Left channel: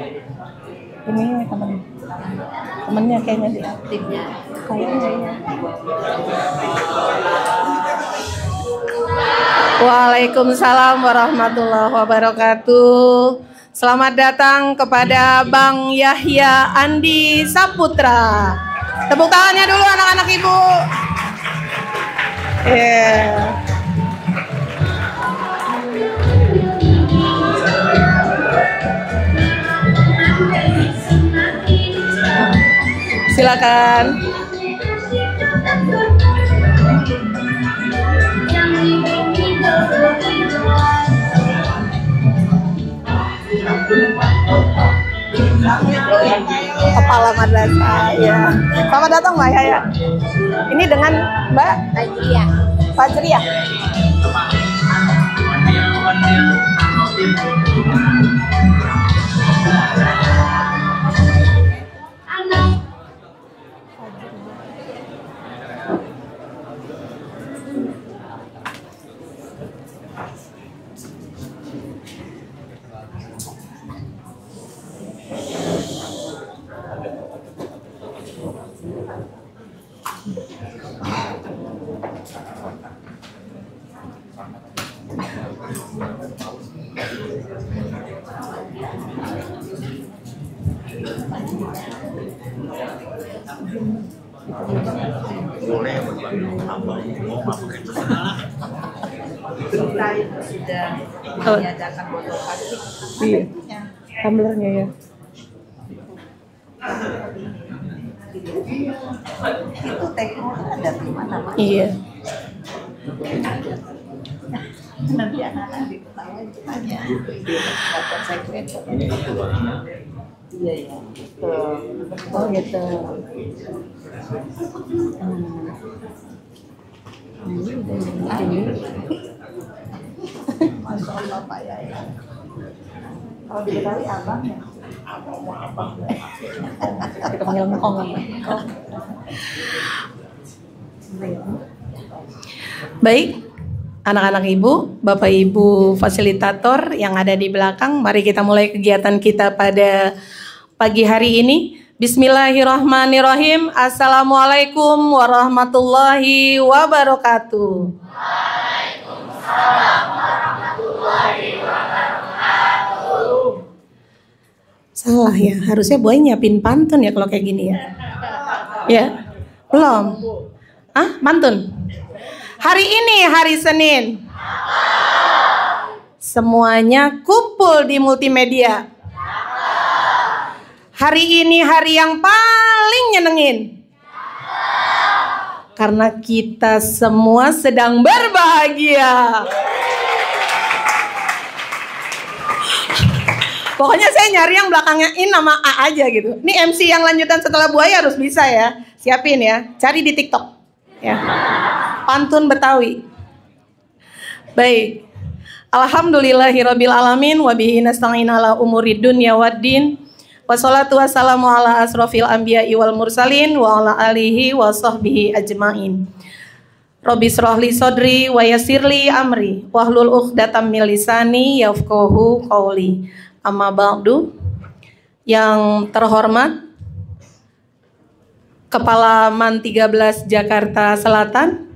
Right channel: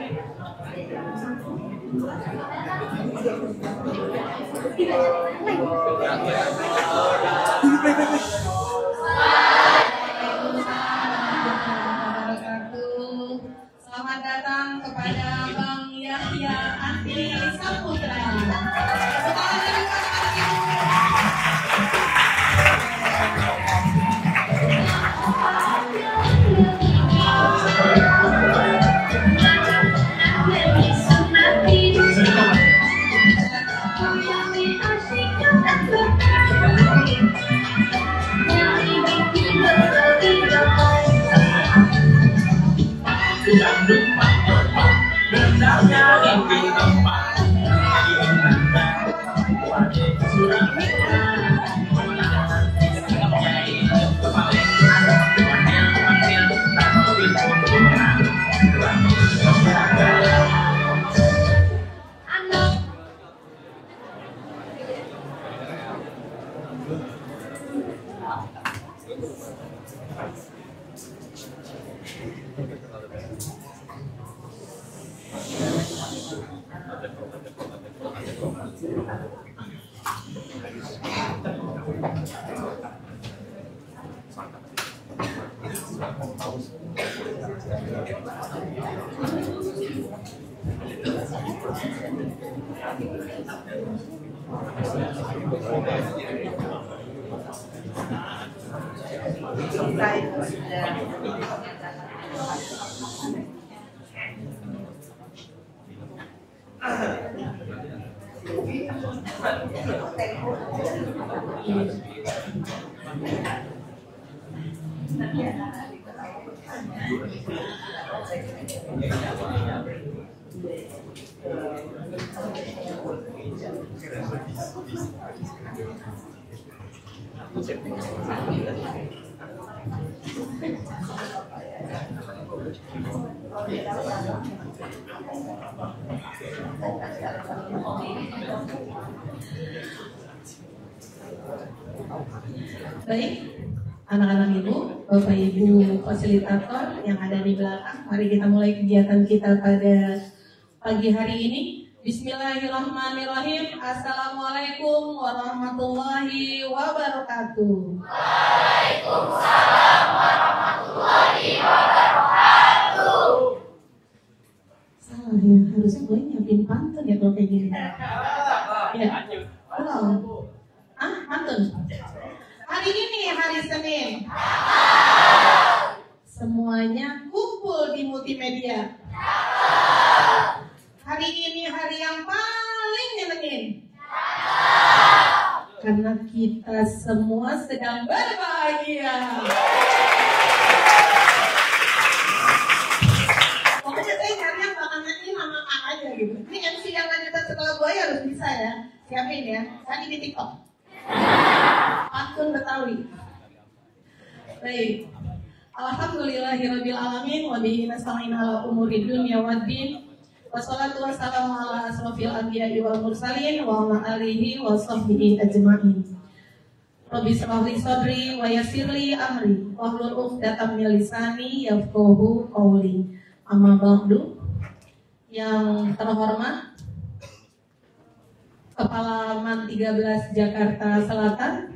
Ini temennya kayaknya dia. Waalaikumsalam warahmatullahi wabarakatuh. Selamat datang kepada Bang Yahya Andi Saputra. Tepuk tangannya dulu anak-anak ibu. Silakan. Kepala madrasah ya. Selamat datang Mbak Yahya. Ini dengan Mbak Fajriah. Sudah menyediakan botol plastik. Iya. Tumblernya ya. Itu teko ada di mana? Iya. Nanti anak-anak diketahui tanya. Saya kira iya ya. Oh gitu. Masya Allah Pak ya. Kalau diketahui abang ya. Kita panggil ngomong. Baik, anak-anak ibu, bapak ibu fasilitator yang ada di belakang, mari kita mulai kegiatan kita pada pagi hari ini. Bismillahirrahmanirrahim. Assalamualaikum warahmatullahi wabarakatuh. Waalaikumsalam warahmatullahi wabarakatuh. Salah ya, harusnya boy nyiapin pantun ya kalau kayak gini ya. Ya, belum. Pantun. Hari ini hari Senin. Semuanya kumpul di multimedia. Hari ini hari yang paling nyenengin. Karena kita semua sedang berbahagia. Pokoknya saya nyari yang belakangnya in nama A aja gitu. Ini MC yang lanjutan setelah buaya harus bisa ya. Siapin ya, cari di TikTok ya. Pantun Betawi. Baik. Alhamdulillahirabbil alamin wa bihi nasta'in ala umurid dunya waddin. Wassalatu wassalamu ala asrofil anbiya'i wal mursalin wa ala alihi wa sahbihi ajma'in. Rabbi shrahli sodri wa yassirli amri wahlul 'uqdatam min lisani yafqahu qawli. Amma ba'du. Yang terhormat Kepala Man 13 Jakarta Selatan,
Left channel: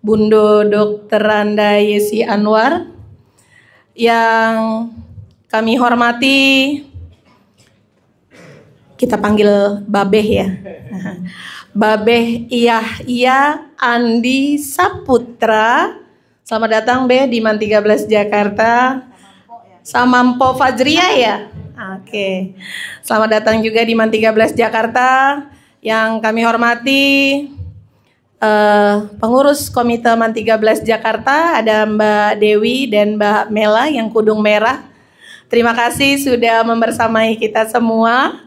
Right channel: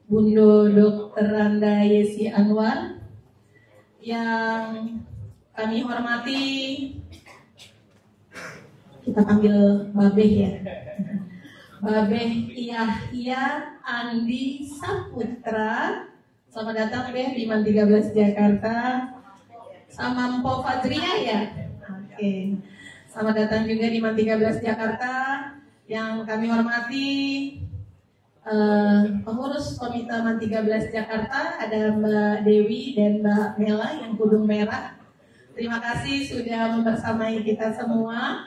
Bundo Dr. Randa Yesi Anwar. Yang kami hormati, kita panggil Babeh ya. Babeh Yahya Andi Saputra. Selamat datang Beh di Man 13 Jakarta. Sama Mpo Fajriah ya. Oke. Selamat datang juga di Man 13 Jakarta. Yang kami hormati pengurus Komite Man 13 Jakarta, ada Mbak Dewi dan Mbak Mela yang kudung merah. Terima kasih sudah membersamai kita semua.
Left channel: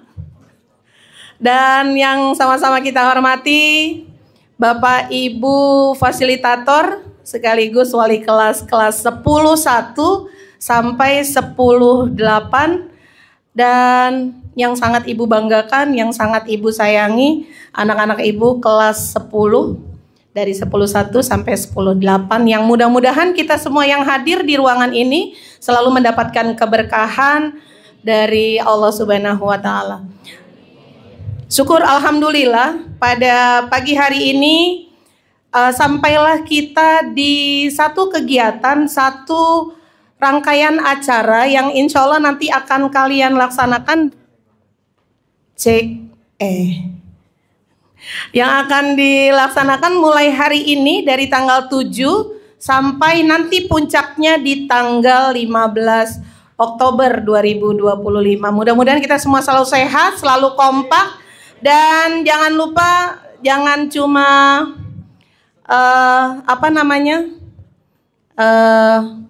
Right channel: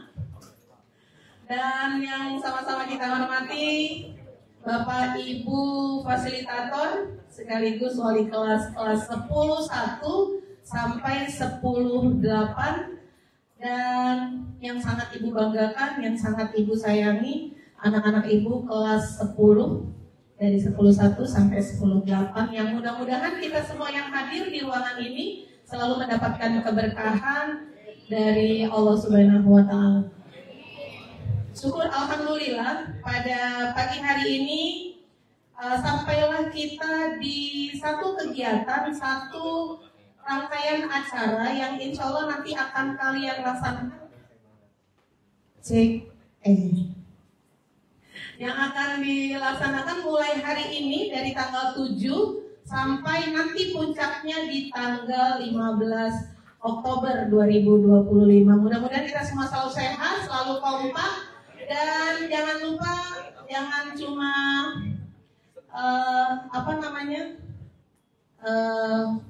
Dan yang sama-sama kita hormati Bapak Ibu fasilitator sekaligus wali kelas 10-1 sampai 10-8. Dan yang sangat ibu banggakan, yang sangat ibu sayangi, anak-anak ibu kelas 10 dari 10-1 sampai 10-8, yang mudah-mudahan kita semua yang hadir di ruangan ini selalu mendapatkan keberkahan, dari Allah Subhanahu wa taala. Syukur alhamdulillah pada pagi hari ini sampailah kita di satu kegiatan, satu rangkaian acara yang insya Allah nanti akan kalian laksanakan. Yang akan dilaksanakan mulai hari ini dari tanggal 7 sampai nanti puncaknya di tanggal 15 Oktober 2025. Mudah-mudahan kita semua selalu sehat, selalu kompak, dan jangan lupa jangan cuma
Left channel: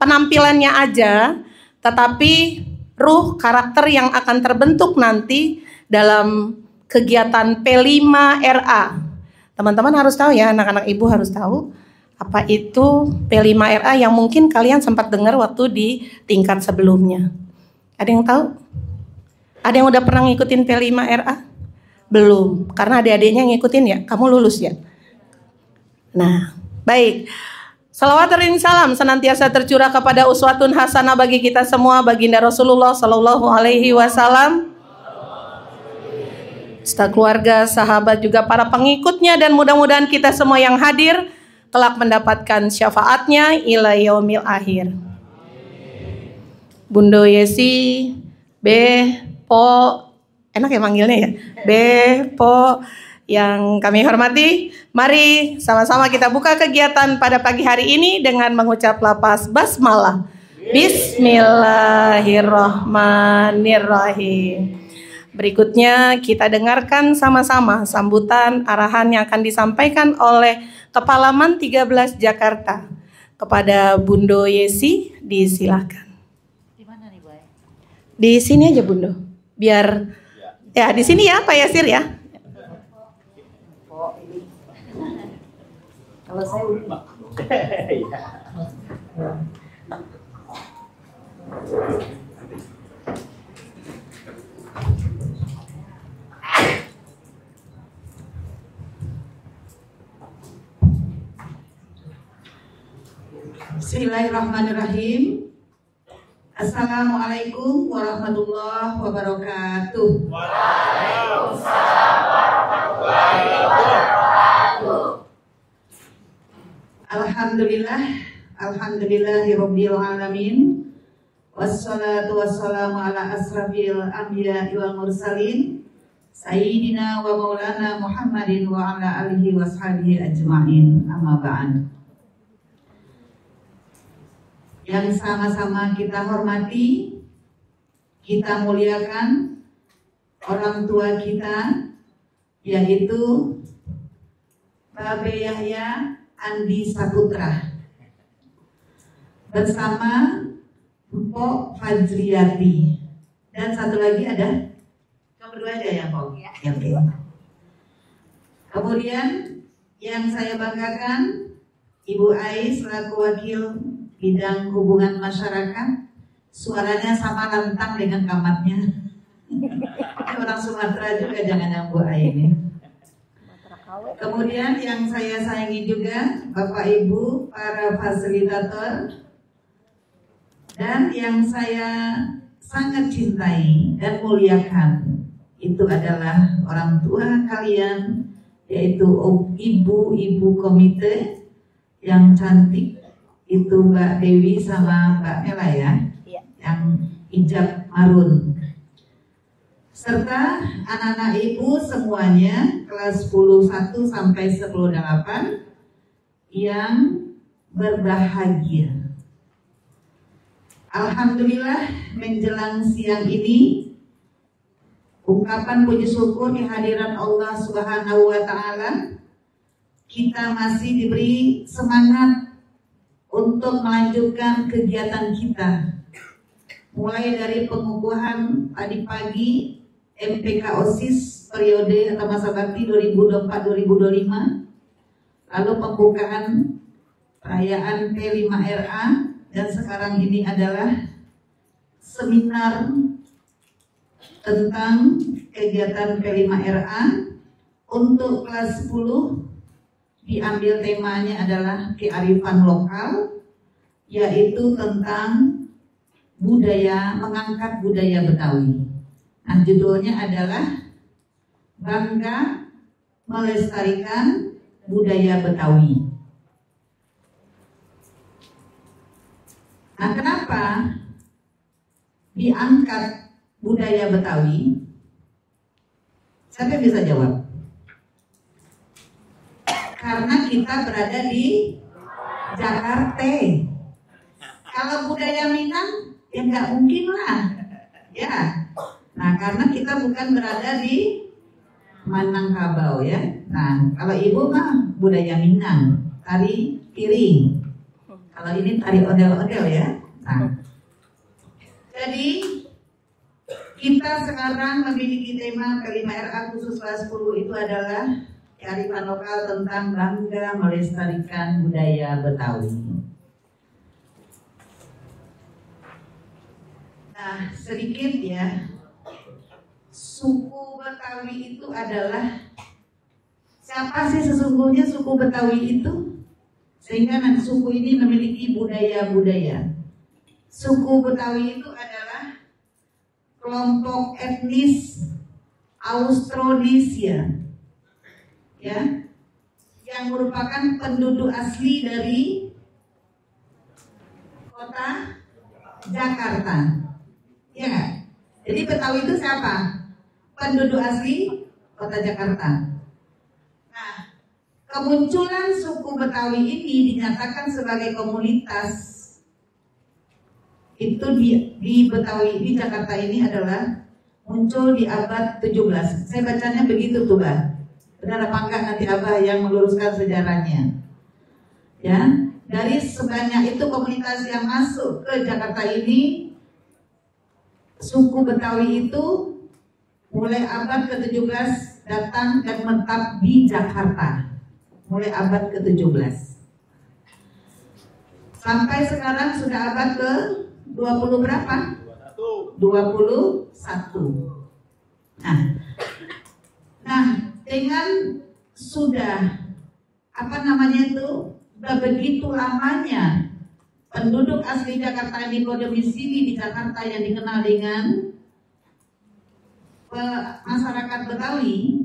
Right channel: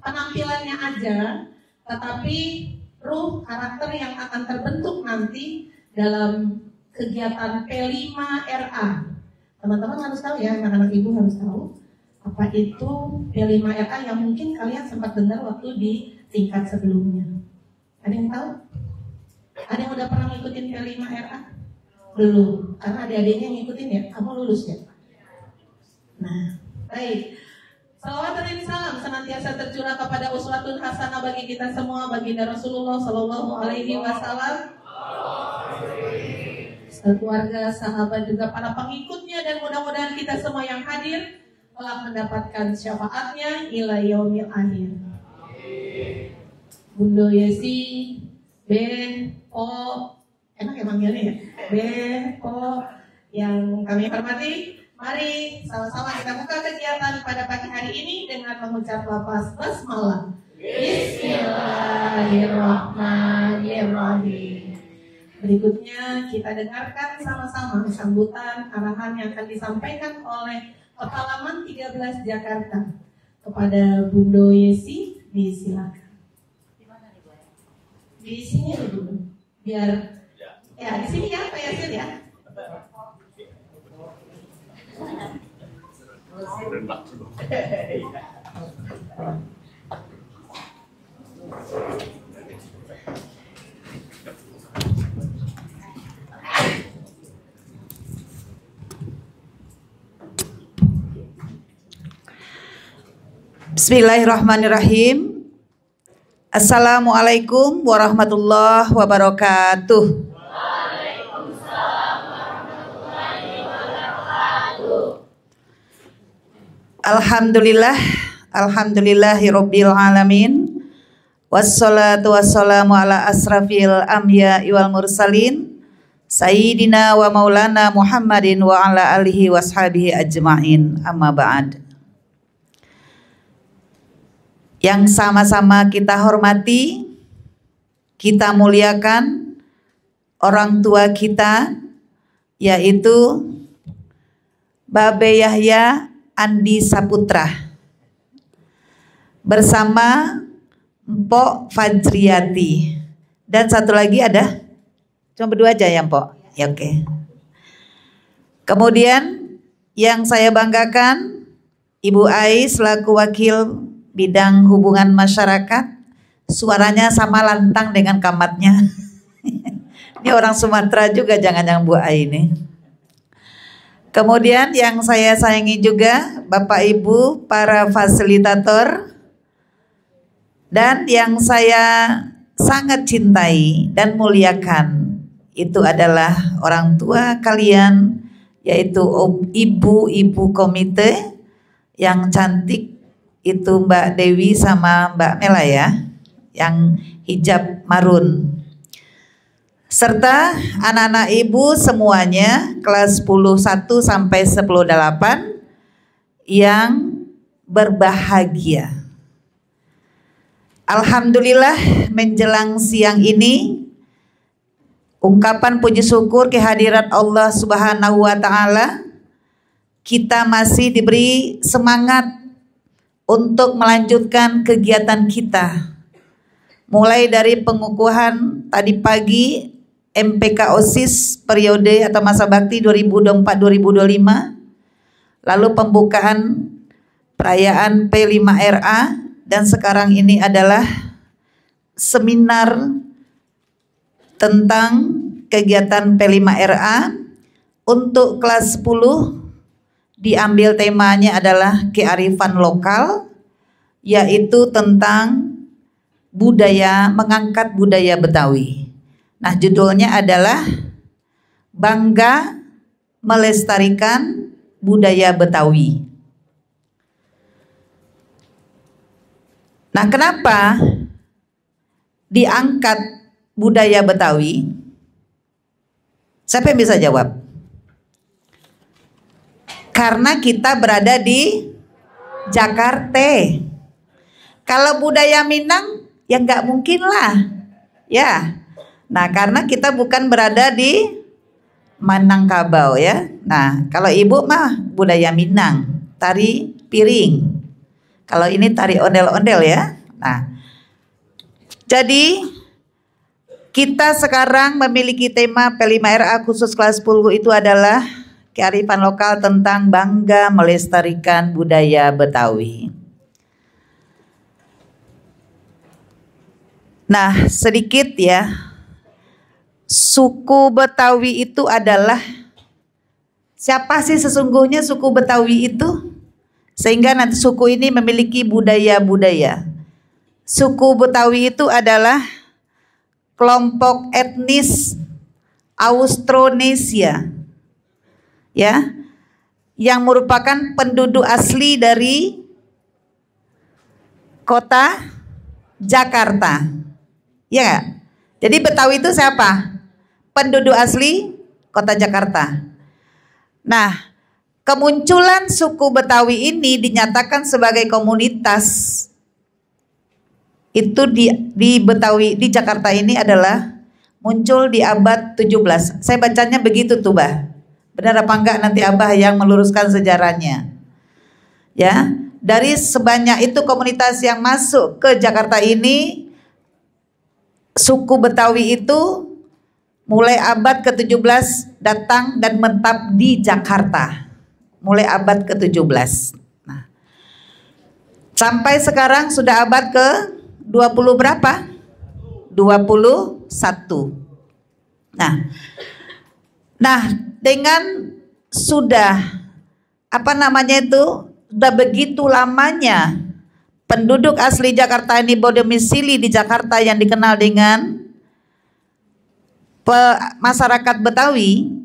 penampilannya aja, tetapi ruh karakter yang akan terbentuk nanti dalam kegiatan P5RA. Teman-teman harus tahu ya, anak-anak ibu harus tahu apa itu P5RA yang mungkin kalian sempat dengar waktu di tingkat sebelumnya. Ada yang tahu? Ada yang udah pernah ngikutin P5RA? Belum, karena adik-adiknya ngikutin ya, kamu lulus ya. Nah, baik. Salawat dan salam senantiasa tercurah kepada uswatun hasanah bagi kita semua, baginda Rasulullah Sallallahu Alaihi Wasallam, serta keluarga, sahabat, juga para pengikutnya, dan mudah-mudahan kita semua yang hadir kelak mendapatkan syafaatnya ila yaumil akhir. Bundo Yesi, Po, enak ya manggilnya ya, Po, yang kami hormati, mari sama-sama kita buka kegiatan pada pagi hari ini dengan mengucap lafaz basmalah. Bismillahirrahmanirrahim. Berikutnya kita dengarkan sama-sama sambutan arahan yang akan disampaikan oleh Kepala Man 13 Jakarta. Kepada Bundo Yesi, disilahkan. Di mana nih, Bu? Di sini aja, Bundo. Biar ya di sini ya, Pak Yasir ya. Kalau saya Bismillahirrahmanirrahim. Assalamualaikum warahmatullahi wabarakatuh. Waalaikumsalam warahmatullahi wabarakatuh. Alhamdulillah, alhamdulillahirabbil alamin. Wassalatu wassalamu ala asrafil anbiya'i wal mursalin sayyidina wa maulana Muhammadin wa ala alihi washabihi ajmain. Amma ba'd. Yang sama-sama kita hormati, kita muliakan orang tua kita, yaitu Babe Yahya Andi Saputra bersama Mpok Fajriyati, dan satu lagi ada, cuma berdua aja ya Mpok ya, oke. Kemudian yang saya banggakan, Ibu Ai selaku wakil bidang hubungan masyarakat, suaranya sama lantang dengan kamatnya. Ini orang Sumatera juga, jangan-jangan Bu Ai ini. Kemudian yang saya sayangi juga Bapak Ibu para fasilitator, dan yang saya sangat cintai dan muliakan itu adalah orang tua kalian, yaitu ibu-ibu komite yang cantik itu, Mbak Dewi sama Mbak Mela ya, yang hijab marun, serta anak-anak ibu semuanya kelas 10-1 sampai 10-8 yang berbahagia. Alhamdulillah menjelang siang ini ungkapan puji syukur kehadirat Allah Subhanahu wa taala, kita masih diberi semangat untuk melanjutkan kegiatan kita. Mulai dari pengukuhan tadi pagi MPK OSIS periode atau masa bakti 2024-2025, lalu pembukaan perayaan P5RA, dan sekarang ini adalah seminar tentang kegiatan P5RA untuk kelas 10. Diambil temanya adalah kearifan lokal, yaitu tentang mengangkat budaya Betawi. Nah, judulnya adalah Bangga Melestarikan Budaya Betawi. Nah, kenapa diangkat budaya Betawi? Siapa yang bisa jawab? Karena kita berada di Jakarta. Kalau budaya Minang ya nggak mungkin lah, ya. Nah, karena kita bukan berada di Minangkabau ya. Nah, kalau ibu mah budaya Minang, tari piring. Kalau ini tari ondel-ondel ya. Nah, jadi kita sekarang memiliki tema P5RA khusus kelas 10 itu adalah kearifan lokal tentang bangga melestarikan budaya Betawi. Nah, sedikit ya. Suku Betawi itu adalah siapa sih sesungguhnya suku Betawi itu? Sehingga nanti suku ini memiliki budaya-budaya. Suku Betawi itu adalah kelompok etnis Austronesia, ya, yang merupakan penduduk asli dari kota Jakarta, ya. Jadi Betawi itu siapa? Penduduk asli kota Jakarta. Nah, kemunculan suku Betawi ini dinyatakan sebagai komunitas itu di Betawi di Jakarta ini adalah muncul di abad 17. Saya bacanya begitu tuh, Bah. Benar apa enggak nanti Abah yang meluruskan sejarahnya. Ya, dari sebanyak itu komunitas yang masuk ke Jakarta ini, suku Betawi itu mulai abad ke-17 datang dan menetap di Jakarta. Mulai abad ke-17. Nah, sampai sekarang sudah abad ke-20 berapa? 21. Nah, dengan sudah sudah begitu lamanya penduduk asli Jakarta ini berdomisili di Jakarta yang dikenal dengan masyarakat Betawi,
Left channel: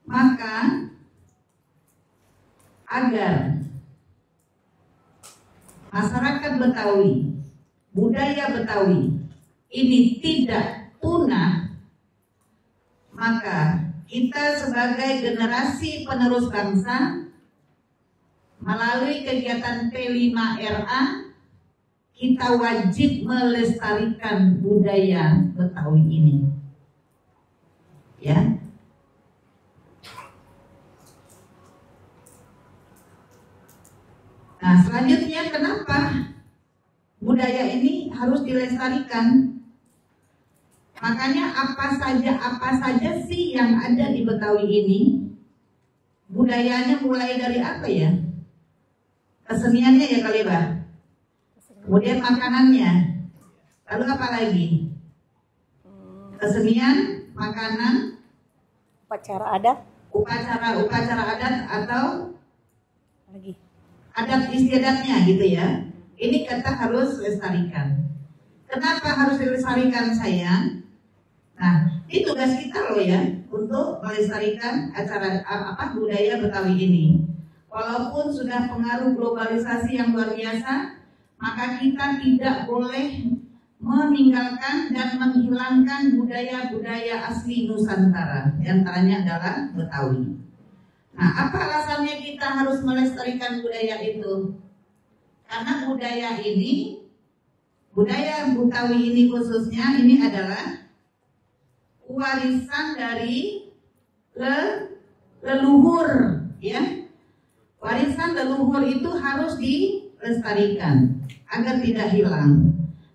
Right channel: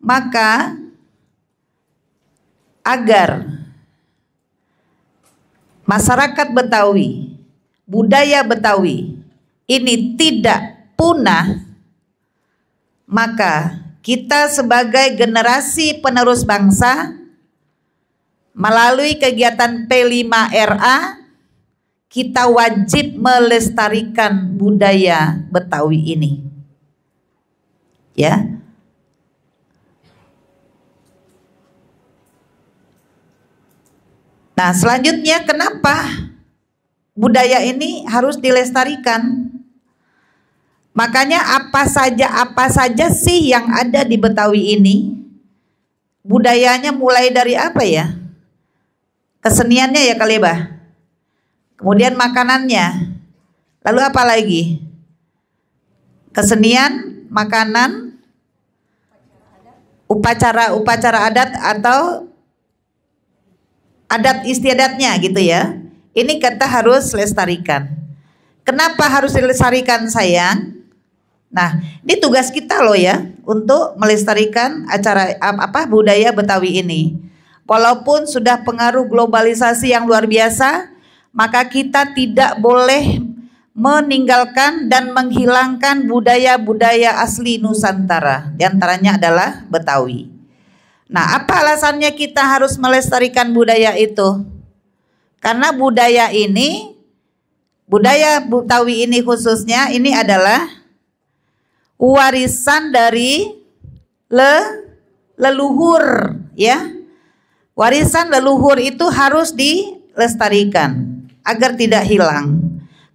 maka agar masyarakat Betawi, budaya Betawi ini tidak punah, maka kita sebagai generasi penerus bangsa melalui kegiatan P5RA kita wajib melestarikan budaya Betawi ini. Ya. Nah, selanjutnya kenapa budaya ini harus dilestarikan? Makanya apa saja sih yang ada di Betawi ini? Budayanya mulai dari apa ya? Keseniannya ya kali, Bah. Kemudian makanannya. Lalu apa lagi? Kesenian, makanan, upacara adat atau adat istiadatnya gitu ya. Ini kita harus lestarikan. Kenapa harus dilestarikan, sayang? Nah, ini tugas kita loh ya untuk melestarikan budaya Betawi ini. Walaupun sudah pengaruh globalisasi yang luar biasa, maka kita tidak boleh meninggalkan dan menghilangkan budaya-budaya asli Nusantara. Di antaranya adalah Betawi. Nah, apa alasannya kita harus melestarikan budaya itu? Karena budaya Betawi ini khususnya ini adalah warisan dari leluhur, ya. Warisan leluhur itu harus dilestarikan agar tidak hilang.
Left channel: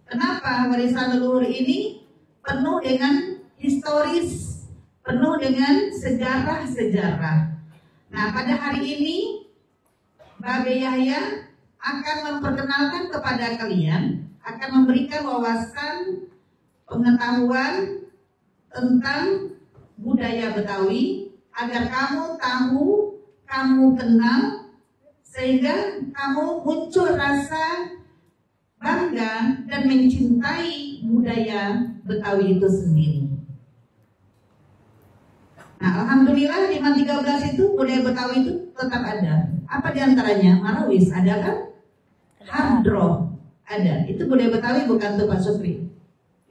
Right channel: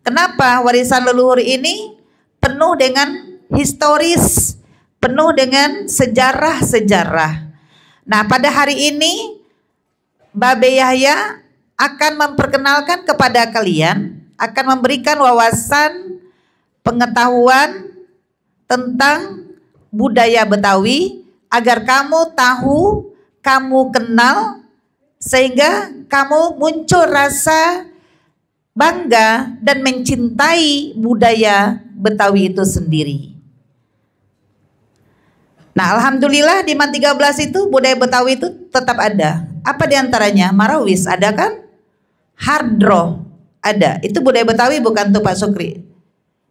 Kenapa? Warisan leluhur ini penuh dengan historis, penuh dengan sejarah-sejarah. Nah, pada hari ini Babe Yahya akan memperkenalkan kepada kalian, akan memberikan wawasan pengetahuan tentang budaya Betawi agar kamu tahu, kamu kenal, sehingga kamu muncul rasa bangga dan mencintai budaya Betawi itu sendiri. Nah, alhamdulillah di MAN 13 itu budaya Betawi itu tetap ada. Apa diantaranya? Marawis ada kan? Hadroh ada. Itu budaya Betawi bukan tuh Pak Sukri?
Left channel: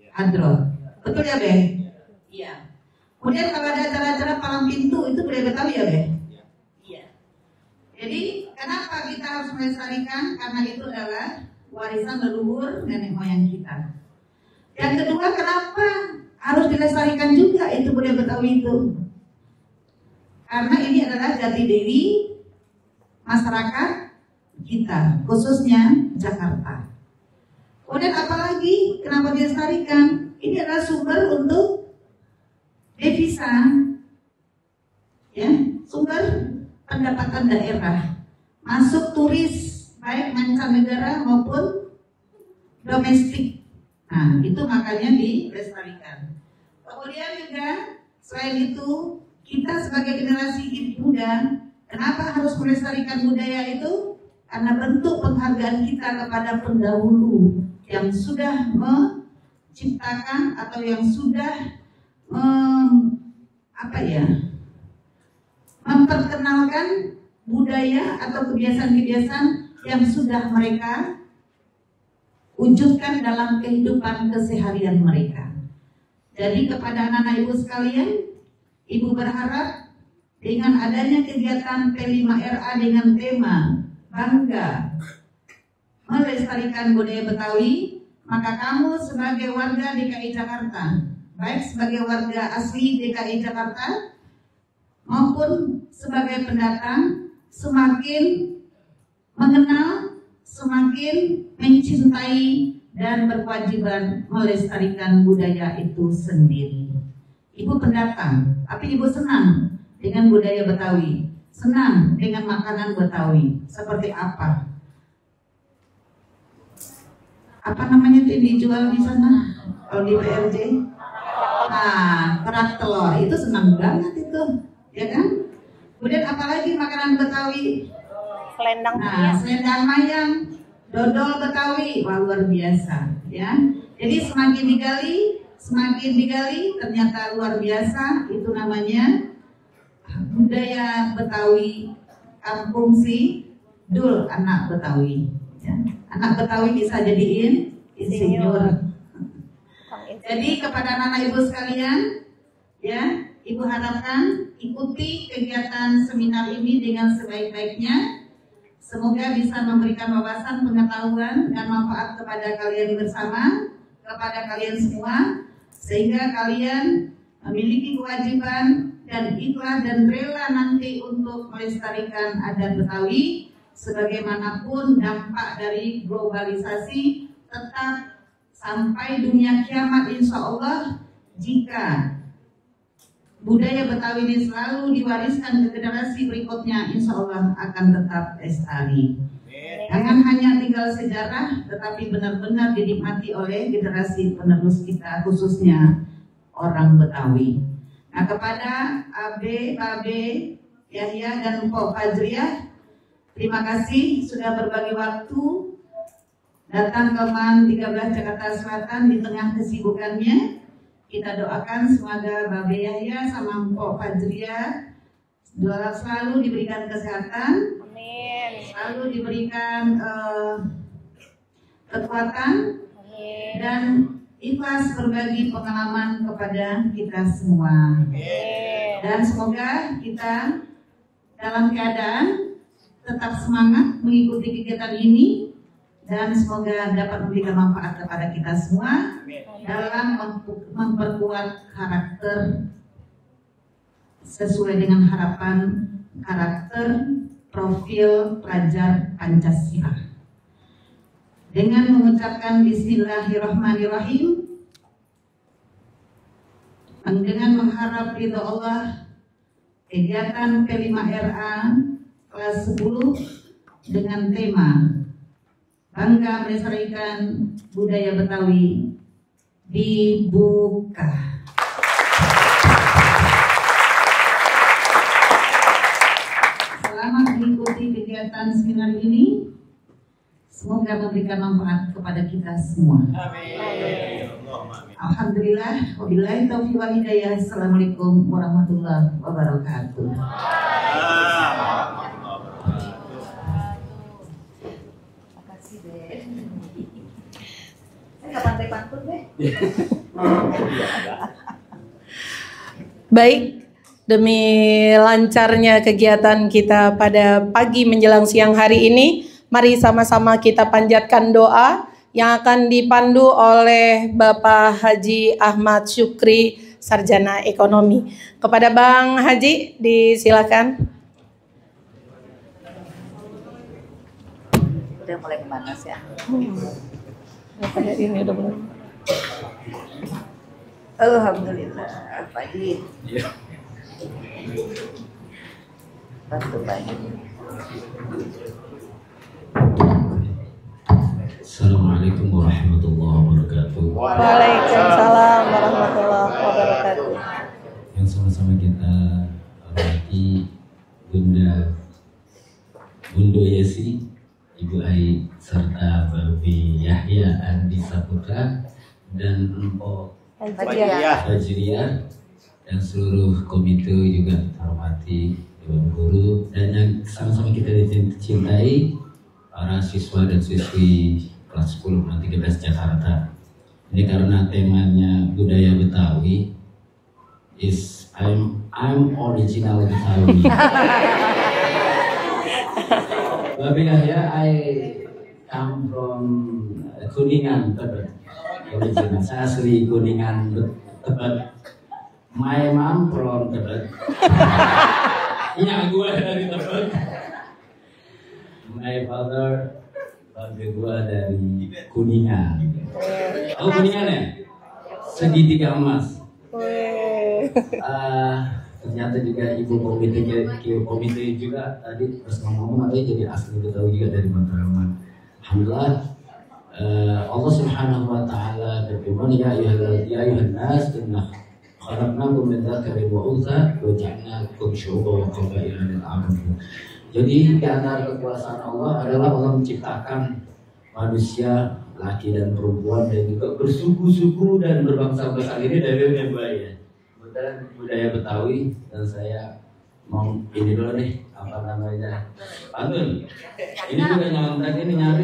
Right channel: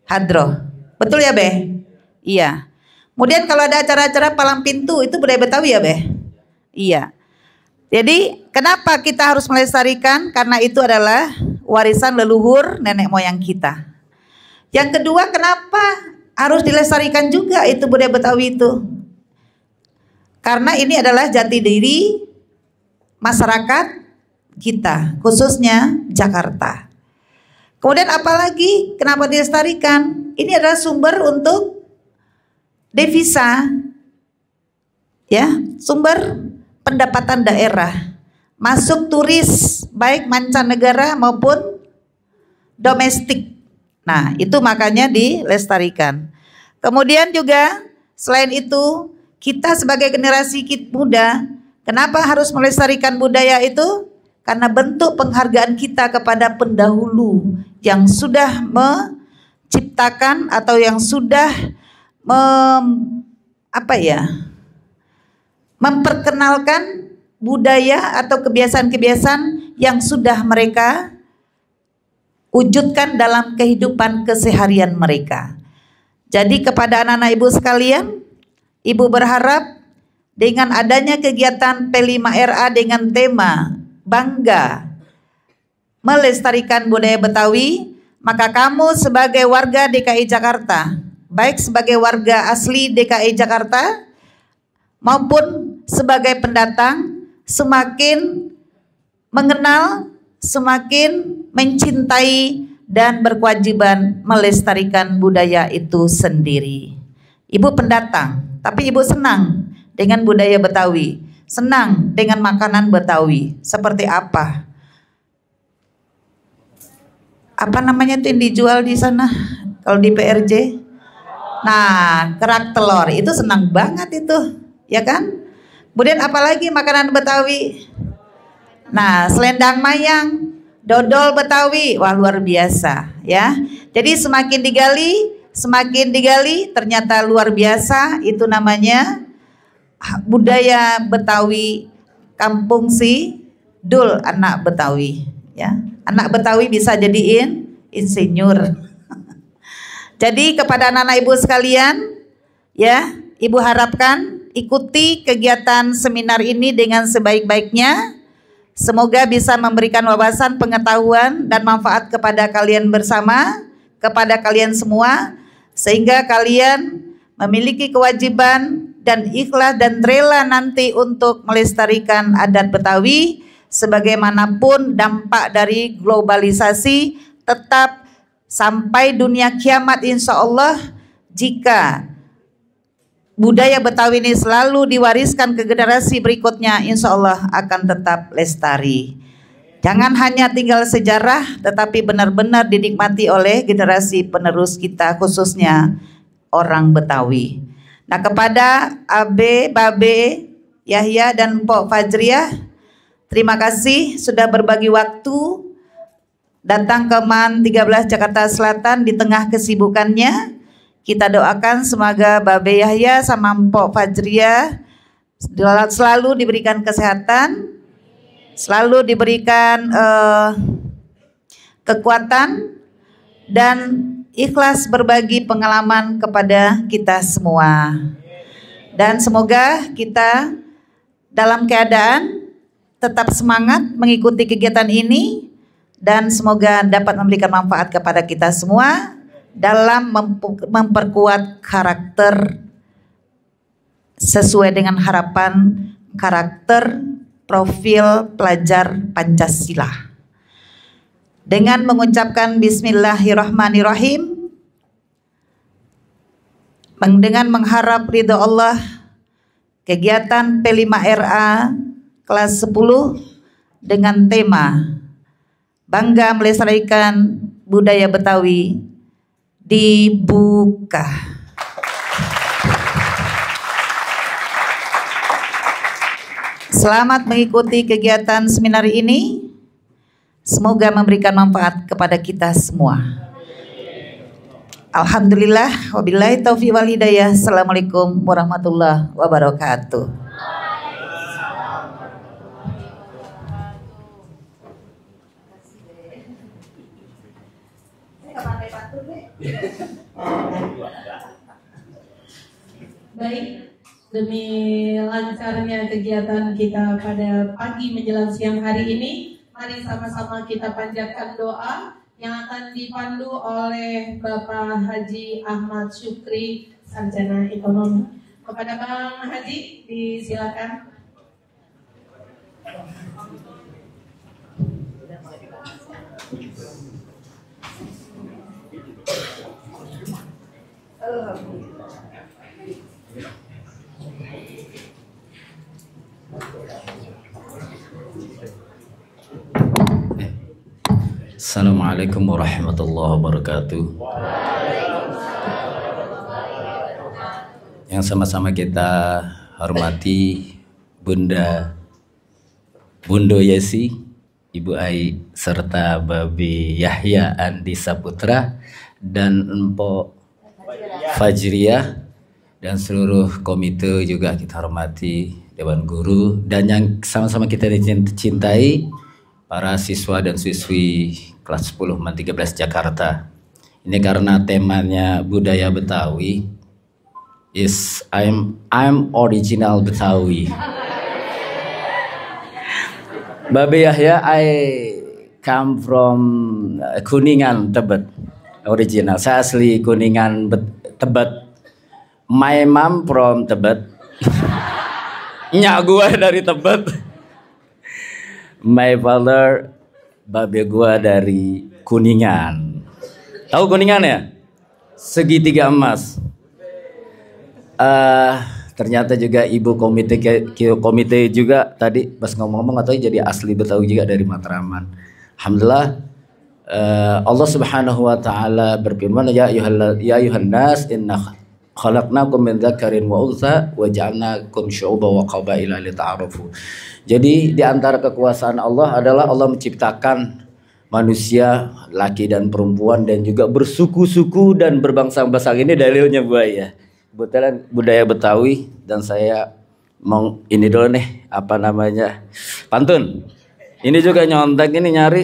Hadroh. Betul ya Beh? Iya. Kemudian kalau ada acara-acara palang pintu itu budaya Betawi ya Beh? Iya. Jadi kenapa kita harus melestarikan? Karena itu adalah warisan leluhur nenek moyang kita. Yang kedua, kenapa harus dilestarikan juga itu budaya Betawi itu? Karena ini adalah jati diri masyarakat kita, khususnya Jakarta. Kemudian apalagi kenapa dilestarikan? Ini adalah sumber untuk devisa, ya, sumber pendapatan daerah, masuk turis baik mancanegara maupun domestik. Nah, itu makanya dilestarikan. Kemudian juga selain itu, kita sebagai generasi muda, kenapa harus melestarikan budaya itu? Karena bentuk penghargaan kita kepada pendahulu yang sudah menciptakan atau yang sudah memperkenalkan budaya atau kebiasaan-kebiasaan yang sudah mereka wujudkan dalam kehidupan keseharian mereka. Jadi kepada anak-anak ibu sekalian, ibu berharap dengan adanya kegiatan P5RA dengan tema bangga melestarikan budaya Betawi, maka kamu sebagai warga DKI Jakarta, baik sebagai warga asli DKI Jakarta maupun sebagai pendatang, semakin mengenal, semakin mencintai dan berkewajiban melestarikan budaya itu sendiri. Ibu pendatang, tapi ibu senang dengan budaya Betawi, senang dengan makanan Betawi. Seperti apa? Apa namanya tuh yang dijual di sana? Kalau di PRJ? Nah, kerak telur itu senang banget itu, ya kan? Kemudian apalagi makanan Betawi? Selendang mayang, dodol Betawi, wah luar biasa, ya. Jadi semakin digali, ternyata luar biasa. Itu namanya budaya Betawi, kampung si Dul, anak Betawi, ya. Anak Betawi bisa jadiin insinyur. Jadi kepada anak-anak ibu sekalian, ya, ibu harapkan ikuti kegiatan seminar ini dengan sebaik-baiknya. Semoga bisa memberikan wawasan, pengetahuan dan manfaat kepada kalian bersama, kepada kalian semua, sehingga kalian memiliki kewajiban dan ikhlas dan rela nanti untuk melestarikan adat Betawi. Sebagaimanapun dampak dari globalisasi, tetap sampai dunia kiamat insya Allah, jika budaya Betawi ini selalu diwariskan ke generasi berikutnya, insya Allah akan tetap lestari. Jangan hanya tinggal sejarah, tetapi benar-benar dinikmati oleh generasi penerus kita, khususnya orang Betawi. Nah, kepada Abe, Babe, Yahya dan Mpok Fajriah, terima kasih sudah berbagi waktu datang ke MAN 13 Jakarta Selatan di tengah kesibukannya. Kita doakan semoga Babe Yahya sama Mpok Fajriah selalu diberikan kesehatan, selalu diberikan kekuatan, dan ikhlas berbagi pengalaman kepada kita semua. Dan semoga kita dalam keadaan tetap semangat mengikuti kegiatan ini, dan semoga dapat memberikan manfaat kepada kita semua dalam memperkuat karakter sesuai dengan harapan karakter profil pelajar Pancasila. Dengan mengucapkan Bismillahirrahmanirrahim, dengan mengharap ridho Allah, kegiatan P5RA kelas 10 dengan tema Bangga Melestarikan Budaya Betawi dibuka. Selamat mengikuti kegiatan seminar ini. Semoga memberikan manfaat kepada kita semua. Alhamdulillah, wabillahi taufiq wal hidayah. Assalamualaikum warahmatullahi wabarakatuh. Baik, demi lancarnya kegiatan kita pada pagi menjelang siang hari ini, mari sama-sama kita panjatkan doa yang akan dipandu oleh Bapak Haji Ahmad Syukri, Sarjana Ekonomi. Kepada Bang Haji, disilakan. Udah mulai panas ya. Ini udah mulai. Alhamdulillah. Pagi. Bantu pagi. Assalamualaikum warahmatullahi wabarakatuh. Waalaikumsalam warahmatullahi wabarakatuh. Yang sama-sama kita hormati Bundo Yesi, Ibu Ai, serta Babi Yahya Andi Saputra dan Empok Fajriyah dan seluruh komite juga kita hormati, Dewan Guru, dan yang sama-sama kita dicintai para siswa dan siswi kelas 10 MAN 13 Jakarta. Ini karena temanya budaya Betawi, I'm original Betawi. Babe Yahya, I come from Kuningan, Tebet. Original. Saya asli Kuningan, Tebet. My mom from Tebet. Nyak gua dari Tebet. My father, babe gua dari Kuningan. Tahu Kuningan ya? Segitiga emas. Ternyata juga ibu komite juga tadi pas ngomong-ngomong atau jadi asli Betawi juga dari Matraman. Alhamdulillah, Allah Subhanahu wa taala berfirman, ya ayuhan nas inna khalaqnakum min dzakarin wa untha wa ja'alnakum syu'uban wa qabaila lita'arafu. Jadi di antara kekuasaan Allah adalah Allah menciptakan manusia laki dan perempuan dan juga bersuku-suku dan berbangsa-bangsa. Ini dalilnya buaya. Budaya Betawi, dan saya mau ini dulu nih, apa namanya, pantun. Ini juga nyontek, ini nyari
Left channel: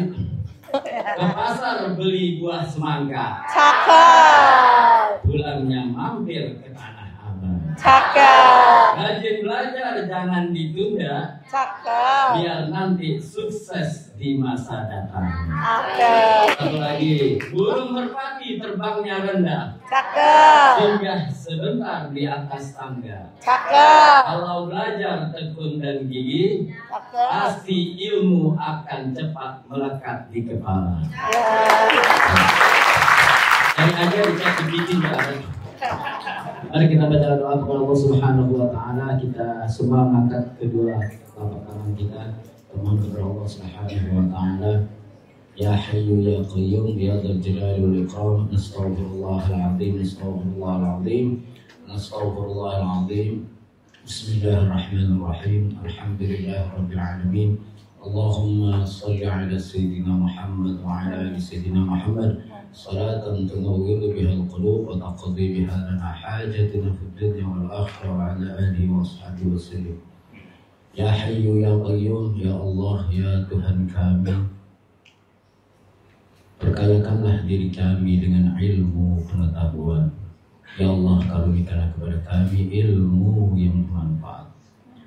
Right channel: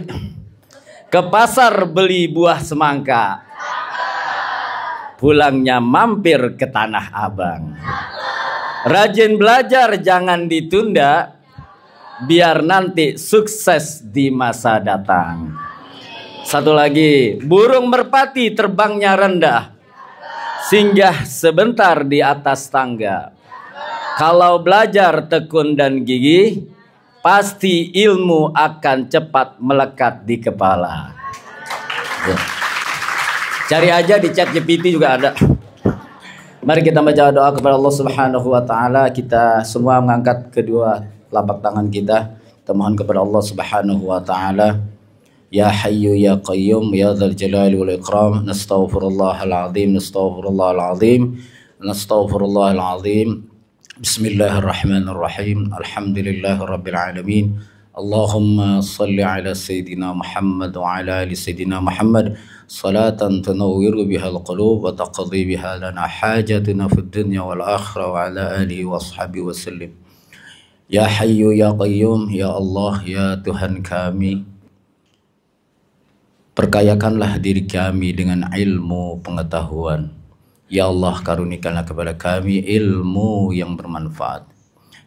ke pasar beli buah semangka. Cakep. Pulangnya mampir ke Tanah Abang. Cakep. Rajin belajar, jangan ditunda. Cakep. Biar nanti sukses di masa datang. Cakep. Satu lagi, burung merpati terbangnya rendah. Cakep. Singgah sebentar di atas tangga. Cakep. Kalau belajar tekun dan gigih, Cakep. pasti ilmu akan cepat melekat di kepala. Ya. Cari aja di ChatGPT juga ada. Mari kita baca doa kepada Allah Subhanahu wa taala. Kita semua mengangkat kedua telapak tangan kita. Kita mohon kepada Allah Subhanahu wa taala. Ya Hayyu Ya Qayyum Ya Dzal Jalali wal Ikram, nastaghfirullahal azim, nastaghfirullahal azim, nastaghfirullahal azim. Bismillahirrahmanirrahim. Alhamdulillahirabbil alamin. Allahumma shalli ala sayidina Muhammad wa ala ali sayidina Muhammad salatan tunawwiru bihal qulub wa taqdi biha lana hajatina fid dunya wal akhirah wa ala alihi wa sahbihi wa sallim. Ya Hayyu Ya Qayyum, Ya Allah, Ya Tuhan kami, perkayakanlah diri kami dengan ilmu pengetahuan. Ya Allah, karunikanlah kepada kami ilmu yang bermanfaat.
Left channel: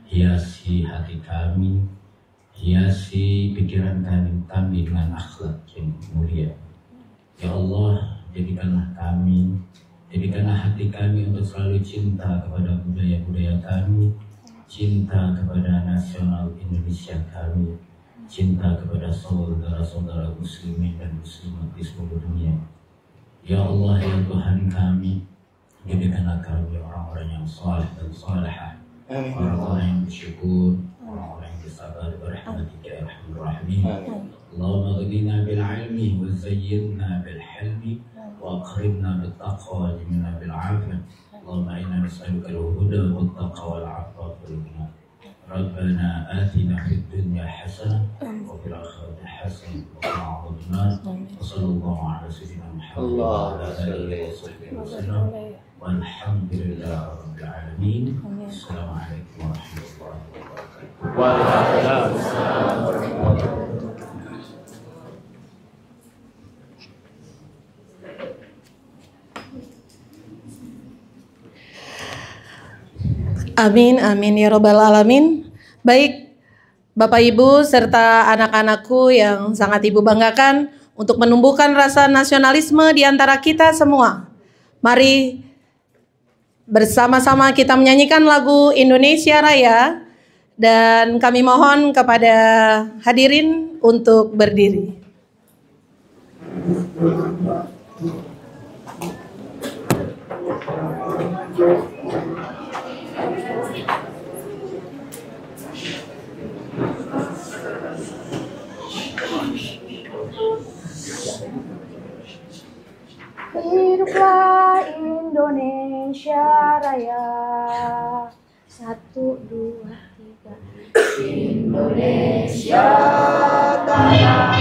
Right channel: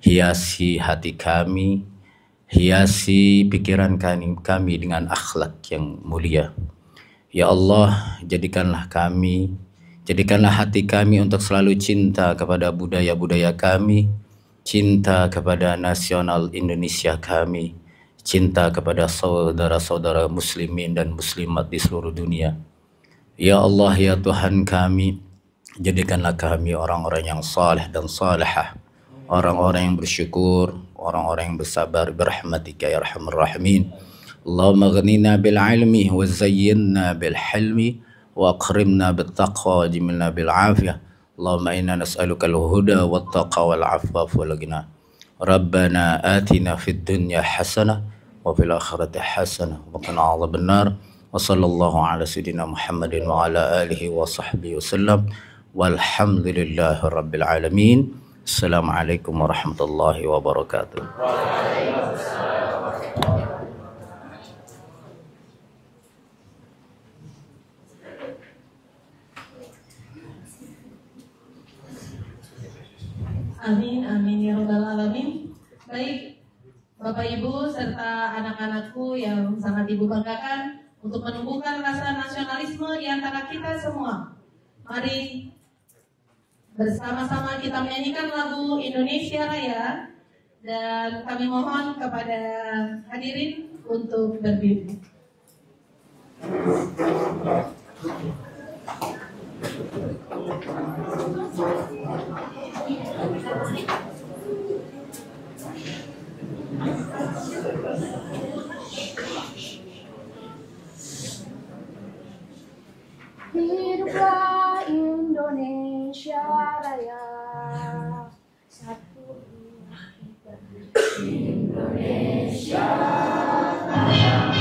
Hiasi hati kami, hiasi pikiran kami dengan akhlak yang mulia. Ya Allah, jadikanlah hati kami untuk selalu cinta kepada budaya-budaya kami, cinta kepada nasional Indonesia kami, cinta kepada saudara-saudara muslimin dan muslimat di seluruh dunia. Ya Allah, ya Tuhan kami, jadikanlah kami orang-orang yang saleh dan salihah, orang-orang yang bersyukur, orang-orang yang bersabar, birahmatika ya arhamar rahimin. Allahumma ghnina bil ilmi wa zayyinna bil hilmi wa akrimna bit taqwa wa jimilna bil afiyah. Allahumma inna nas'aluka al huda wat taqwa wal afaf wal ghina. Rabbana atina fid dunya hasanah wa fil akhirati hasanah wa qina adzabannar. Wa sallallahu ala sayyidina Muhammadin wa ala alihi wa sahbihi wasallam. Walhamdulillahi rabbil alamin. Assalamualaikum warahmatullahi wabarakatuh. Amin, amin ya robbal alamin. Baik, Bapak Ibu serta anak-anakku yang sangat Ibu banggakan, untuk menumbuhkan rasa nasionalisme di antara kita semua, mari bersama-sama kita menyanyikan lagu Indonesia Raya, dan kami mohon kepada hadirin untuk berdiri. Hiduplah Indonesia Raya. 1, 2, 3. Indonesia tanah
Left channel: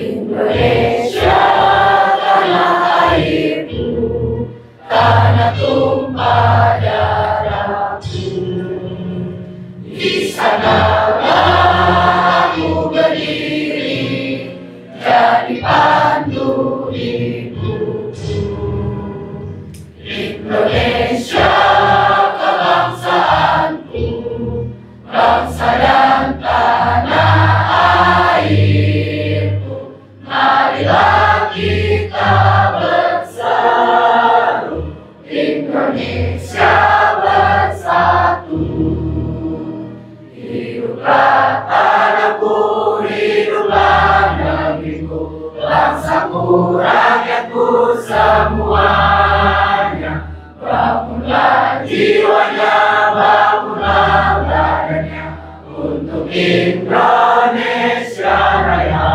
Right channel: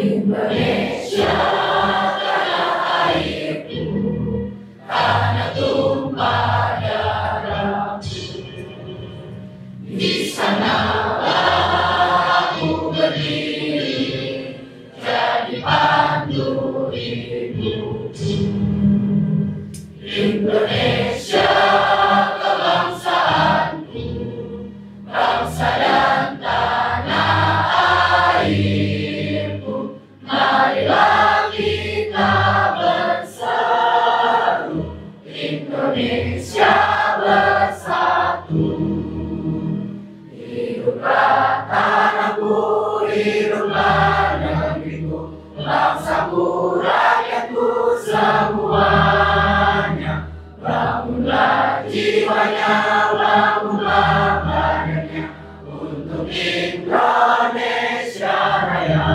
Indonesia tanah airku, tanah tumpah darahku. Di sanalah aku berdiri, jadi pandu hidupku. Indonesia kebangsaanku, bangsa dan tanah airku. Marilah kita bersatu, Indonesia bersatu. Hiduplah tanahku, hiduplah negeriku, bangsaku, rakyatku semuanya. Bangunlah jiwanya, bangunlah badannya, untuk Indonesia Raya.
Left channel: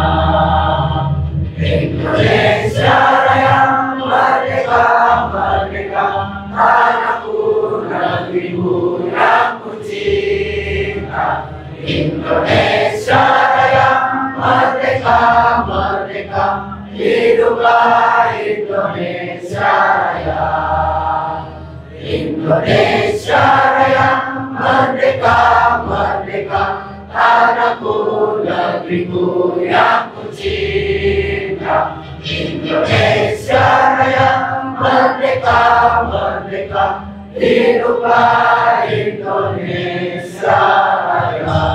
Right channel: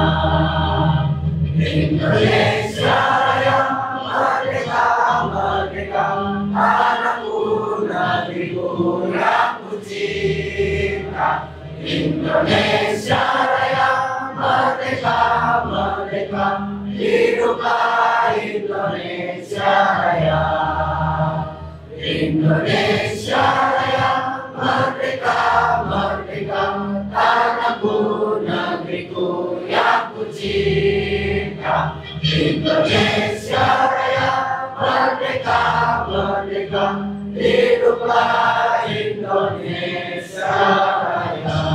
Indonesia Raya, merdeka, merdeka, tanahku, negeriku yang ku cinta. Indonesia Raya, merdeka, merdeka, hiduplah Indonesia Raya. Indonesia Raya, merdeka, merdeka, tanahku, negeriku yang ku cinta. Indonesia Raya, merdeka, merdeka, hiduplah Indonesia Raya.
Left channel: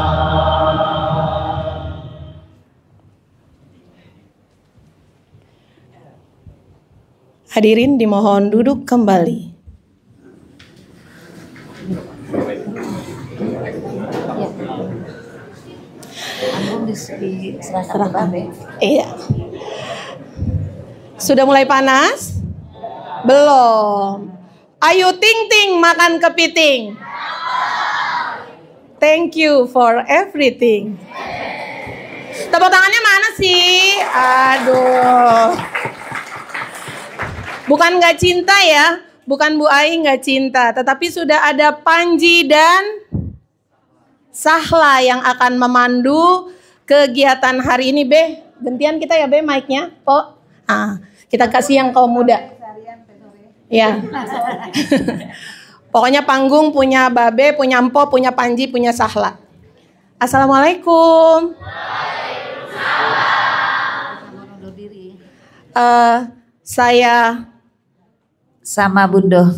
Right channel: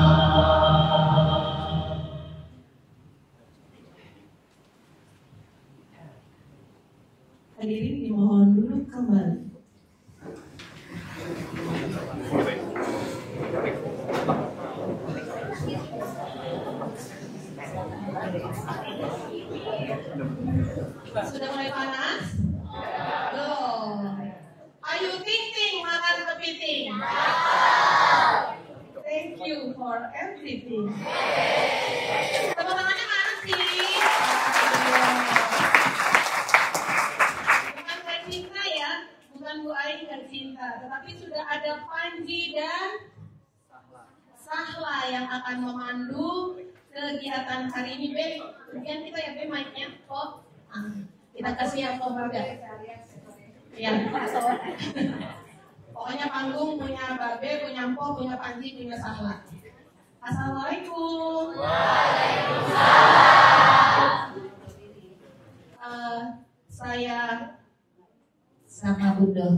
Hadirin dimohon duduk kembali. Iya. Sudah mulai panas? Belum. Ayo ting ting makan kepiting. Thank you for everything. Tepuk tangannya mana sih? Aduh. Bukan nggak cinta ya, bukan Bu Ai nggak cinta, tetapi sudah ada Panji dan Sahla yang akan memandu kegiatan hari ini. Be, gantian kita ya Be mic-nya. Oh, kita kasih yang kaum muda. Ya. Pokoknya panggung punya Babe, punya Empo, punya Panji, punya Sahla. Assalamualaikum. Waalaikumsalam. Saya sama Bundo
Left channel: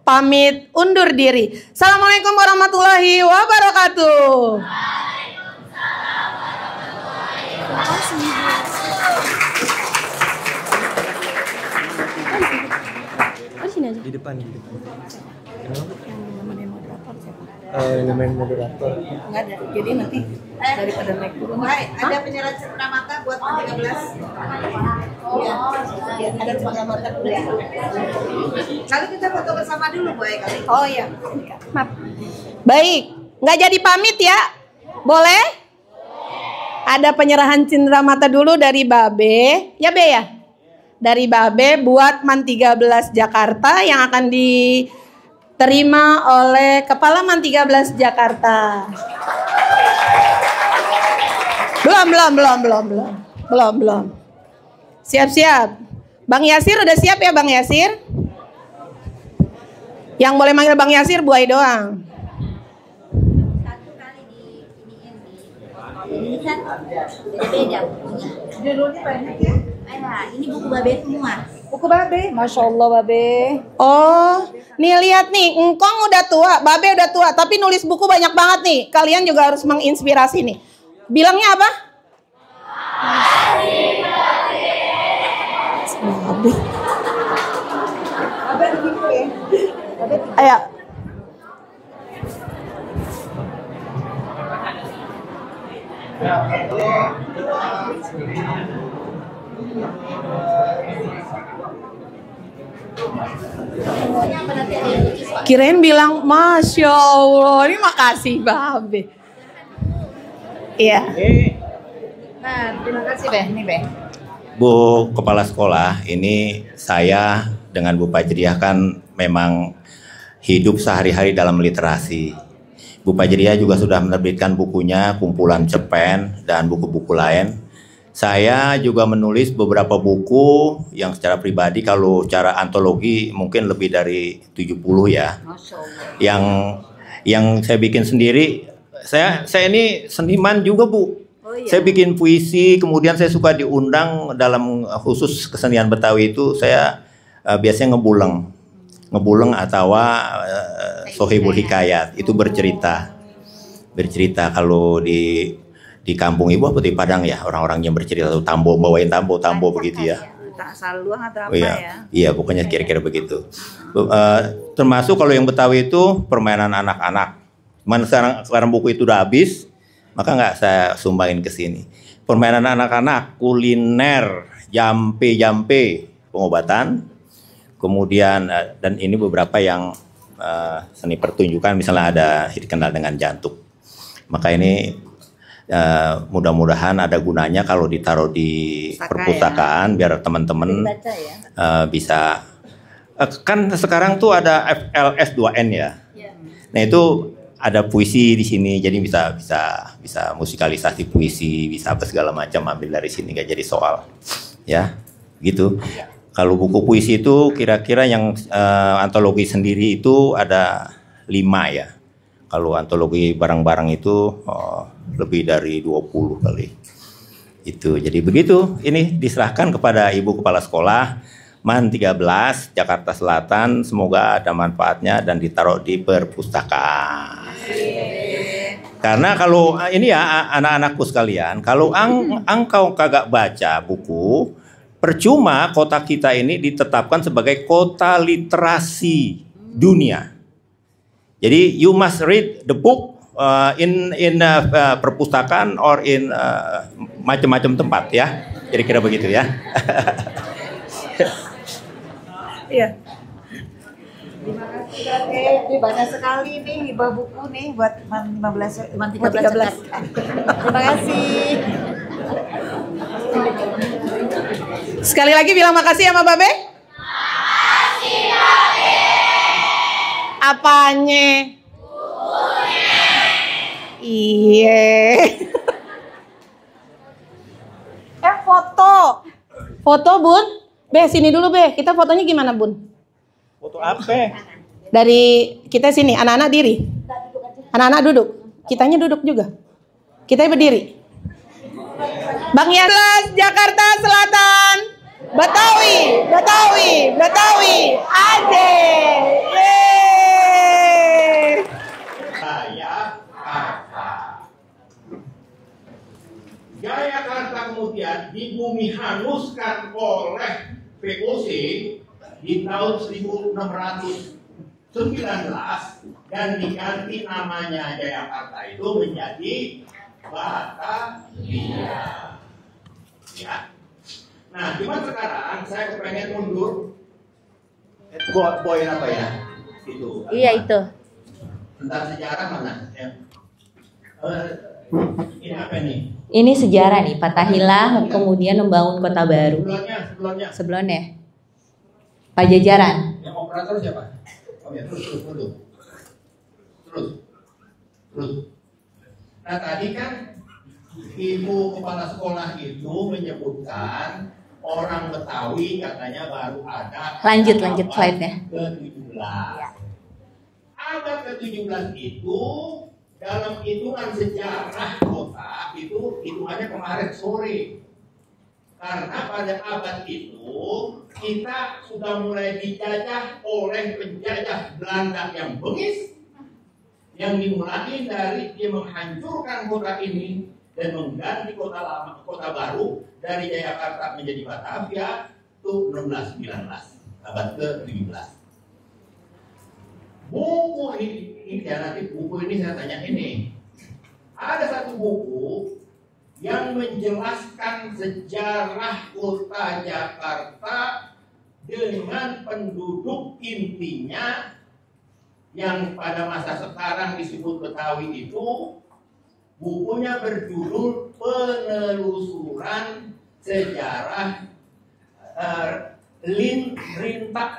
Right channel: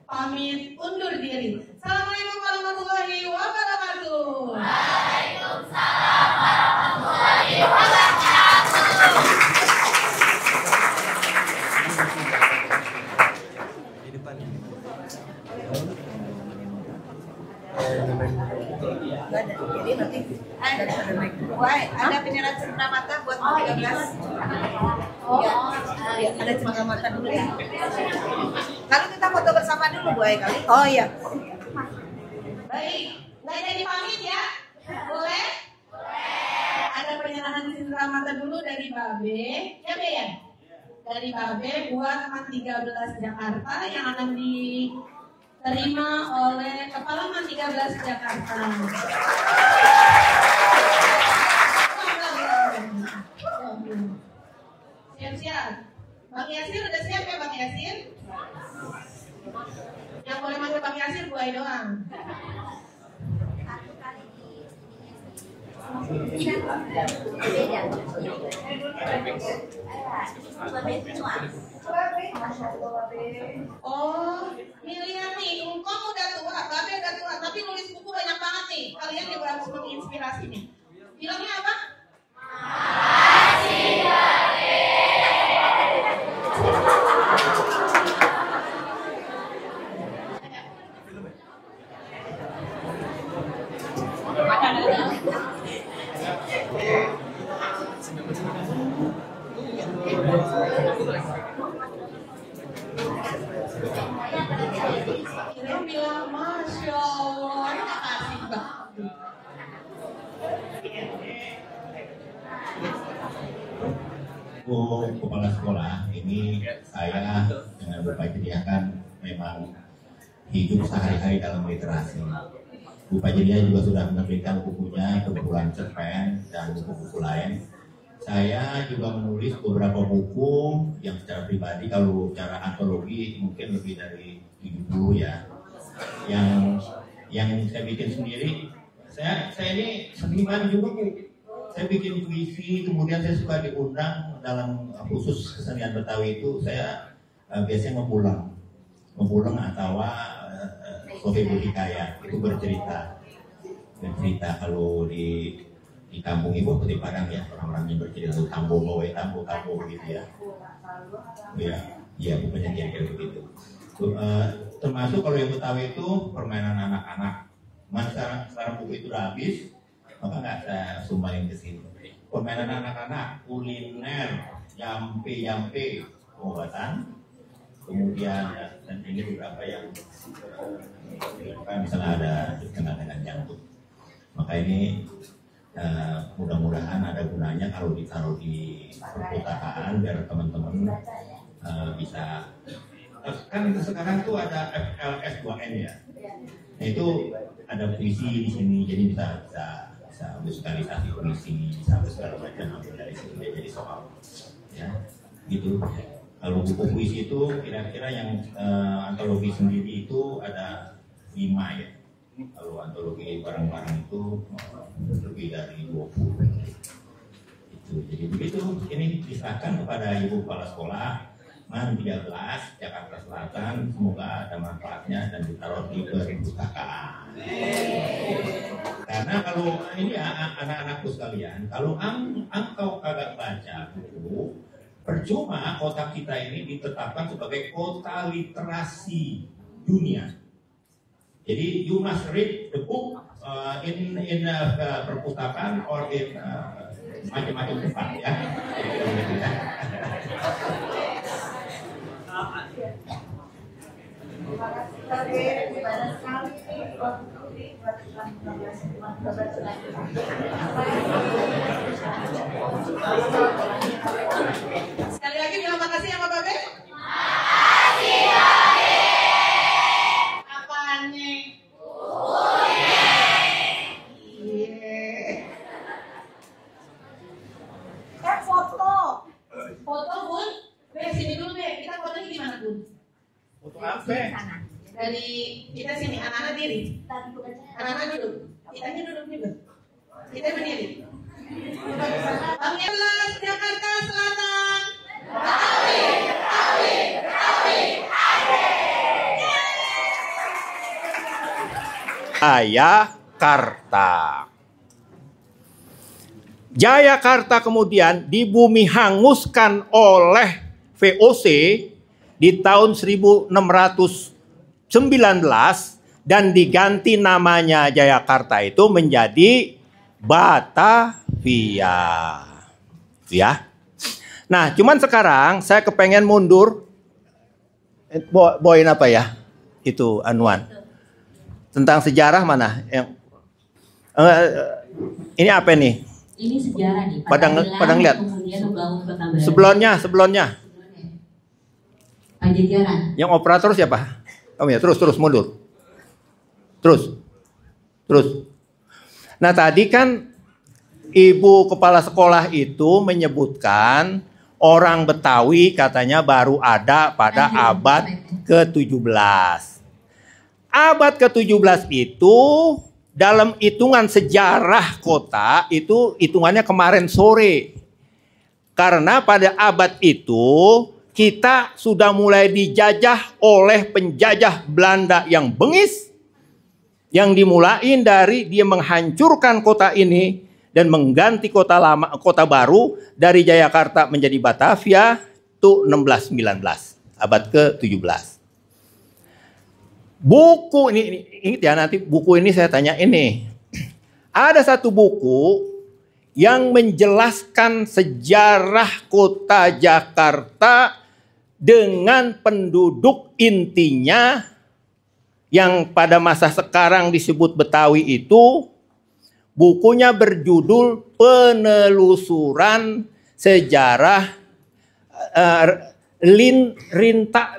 pamit undur diri. Assalamualaikum warahmatullahi wabarakatuh. Waalaikumsalam warahmatullahi wabarakatuh. Di depan. Yang main moderator. Nggak ada. Jadi nanti daripada naik turun. ada penyerahan cenderamata buat 13. Ya, ada cenderamata dulu ya. Lalu kita foto bersama dulu Bu Ai kali. Oh iya. Maaf. Baik, nggak jadi pamit ya? Boleh? Ada penyerahan cenderamata dulu dari Babe. Ya Be ya? dari Babe buat MAN 13 Jakarta yang akan diterima oleh Kepala MAN 13 Jakarta. Belum. Siap-siap. Bang Yasir udah siap ya Bang Yasir? Yang boleh manggil Bang Yasir Buai doang. Ini buku Babe semua. Buku Babe, Masya Allah Babe. Oh, nih lihat nih, Engkong udah tua, Babe udah tua, tapi nulis buku banyak banget nih. Kalian juga harus menginspirasi nih. Bilangnya apa? Ayo. Kirain bilang Masya Allah, ini makasih Babe. Iya. Nah, terima kasih Beh. Ini Beh. Bu Kepala Sekolah, ini saya dengan Bu Fajriah kan memang hidup sehari-hari dalam literasi. Bu Fajriah juga sudah menerbitkan bukunya, kumpulan cerpen dan buku-buku lain. Saya juga menulis beberapa buku yang secara pribadi, kalau cara antologi mungkin lebih dari 70 ya. Yang saya bikin sendiri, saya ini seniman juga Bu. Saya bikin puisi, kemudian saya suka diundang dalam khusus kesenian Betawi itu, saya biasanya ngebuleng atau sohibul hikayat, itu bercerita kalau di kampung ibu apa di Padang ya, orang-orang yang bercerita tuh tambo, bawain tambo begitu ya. Tak saluang atau apa iya, ya? Iya, pokoknya kira-kira begitu. Termasuk kalau yang Betawi itu permainan anak-anak. Mana sekarang buku itu udah habis, maka nggak saya sumbangin ke sini. Permainan anak-anak, kuliner, jampe, pengobatan. Kemudian dan ini beberapa yang seni pertunjukan, misalnya ada dikenal dengan jantung. Maka ini mudah-mudahan ada gunanya kalau ditaruh di perpustakaan, biar teman-teman bisa. Kan sekarang tuh ada FLS 2N ya. Nah itu ada puisi di sini, jadi bisa musikalisasi puisi, bisa apa segala macam, ambil dari sini, nggak jadi soal, ya, gitu. Kalau buku puisi itu kira-kira yang antologi sendiri itu ada 5 ya. Kalau antologi barang-barang itu lebih dari 20 kali. Itu, jadi begitu. Ini diserahkan kepada Ibu Kepala Sekolah MAN 13 Jakarta Selatan, semoga ada manfaatnya dan ditaruh di perpustakaan. Karena kalau ini ya anak-anakku sekalian, kalau engkau kagak baca buku, percuma kota kita ini ditetapkan sebagai kota literasi dunia. Jadi you must read the book in perpustakaan or in macam-macam tempat ya. Kira-kira begitu ya. Iya. Terima kasih. Banyak sekali nih hibah buku nih buat MAN 13. Terima kasih. Sekali lagi bilang makasih sama Babe. Makasih Babe. Apanya? Bukunya. Iya. Foto. Foto Bun. Be, sini dulu Be. Kita fotonya gimana Bun? Foto apa? Dari kita sini, anak-anak diri. Anak-anak duduk. Kitanya duduk juga. Kita berdiri. Bang Yasir, Jakarta Selatan. Betawi. Jayakarta. Jayakarta kemudian di bumi hanguskan oleh VOC di tahun 1619 dan diganti namanya Jayakarta itu menjadi Batavia. Ya. Nah, cuman sekarang saya kepengen mundur. Bawain apa ya? Itu Anwar. Iya itu. Tentang sejarah mana? Yang ini apa nih? Ini sejarah nih, Fatahillah Padang lihat. kemudian membangun kota baru. Sebelumnya. Sebelumnya Pajajaran. Yang operator siapa? Oh ya, terus mundur. Terus. Nah, tadi kan Ibu Kepala Sekolah itu menyebutkan orang Betawi katanya baru ada pada Lanjut abad slide-nya. ke-17. Abad ke-17 itu dalam hitungan sejarah kota itu hitungannya kemarin sore. Karena pada abad itu kita sudah mulai dijajah oleh penjajah Belanda yang bengis, yang dimulain dari dia menghancurkan kota ini dan mengganti kota lama, kota baru dari Jayakarta menjadi Batavia itu 1619, abad ke-17. Buku ini ingat ya, nanti buku ini saya tanya ini. Ada satu buku yang menjelaskan sejarah kota Jakarta dengan penduduk intinya yang pada masa sekarang disebut Betawi itu. Bukunya berjudul Penelusuran Sejarah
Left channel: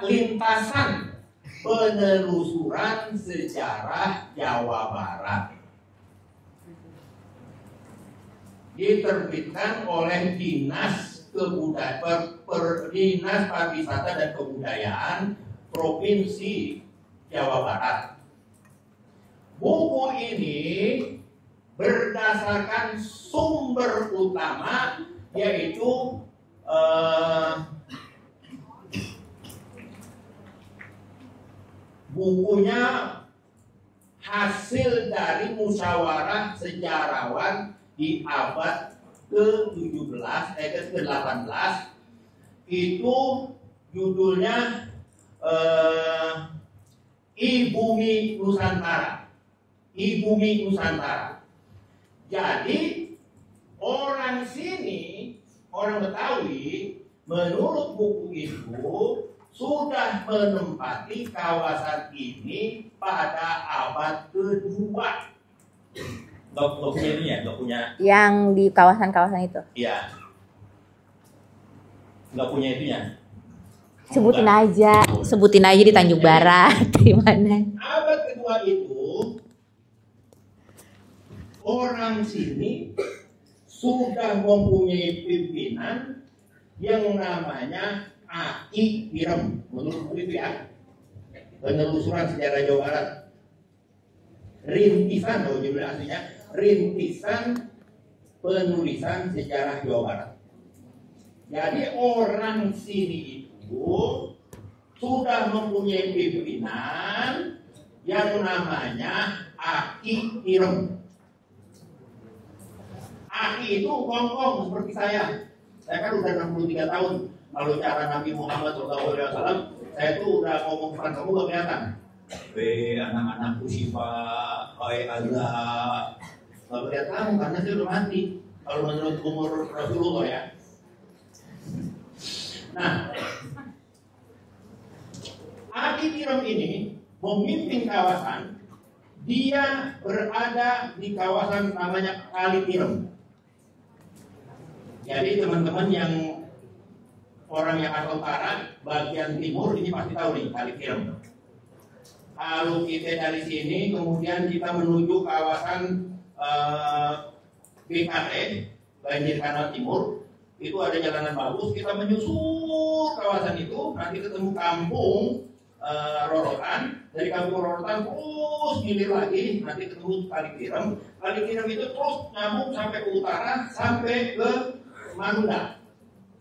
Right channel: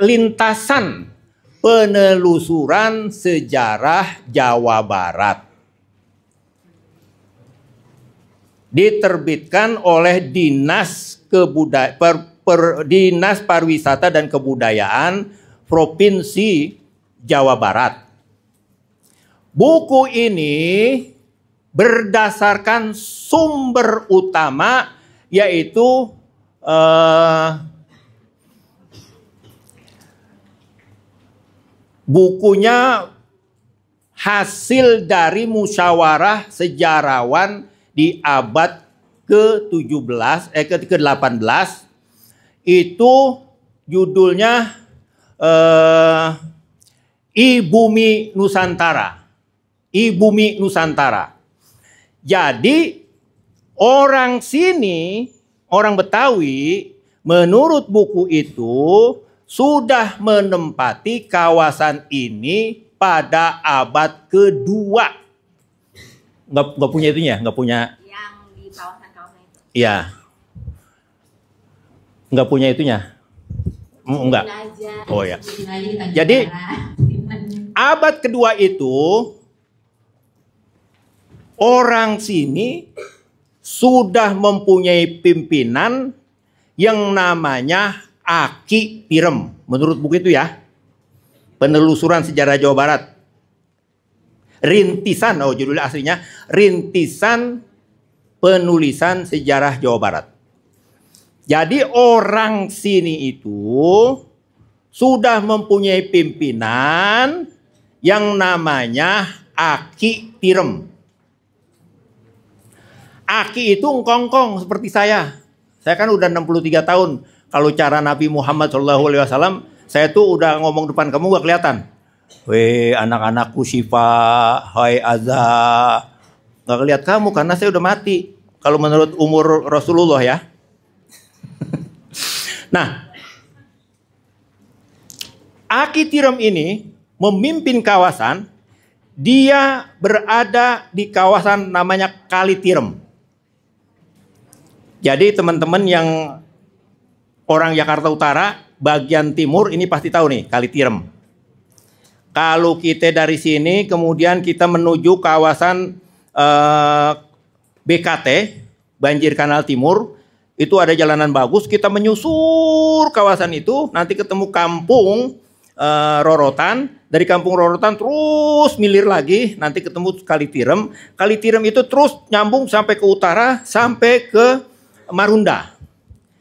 Lintasan Penelusuran Sejarah Jawa Barat. Diterbitkan oleh Dinas Dinas Pariwisata dan Kebudayaan Provinsi Jawa Barat. Buku ini berdasarkan sumber utama yaitu bukunya hasil dari musyawarah sejarawan di abad ke-17 ke-18 itu judulnya Ibumi Nusantara. Ibumi Nusantara. Jadi orang sini, orang Betawi menurut buku itu sudah menempati kawasan ini pada abad kedua. Nggak punya itunya, nggak punya. Yang di kawasan-kawasan itu. Iya. Nggak punya itunya. Sebutin aja. Oh, ya. Sebutin aja di Tanjung Barat. Di mana? Abad kedua itu orang sini sudah mempunyai pimpinan yang namanya Aki Tirem. Menurut buku itu ya. Penelusuran Sejarah Jawa Barat. Rintisan, judulnya aslinya Rintisan Penulisan Sejarah Jawa Barat. Jadi orang sini itu sudah mempunyai pimpinan yang namanya Aki Tirem. Aki itu engkongkong seperti saya. Saya kan udah 63 tahun. Kalau cara Nabi Muhammad SAW, saya tuh udah ngomong depan kamu gak kelihatan. Weh anak-anakku Syifa, hai Azza. Gak kelihatan kamu karena saya udah mati. Kalau menurut umur Rasulullah ya. Nah, Aki Tirem ini memimpin kawasan. Dia berada di kawasan namanya Kali Tirem. Jadi teman-teman yang orang Jakarta Utara bagian timur ini pasti tahu nih Kali Tirem. Kalau kita dari sini kemudian kita menuju kawasan BKT, Banjir Kanal Timur, itu ada jalanan bagus, kita menyusur kawasan itu, nanti ketemu kampung Rorotan, dari kampung Rorotan terus milir lagi, nanti ketemu Kali Tirem. Kali Tirem itu terus nyambung sampai ke utara, sampai ke Marunda.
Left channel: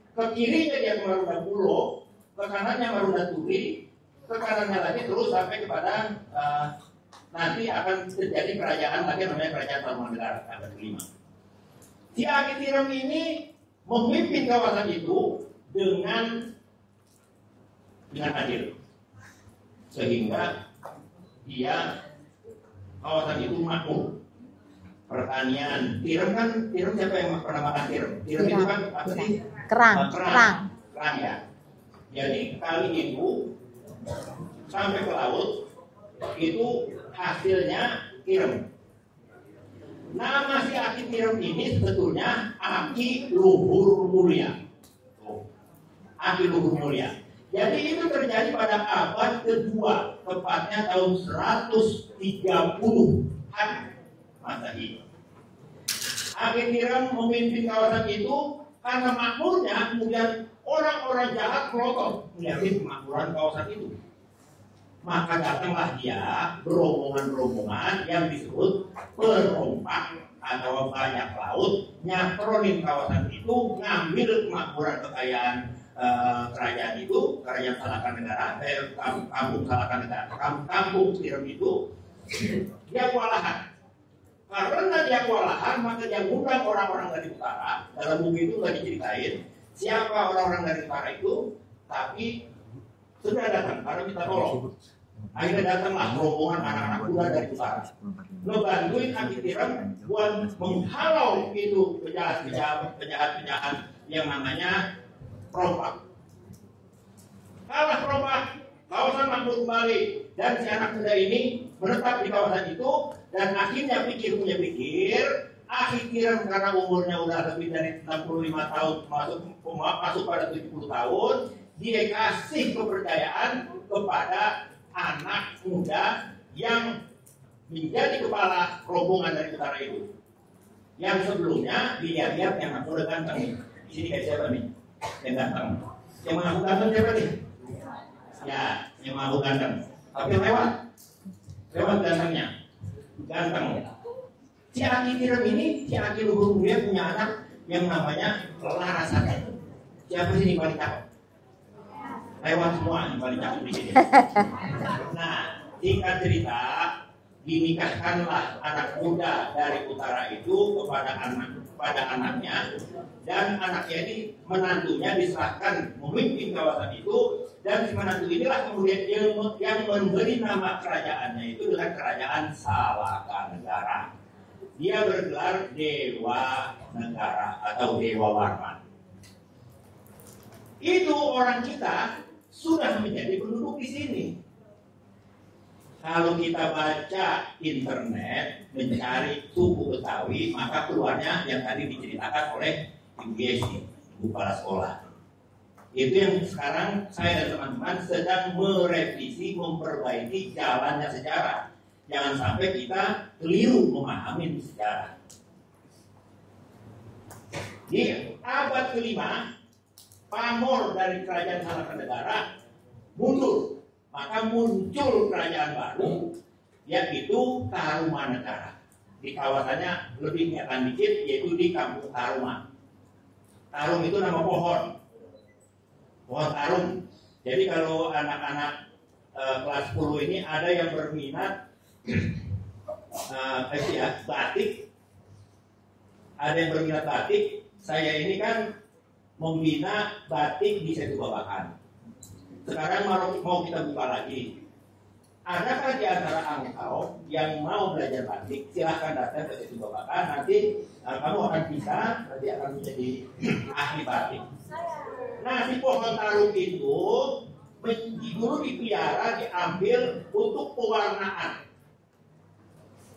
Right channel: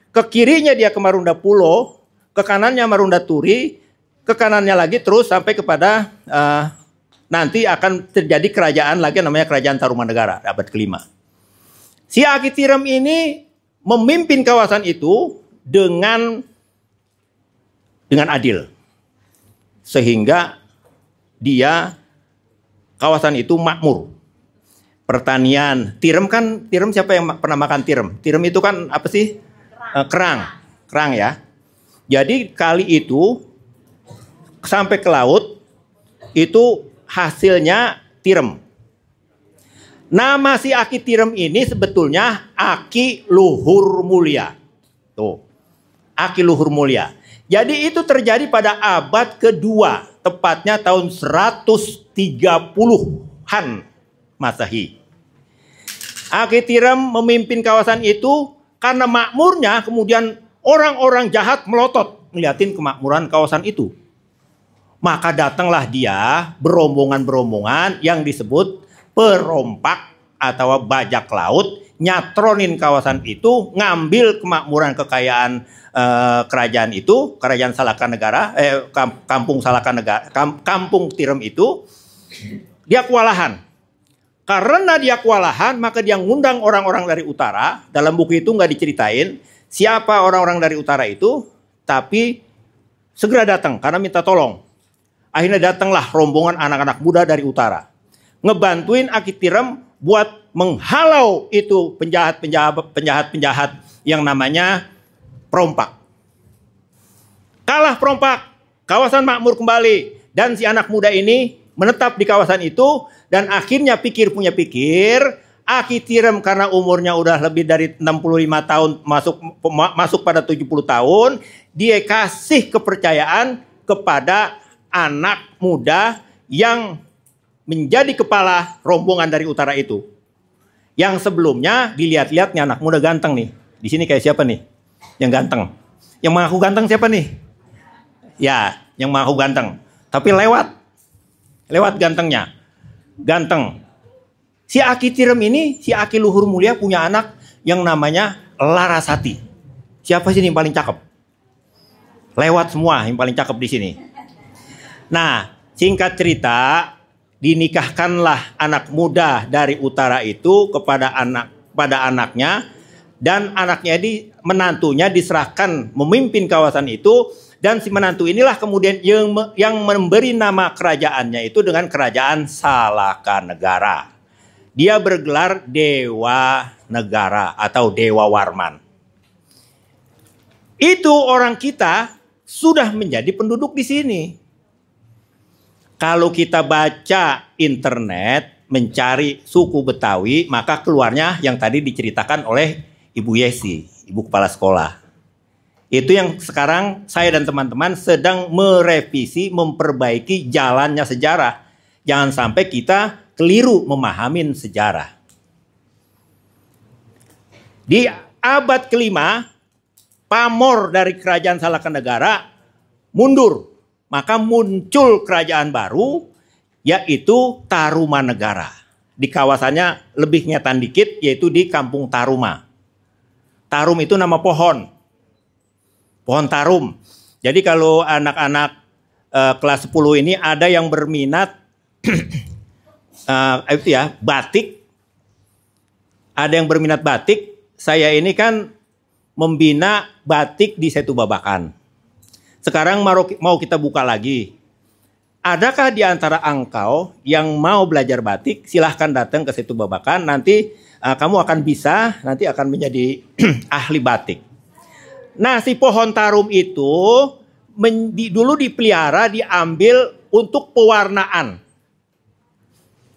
Ke kirinya dia ke Marunda Pulo, ke kanannya Marunda Turi, ke kanannya lagi terus sampai kepada nanti akan terjadi kerajaan lagi namanya Kerajaan Tarumanegara abad ke-5. Si Aki Tirem ini memimpin kawasan itu dengan adil. Sehingga dia kawasan itu makmur. Pertanian, Tirem siapa yang pernah makan Tirem? Tirem itu kan apa sih? Kerang ya. Jadi kali itu sampai ke laut itu hasilnya Tirem. Nama si Aki Tirem ini sebetulnya Aki Luhur Mulia. Tuh, Aki Luhur Mulia. Jadi itu terjadi pada abad kedua, tepatnya tahun 130-an Masehi. Aki Tirem memimpin kawasan itu karena makmurnya, kemudian orang-orang jahat melotot ngeliatin kemakmuran kawasan itu. Maka datanglah dia berombongan-berombongan yang disebut perompak atau bajak laut, nyatronin kawasan itu, ngambil kemakmuran kekayaan kerajaan itu, kerajaan Salakanegara, kampung Salakanegara, kampung Tirem itu, dia kewalahan. Karena dia kewalahan, maka dia ngundang orang-orang dari utara. Dalam buku itu nggak diceritain siapa orang-orang dari utara itu, tapi segera datang karena minta tolong. Akhirnya datanglah rombongan anak-anak muda dari utara, ngebantuin Aki Tirem buat menghalau itu penjahat yang namanya perompak. Kalah perompak, kawasan makmur kembali, dan si anak muda ini menetap di kawasan itu, dan akhirnya pikir Aki Tirem karena umurnya udah lebih dari 65 tahun, masuk pada 70 tahun, dia kasih kepercayaan kepada anak muda yang menjadi kepala rombongan dari utara itu. Yang sebelumnya dilihat-lihat nih anak muda ganteng nih. Di sini kayak siapa nih? Yang ganteng. Yang mengaku ganteng siapa nih? Ya, yang mengaku ganteng. Tapi lewat gantengnya. Ganteng. Si Aki Tirem ini, si Aki Luhur Mulia punya anak yang namanya Larasati. Siapa sih yang paling cakep? Lewat semua yang paling cakep di sini. Nah, singkat cerita, dinikahkanlah anak muda dari utara itu kepada anaknya, dan anaknya menantunya diserahkan memimpin kawasan itu, dan si menantu inilah kemudian yang memberi nama kerajaannya itu dengan Kerajaan Salakanegara. Dia bergelar Dewa Negara atau Dewa Warman. Itu orang kita sudah menjadi penduduk di sini. Kalau kita baca internet mencari suku Betawi, maka keluarnya yang tadi diceritakan oleh Ibu Yesi, Ibu Kepala Sekolah. Itu yang sekarang saya dan teman-teman sedang merevisi, memperbaiki jalannya sejarah. Jangan sampai kita keliru memahamin sejarah. Di abad kelima, pamor dari Kerajaan Salakanegara mundur. Maka muncul kerajaan baru, yaitu Tarumanegara. Di kawasannya lebih ngetan dikit, yaitu di Kampung Taruma. Tarum itu nama pohon. Pohon tarum. Jadi kalau anak-anak kelas 10 ini ada yang berminat itu ya, batik. Ada yang berminat batik. Saya ini kan membina batik di Setu Babakan. Sekarang mau kita buka lagi. Adakah di antara engkau yang mau belajar batik? Silahkan datang ke Setu Babakan. Nanti kamu akan bisa, nanti akan menjadi ahli batik. Nah, si pohon tarum itu dulu dipelihara, diambil untuk pewarnaan.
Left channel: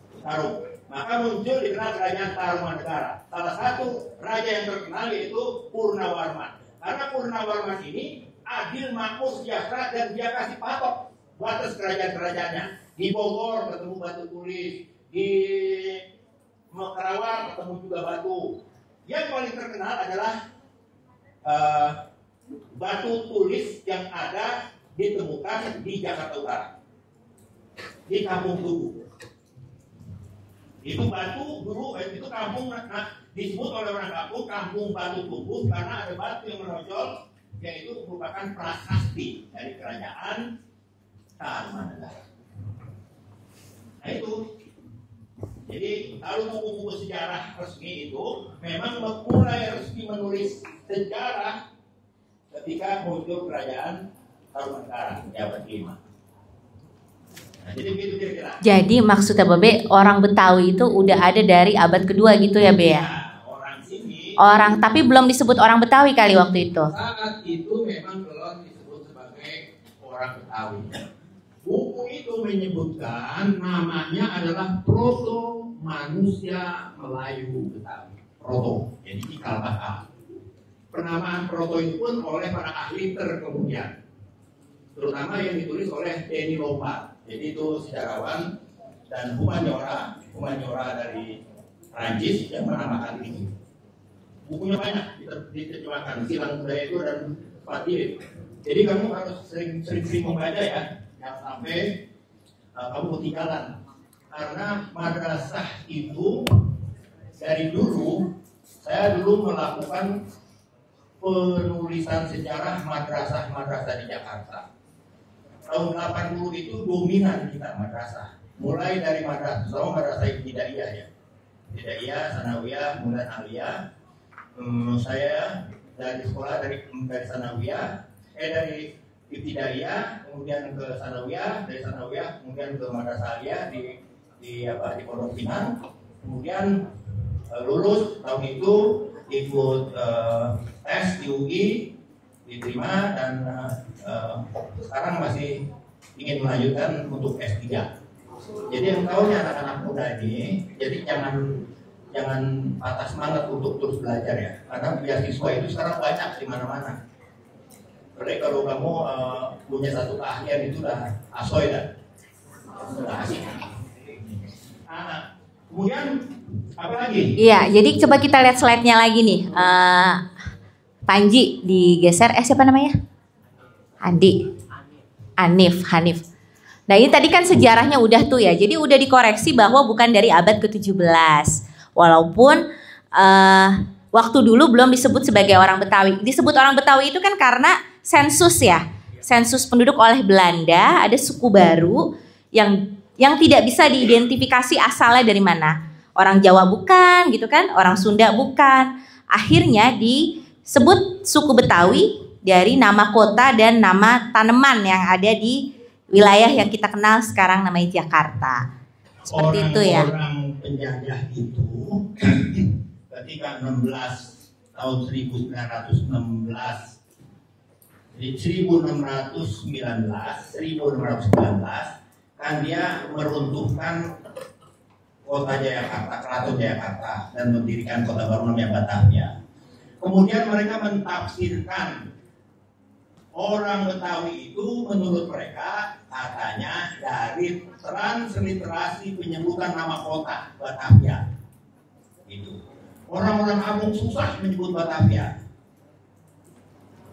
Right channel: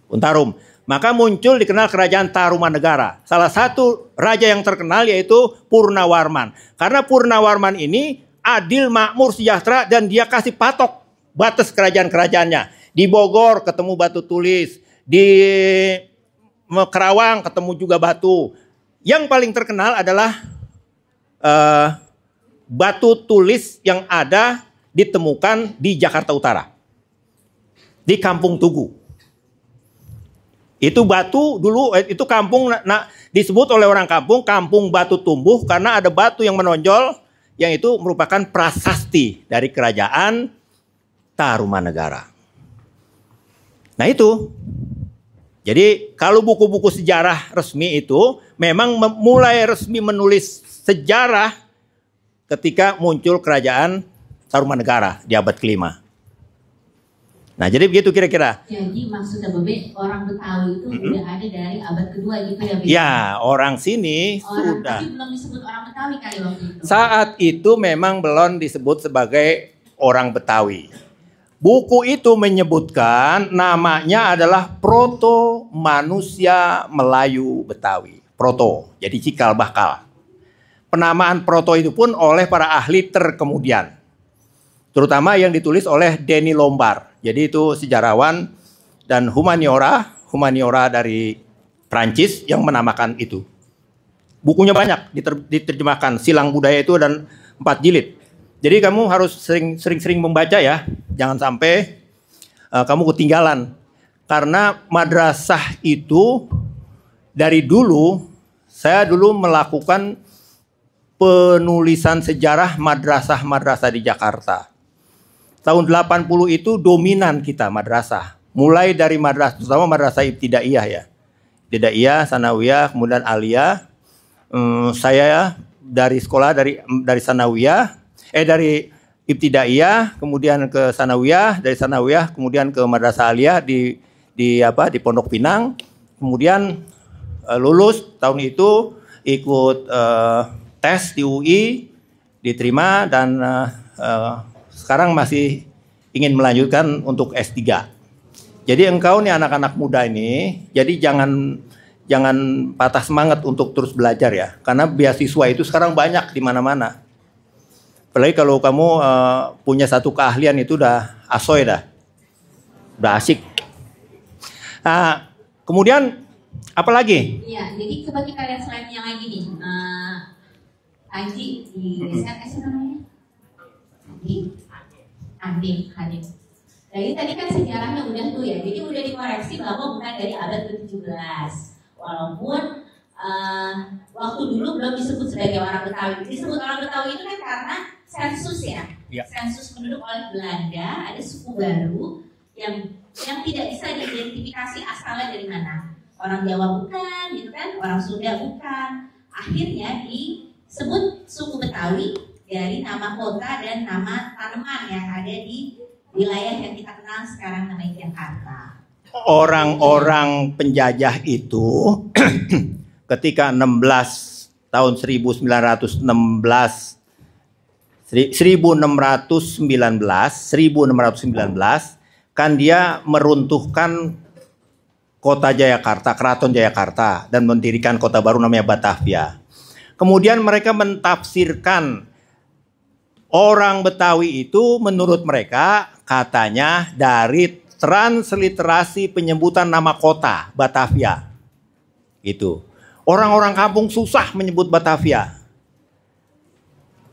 Pohon tarum. Maka muncul dikenal Kerajaan Tarumanegara. Salah satu raja yang terkenal yaitu Purnawarman. Karena Purnawarman ini adil, makmur, sejahtera, dan dia kasih patok batas kerajaan-kerajaannya. Di Bogor ketemu batu tulis, di Kerawang ketemu juga batu. Yang paling terkenal adalah batu tulis yang ada ditemukan di Jakarta Utara, di Kampung Tugu. Itu batu dulu, itu kampung disebut oleh orang kampung Kampung Batu Tumbuh karena ada batu yang menonjol, yang itu merupakan prasasti dari Kerajaan Tarumanegara. Nah itu. Jadi kalau buku-buku sejarah resmi itu memang mulai resmi menulis sejarah ketika muncul Kerajaan Tarumanegara di abad kelima. Nah jadi begitu kira-kira. Jadi maksudnya Babe, orang Betawi itu udah ada dari abad kedua gitu ya Be? Ya, orang sini. Tapi belum disebut orang Betawi kali waktu itu. Saat itu memang belum disebut sebagai orang Betawi. Buku itu menyebutkan namanya adalah Proto Manusia Melayu Betawi. Proto, jadi cikal bakal. Penamaan proto itu pun oleh para ahli terkemudian. Terutama yang ditulis oleh Denny Lombard. Jadi itu sejarawan dan humaniora dari Prancis yang menamakan itu. Bukunya banyak diterjemahkan. Silang Budaya itu dan 4 jilid. Jadi kamu harus sering-sering membaca ya. Jangan sampai kamu ketinggalan. Karena madrasah itu dari dulu, saya dulu melakukan penulisan sejarah madrasah-madrasah di Jakarta. Tahun 80 itu dominan kita madrasah. Mulai dari madrasah, terutama madrasah ibtidaiyah ya. Ibtidaiyah, sanawiyah, kemudian aliyah. Saya dari sekolah dari sanawiyah, dari ibtidaiyah, kemudian ke sanawiyah, dari sanawiyah kemudian ke madrasah aliyah di Pondok Pinang. Kemudian lulus tahun itu ikut tes di UI, diterima dan sekarang masih ingin melanjutkan untuk S3. Jadi engkau nih anak-anak muda ini, jadi jangan patah semangat untuk terus belajar ya, karena beasiswa itu sekarang banyak di mana-mana. Apalagi kalau kamu punya satu keahlian itu udah asoy udah asik. Nah, kemudian apa lagi? Iya, jadi coba kita lihat slide-nya lagi nih. Panji digeser, siapa namanya? Hanif. Nah ini tadi kan sejarahnya udah tuh ya, jadi udah dikoreksi bahwa bukan dari abad ke-17. Walaupun waktu dulu belum disebut sebagai orang Betawi. Disebut orang Betawi itu kan karena sensus ya. Sensus penduduk oleh Belanda, ada suku baru yang tidak bisa diidentifikasi asalnya dari mana. Orang Jawa bukan gitu kan, orang Sunda bukan. Akhirnya disebut suku Betawi dari nama kota dan nama tanaman yang ada di wilayah yang kita kenal sekarang namanya Jakarta. Orang-orang penjajah itu ketika 19 kan dia meruntuhkan kota Jayakarta, Keraton Jayakarta, dan mendirikan kota baru namanya Batavia. Kemudian mereka mentafsirkan orang Betawi itu menurut mereka katanya dari transliterasi penyebutan nama kota Batavia. Gitu. Orang-orang kampung susah menyebut Batavia.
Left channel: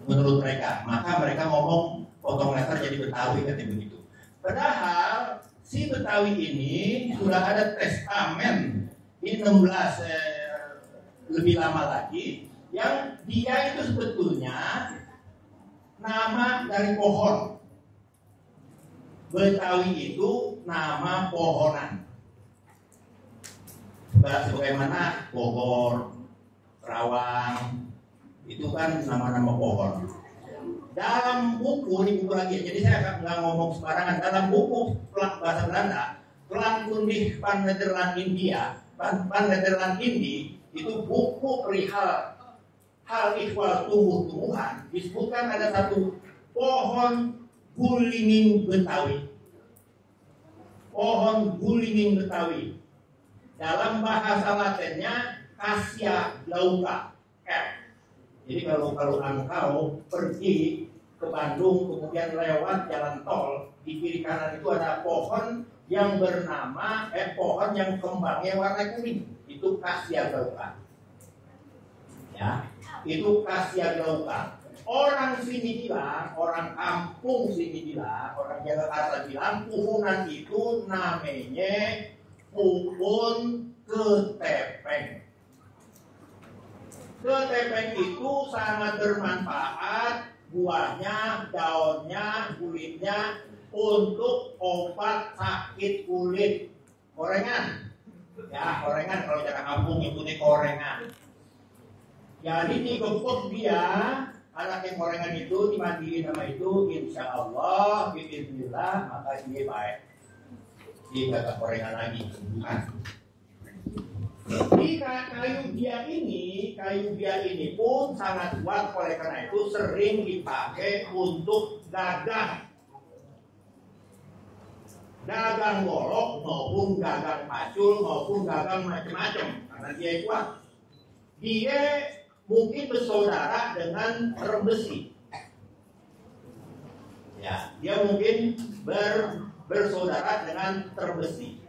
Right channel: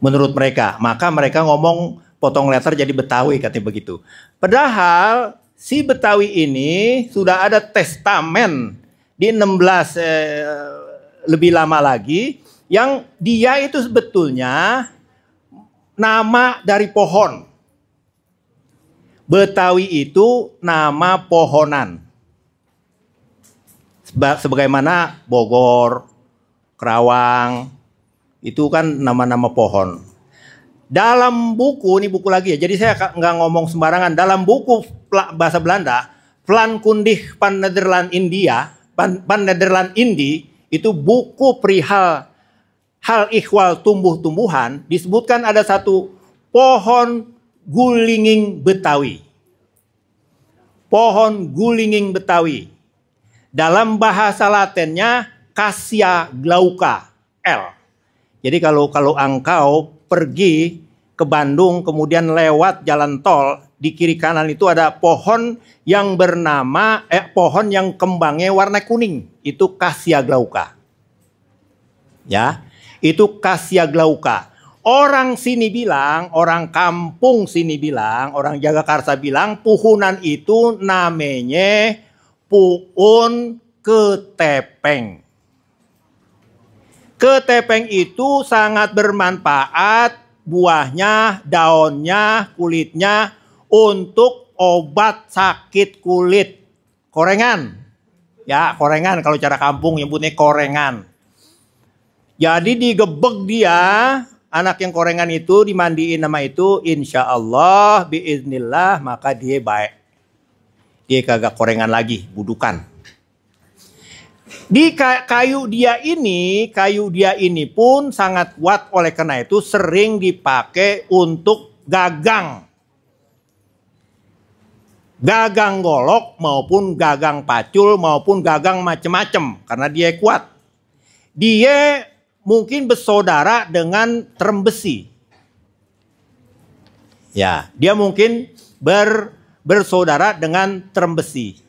Menurut mereka, maka mereka ngomong potong letter jadi Betawi katanya begitu. Padahal si Betawi ini sudah ada testamen di 16 lebih lama lagi yang dia itu sebetulnya nama dari pohon. Betawi itu nama pohonan. Sebagaimana Bogor, Kerawang, itu kan nama-nama pohon. Dalam buku, ini buku lagi ya, jadi saya nggak ngomong sembarangan. Dalam buku bahasa Belanda, Plankundig van Nederland Indi, itu buku perihal hal ihwal tumbuh-tumbuhan, disebutkan ada satu pohon gulinging Betawi. Pohon gulinging Betawi. Dalam bahasa Latinnya Cassia glauca L. Jadi kalau engkau pergi ke Bandung kemudian lewat jalan tol, di kiri kanan itu ada pohon yang bernama pohon yang kembangnya warna kuning, itu Cassia glauca. Ya, itu Cassia glauca. Orang sini bilang, orang kampung sini bilang, orang Jagakarsa bilang puhunan itu namanya puun ketepeng. Ketepeng itu sangat bermanfaat, buahnya, daunnya, kulitnya untuk obat sakit kulit. Korengan. Ya, korengan kalau cara kampung nyebutnya korengan. Jadi digebek dia, anak yang korengan itu dimandiin nama itu, insya Allah, biiznillah, maka dia baik. Dia kagak korengan lagi, budukan. Di kayu dia ini pun sangat kuat, oleh karena itu sering dipakai untuk gagang. gagang golok maupun gagang pacul maupun gagang macem-macem karena dia kuat. Dia mungkin bersaudara dengan terem besi. Ya, dia mungkin bersaudara dengan terem besi.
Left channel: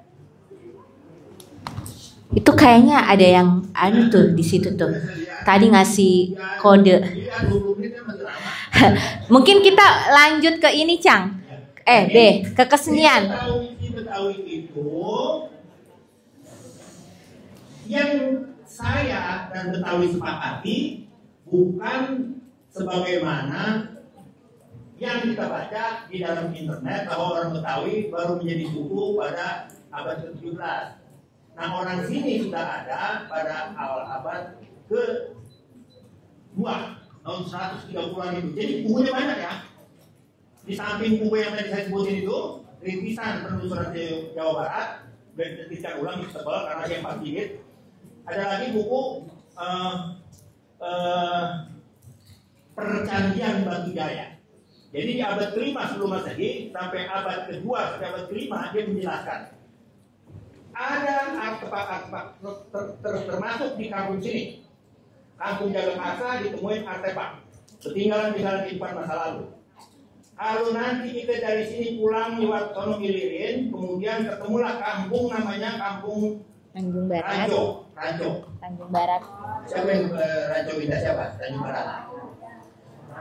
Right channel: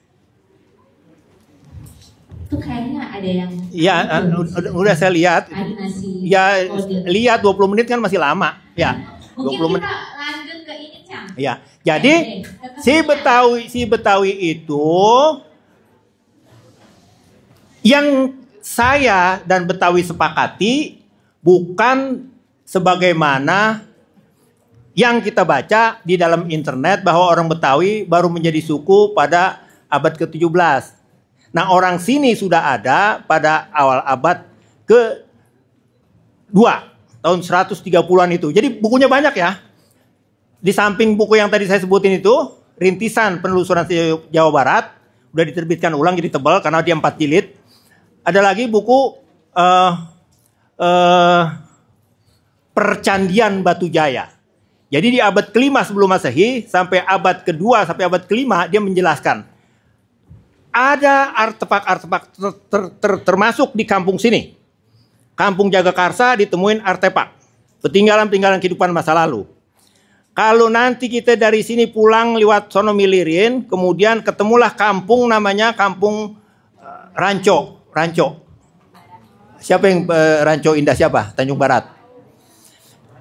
Itu kayaknya ada yang Ya, tuh di situ udah tuh. saya lihat. Tadi ngasih Ya, kode. lihat 20 menit kan masih lama. Ya. Mungkin 20 kita lanjut ke ini, Cang. Ya. Jadi deh, ke kesenian. si Betawi itu yang saya dan Betawi sepakati bukan sebagaimana yang kita baca di dalam internet bahwa orang Betawi baru menjadi suku pada abad ke-17. Nah, orang sini sudah ada pada awal abad ke-2 tahun 130-an itu. Jadi bukunya banyak ya. Di samping buku yang tadi saya sebutin itu, Rintisan Penelusuran Jawa Barat, udah diterbitkan ulang jadi tebal karena dia 4 jilid. Ada lagi buku Percandian Batu Jaya. Jadi di abad ke-5 sebelum Masehi sampai abad ke-2 sampai abad ke-5 dia menjelaskan ada artefak-artefak termasuk di kampung sini. Kampung Jagakarsa ditemuin artefak peninggalan-peninggalan kehidupan masa lalu. Kalau nanti kita dari sini pulang lewat sono Milirin, kemudian ketemulah kampung namanya Kampung Ranco. Tanjung Barat. Siapa yang Ranco Indah siapa? Tanjung Barat.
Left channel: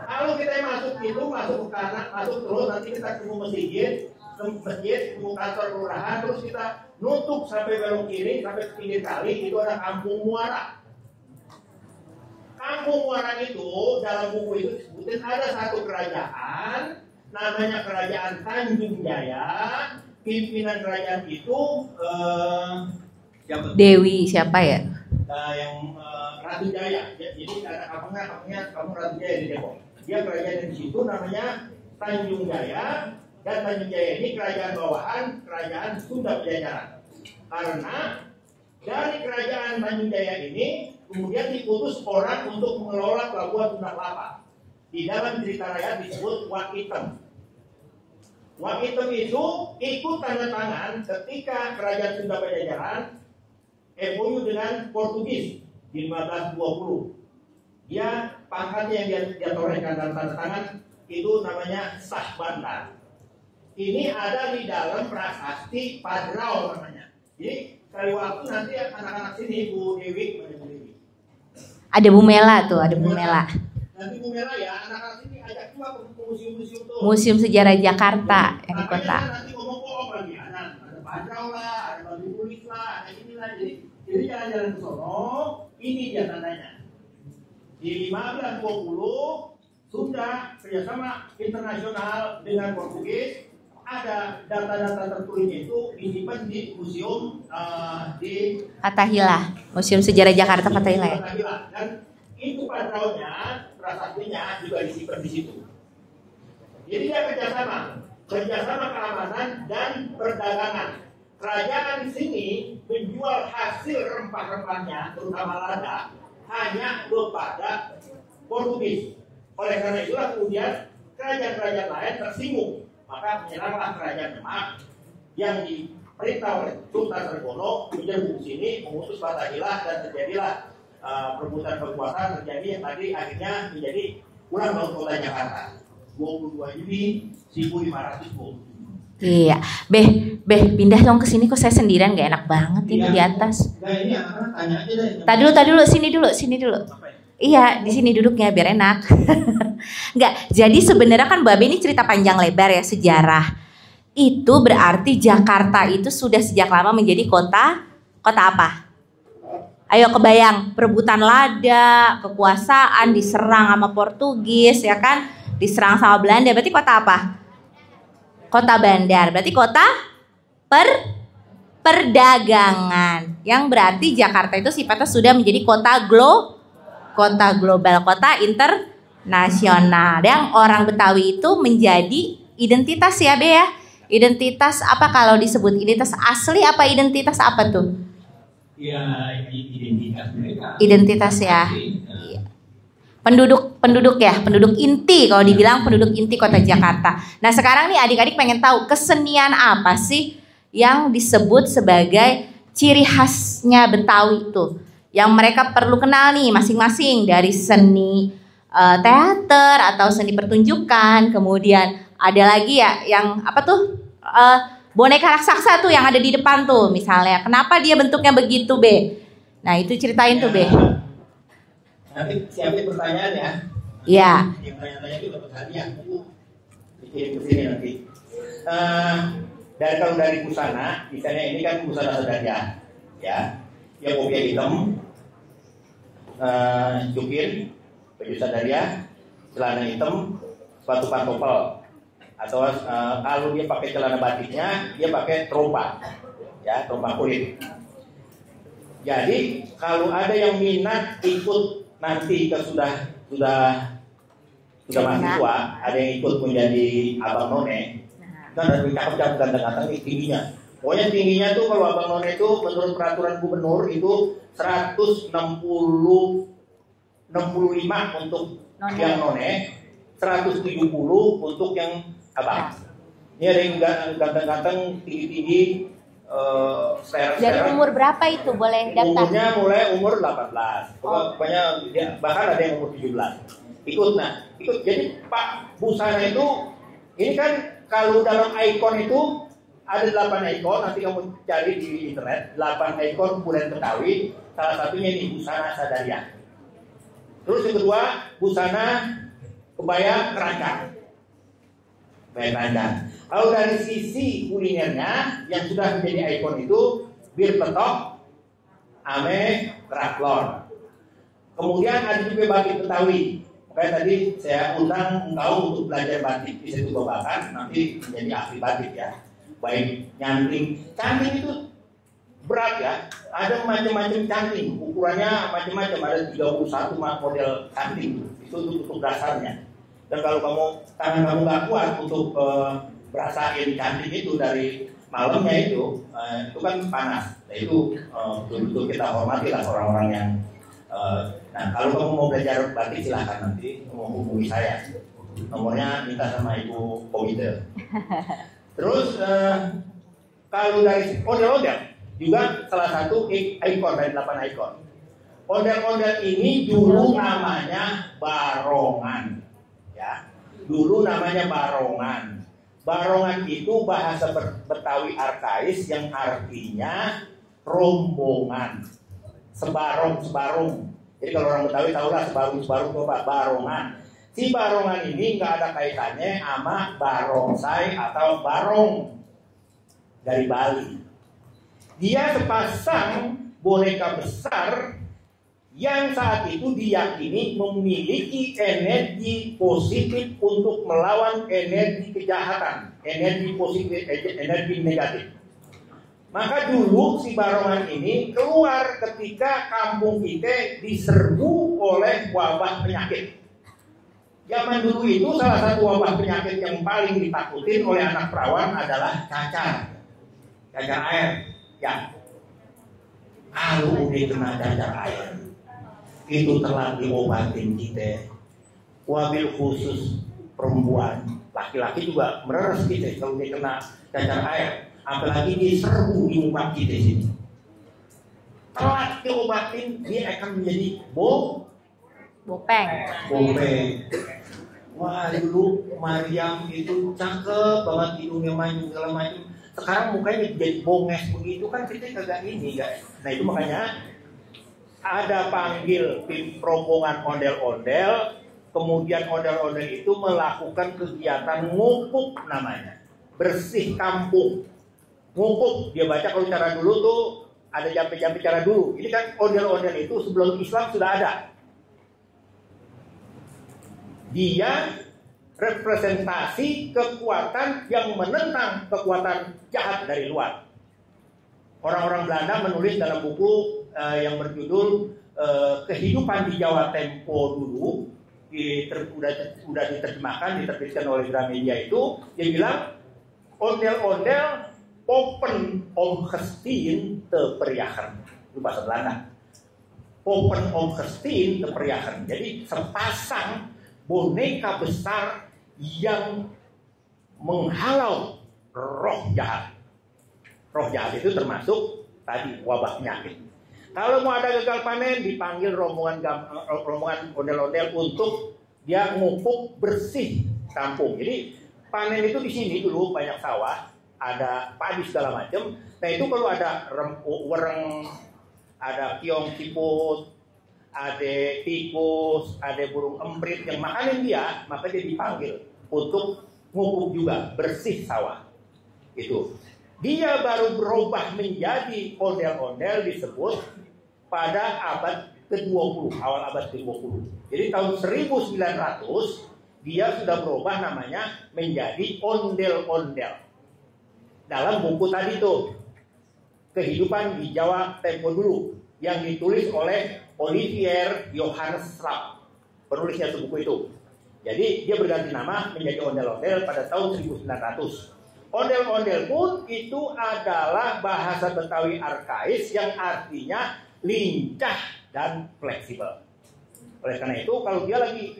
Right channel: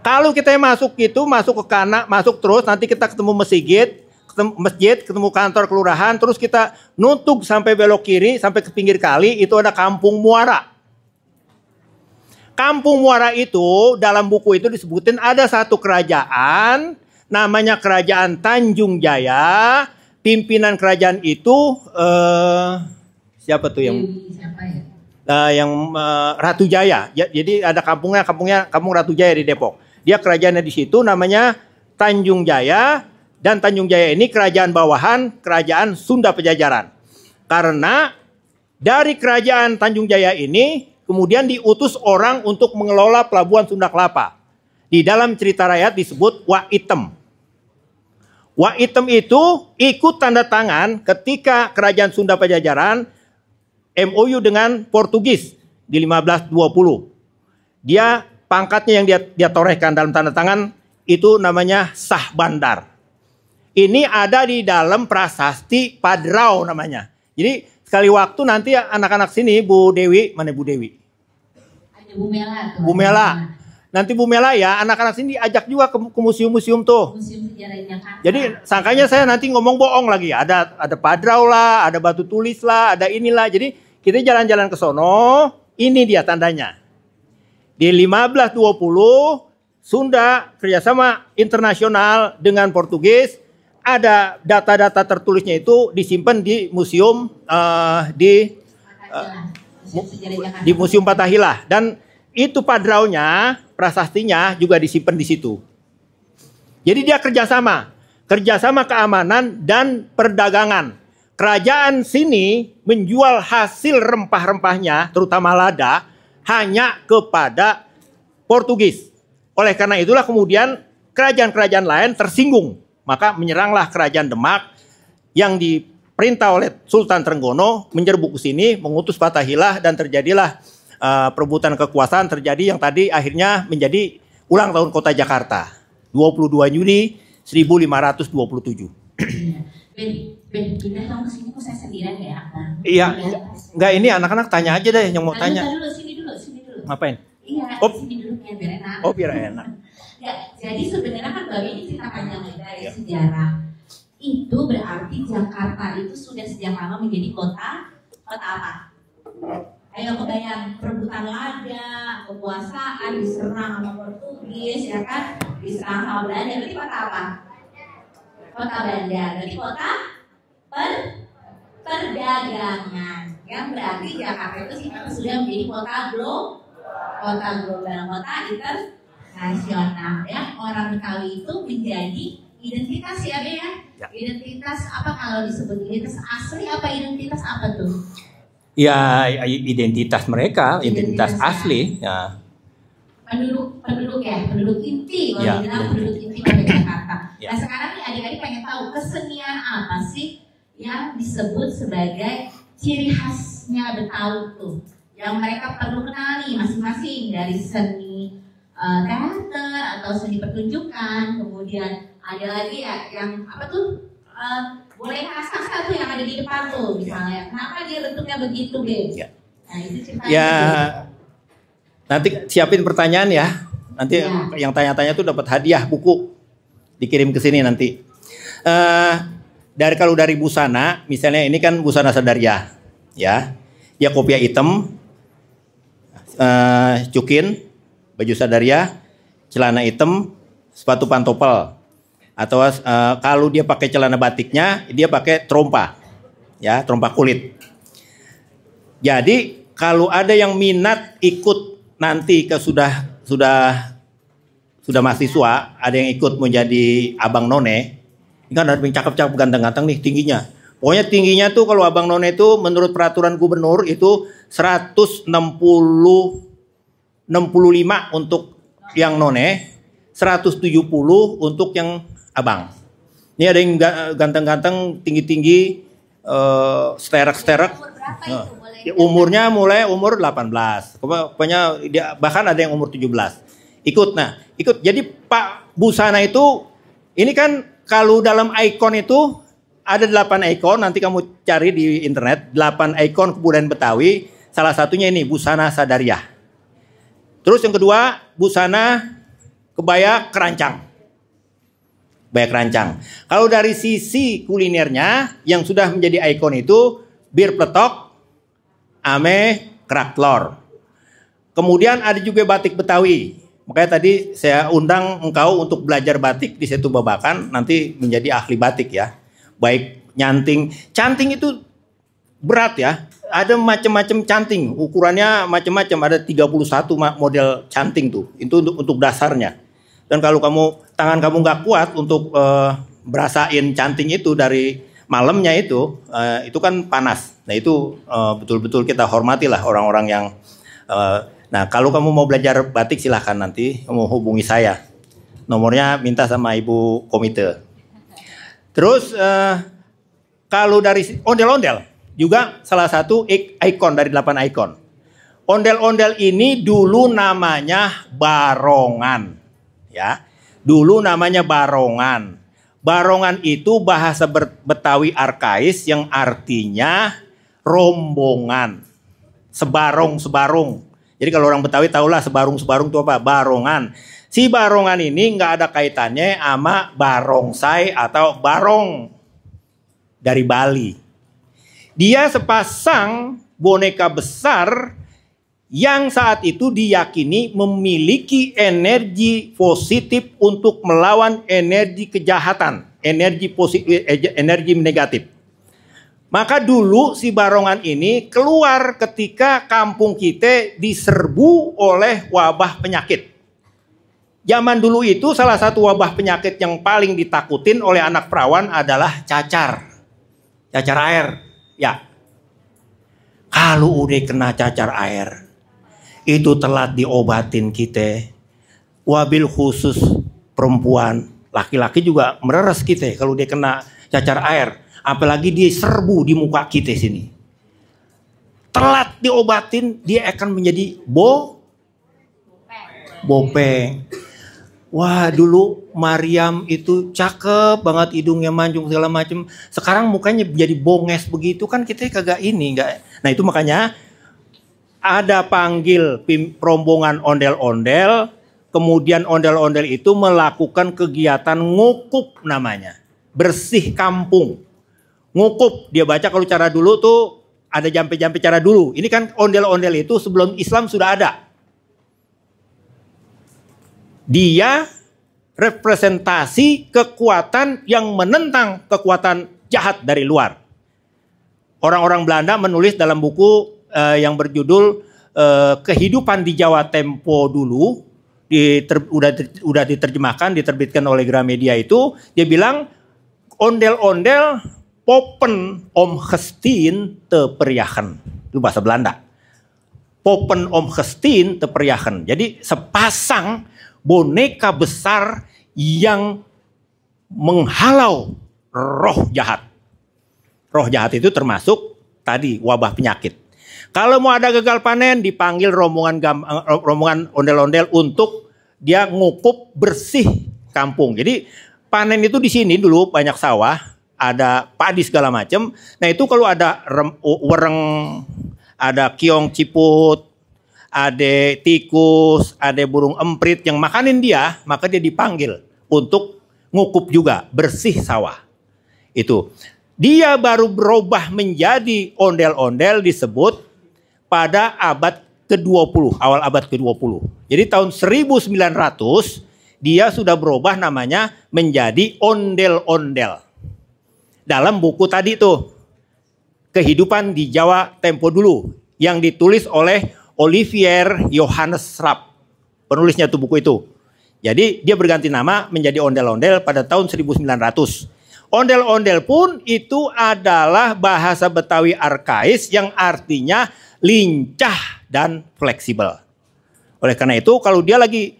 Kalau kita masuk gitu, masuk ke kanan, masuk terus, nanti kita ketemu masjid, ketemu kantor kelurahan, terus kita nutup sampai belok kiri, sampai ke pinggir kali, itu ada Kampung Muara. Kampung Muara itu dalam buku itu disebutin ada satu kerajaan, namanya Kerajaan Tanjung Jaya. Pimpinan kerajaan itu siapa tuh? Dewi siapa ya? Yang Ratu Jaya. Jadi ada kampung Ratu Jaya di Depok. Dia kerajaannya di situ namanya Tanjung Jaya, dan Tanjung Jaya ini kerajaan bawahan kerajaan Sunda Pejajaran. Karena dari kerajaan Tanjung Jaya ini kemudian diutus orang untuk mengelola pelabuhan Sunda Kelapa. Di dalam cerita rakyat disebut Wak Item. Wak Item itu ikut tanda tangan ketika kerajaan Sunda Pejajaran MOU dengan Portugis di 1520. Dia pangkatnya yang dia torehkan dalam tanda tangan itu namanya Sah Bandar. Ini ada di dalam prasasti Padrau namanya. Jadi sekali waktu nanti anak-anak sini Bu Dewi, mana Bu Dewi? Ada Bu Mela tuh. Bu Mela. Nanti Bu Mela ya, anak-anak sini diajak juga ke museum-museum tuh. Museum Sejarah Jakarta. Jadi sangkanya saya nanti ngomong bohong lagi. Ada Padrau lah, ada batu tulis lah, ada inilah. Jadi kita jalan-jalan ke sono, ini dia tandanya. Di 1520 Sunda kerjasama internasional dengan Portugis, ada data-data tertulisnya itu disimpan di museum di Fathahilah, Museum Sejarah Jakarta. Di Museum Fathahilah. Dan itu padraunya, prasastinya juga disimpan di situ. Jadi dia kerjasama keamanan dan perdagangan. Kerajaan sini menjual hasil rempah-rempahnya, terutama lada, hanya kepada Portugis. Oleh karena itulah kemudian kerajaan-kerajaan lain tersinggung. Maka menyeranglah kerajaan Demak yang diperintah oleh Sultan Trenggono menyerbu ke sini, mengutus Fathahilah, dan terjadilah perebutan kekuasaan terjadi yang tadi akhirnya menjadi ulang tahun kota Jakarta 22 Juni 1527. Iya, Beh, pindah dong ke sini, kok saya sendirian, gak enak banget Iya. di atas. Enggak, ini anak-anak tanya aja deh yang mau Tadi tanya. dulu, sini dulu. Ngapain? Iya, Oh. di sini duduknya biar enak. Oh, biar enak. Enggak, jadi sebenarnya kan Mbak Be ini cerita panjang lebar ya sejarah. Itu berarti Jakarta itu sudah sejak lama menjadi kota apa? Ayo kebayang, perebutan lada, kekuasaan, diserang sama Portugis ya kan, diserang sama Belanda, berarti kota apa? Kota bandar, berarti kota perdagangan. Yang berarti Jakarta itu sifatnya sudah menjadi kota global, kota internasional. Yang orang Betawi itu menjadi identitas ya Be ya? Identitas apa kalau disebut identitas asli, apa identitas apa tuh? Ya, identitas mereka, Identitas ya. asli. Ya. penduduk ya, penduduk inti kalau Ya. dibilang penduduk inti kota Jakarta. Nah sekarang nih adik-adik pengen tahu kesenian apa sih yang disebut sebagai ciri khasnya Betawi itu, yang mereka perlu kenal nih masing-masing, dari seni teater atau seni pertunjukan, kemudian ada lagi ya yang apa tuh boneka raksasa tuh yang ada di depan tuh misalnya, kenapa dia bentuknya begitu Be? Ya. Nah itu ceritain Ya, tuh Be. nanti siapin pertanyaan ya. Nanti Ya. yang tanya-tanya tuh dapat hadiah buku, dikirim ke sini nanti. Kalau dari busana, misalnya ini kan busana Sadaria, ya, dia kopiah hitam, cukin, baju Sadaria, celana hitam, sepatu pantopel, atau kalau dia pakai celana batiknya, dia pakai trompa, ya, trompa kulit. Jadi kalau ada yang minat ikut nanti sudah mahasiswa, ada yang ikut menjadi abang none, kan ada yang cakep-cakep ganteng-ganteng nih tingginya. Pokoknya tingginya tuh kalau abang none itu menurut peraturan gubernur itu 165 untuk yang none, 170 untuk yang abang. Ini ada yang ganteng-ganteng, tinggi-tinggi, Dari sterak-sterak. umur berapa itu boleh? Umurnya mulai umur 18. Pokoknya bahkan ada yang umur 17. Ikut. Jadi Pak Busana itu ini kan kalau dalam ikon itu ada 8 ikon, nanti kamu cari di internet, 8 ikon kebudayaan Betawi. Salah satunya ini busana Sadaria. Terus yang kedua, busana kebaya kerancang. Kebaya kerancang. Kalau dari sisi kulinernya yang sudah menjadi ikon itu bir pletok, ame kerak telur. Kemudian ada juga batik Betawi. Makanya tadi saya undang engkau untuk belajar batik di Setu Babakan, nanti menjadi ahli batik ya. Baik nyanting, canting itu berat ya. Ada macam-macam canting, ukurannya macam-macam, ada 31 model canting tuh. Itu untuk dasarnya. Dan kalau tangan kamu nggak kuat untuk berasain canting itu dari malamnya itu kan panas. Nah itu betul-betul kita hormatilah orang-orang yang. Nah kalau kamu mau belajar batik silahkan nanti kamu hubungi saya. Nomornya minta sama ibu komite. Terus kalau dari ondel-ondel juga salah satu ikon dari 8 ikon. Ondel-ondel ini dulu namanya barongan. Ya, dulu namanya barongan. Barongan itu bahasa Betawi arkais yang artinya rombongan. Sebarung. Jadi kalau orang Betawi tahulah sebarung itu apa? Barongan. Si barongan ini nggak ada kaitannya sama barongsai atau barong dari Bali. Dia sepasang boneka besar yang saat itu diyakini memiliki energi positif untuk melawan energi kejahatan, energi positif, energi negatif. Maka dulu si barongan ini keluar ketika kampung kita diserbu oleh wabah penyakit. Zaman dulu itu salah satu wabah penyakit yang paling ditakutin oleh anak perawan adalah cacar air. Ya, kalau udah kena cacar air, itu telat diobatin kita. Wabil khusus perempuan, laki-laki juga mereres kita kalau dia kena cacar air. Apalagi dia serbu di muka kita sini. Telat diobatin, dia akan menjadi bopeng. Wah dulu Mariam itu cakep banget, hidungnya mancung segala macam. Sekarang mukanya jadi bonges begitu kan, kita kagak ini enggak. Nah itu makanya ada panggil rombongan ondel-ondel, kemudian ondel-ondel itu melakukan kegiatan ngukuk namanya, bersih kampung. Ngukuk, dia baca kalau cara dulu tuh ada jampe-jampe cara dulu. Ini kan ondel-ondel itu sebelum Islam sudah ada. Dia representasi kekuatan yang menentang kekuatan jahat dari luar. Orang-orang Belanda menulis dalam buku yang berjudul Kehidupan di Jawa Tempo dulu, udah diterjemahkan, diterbitkan oleh Gramedia itu, dia bilang ondel-ondel popen om gestin te periahan. Itu bahasa Belanda. Popen Om Gestin teperyahan. Jadi sepasang boneka besar yang menghalau roh jahat. Roh jahat itu termasuk tadi wabah penyakit. Kalau mau ada gagal panen dipanggil rombongan ondel-ondel untuk dia ngukup bersih kampung. Jadi panen itu di sini dulu banyak sawah, ada padi segala macam. Nah itu kalau ada wereng, ada kiong ciput, ada tikus, ada burung emprit yang makanin dia, maka dia dipanggil untuk ngukup juga, bersih sawah. Itu. Dia baru berubah menjadi ondel-ondel disebut pada abad ke-20, awal abad ke-20. Jadi tahun 1900 dia sudah berubah namanya menjadi ondel-ondel. Dalam buku tadi tuh, Kehidupan di Jawa Tempo Dulu, yang ditulis oleh Olivier Johannes Rapp. Penulisnya tuh buku itu. Jadi dia berganti nama menjadi ondel-ondel pada tahun 1900. Ondel-ondel pun itu adalah bahasa Betawi arkais yang artinya lincah dan fleksibel. Oleh karena itu kalau dia lagi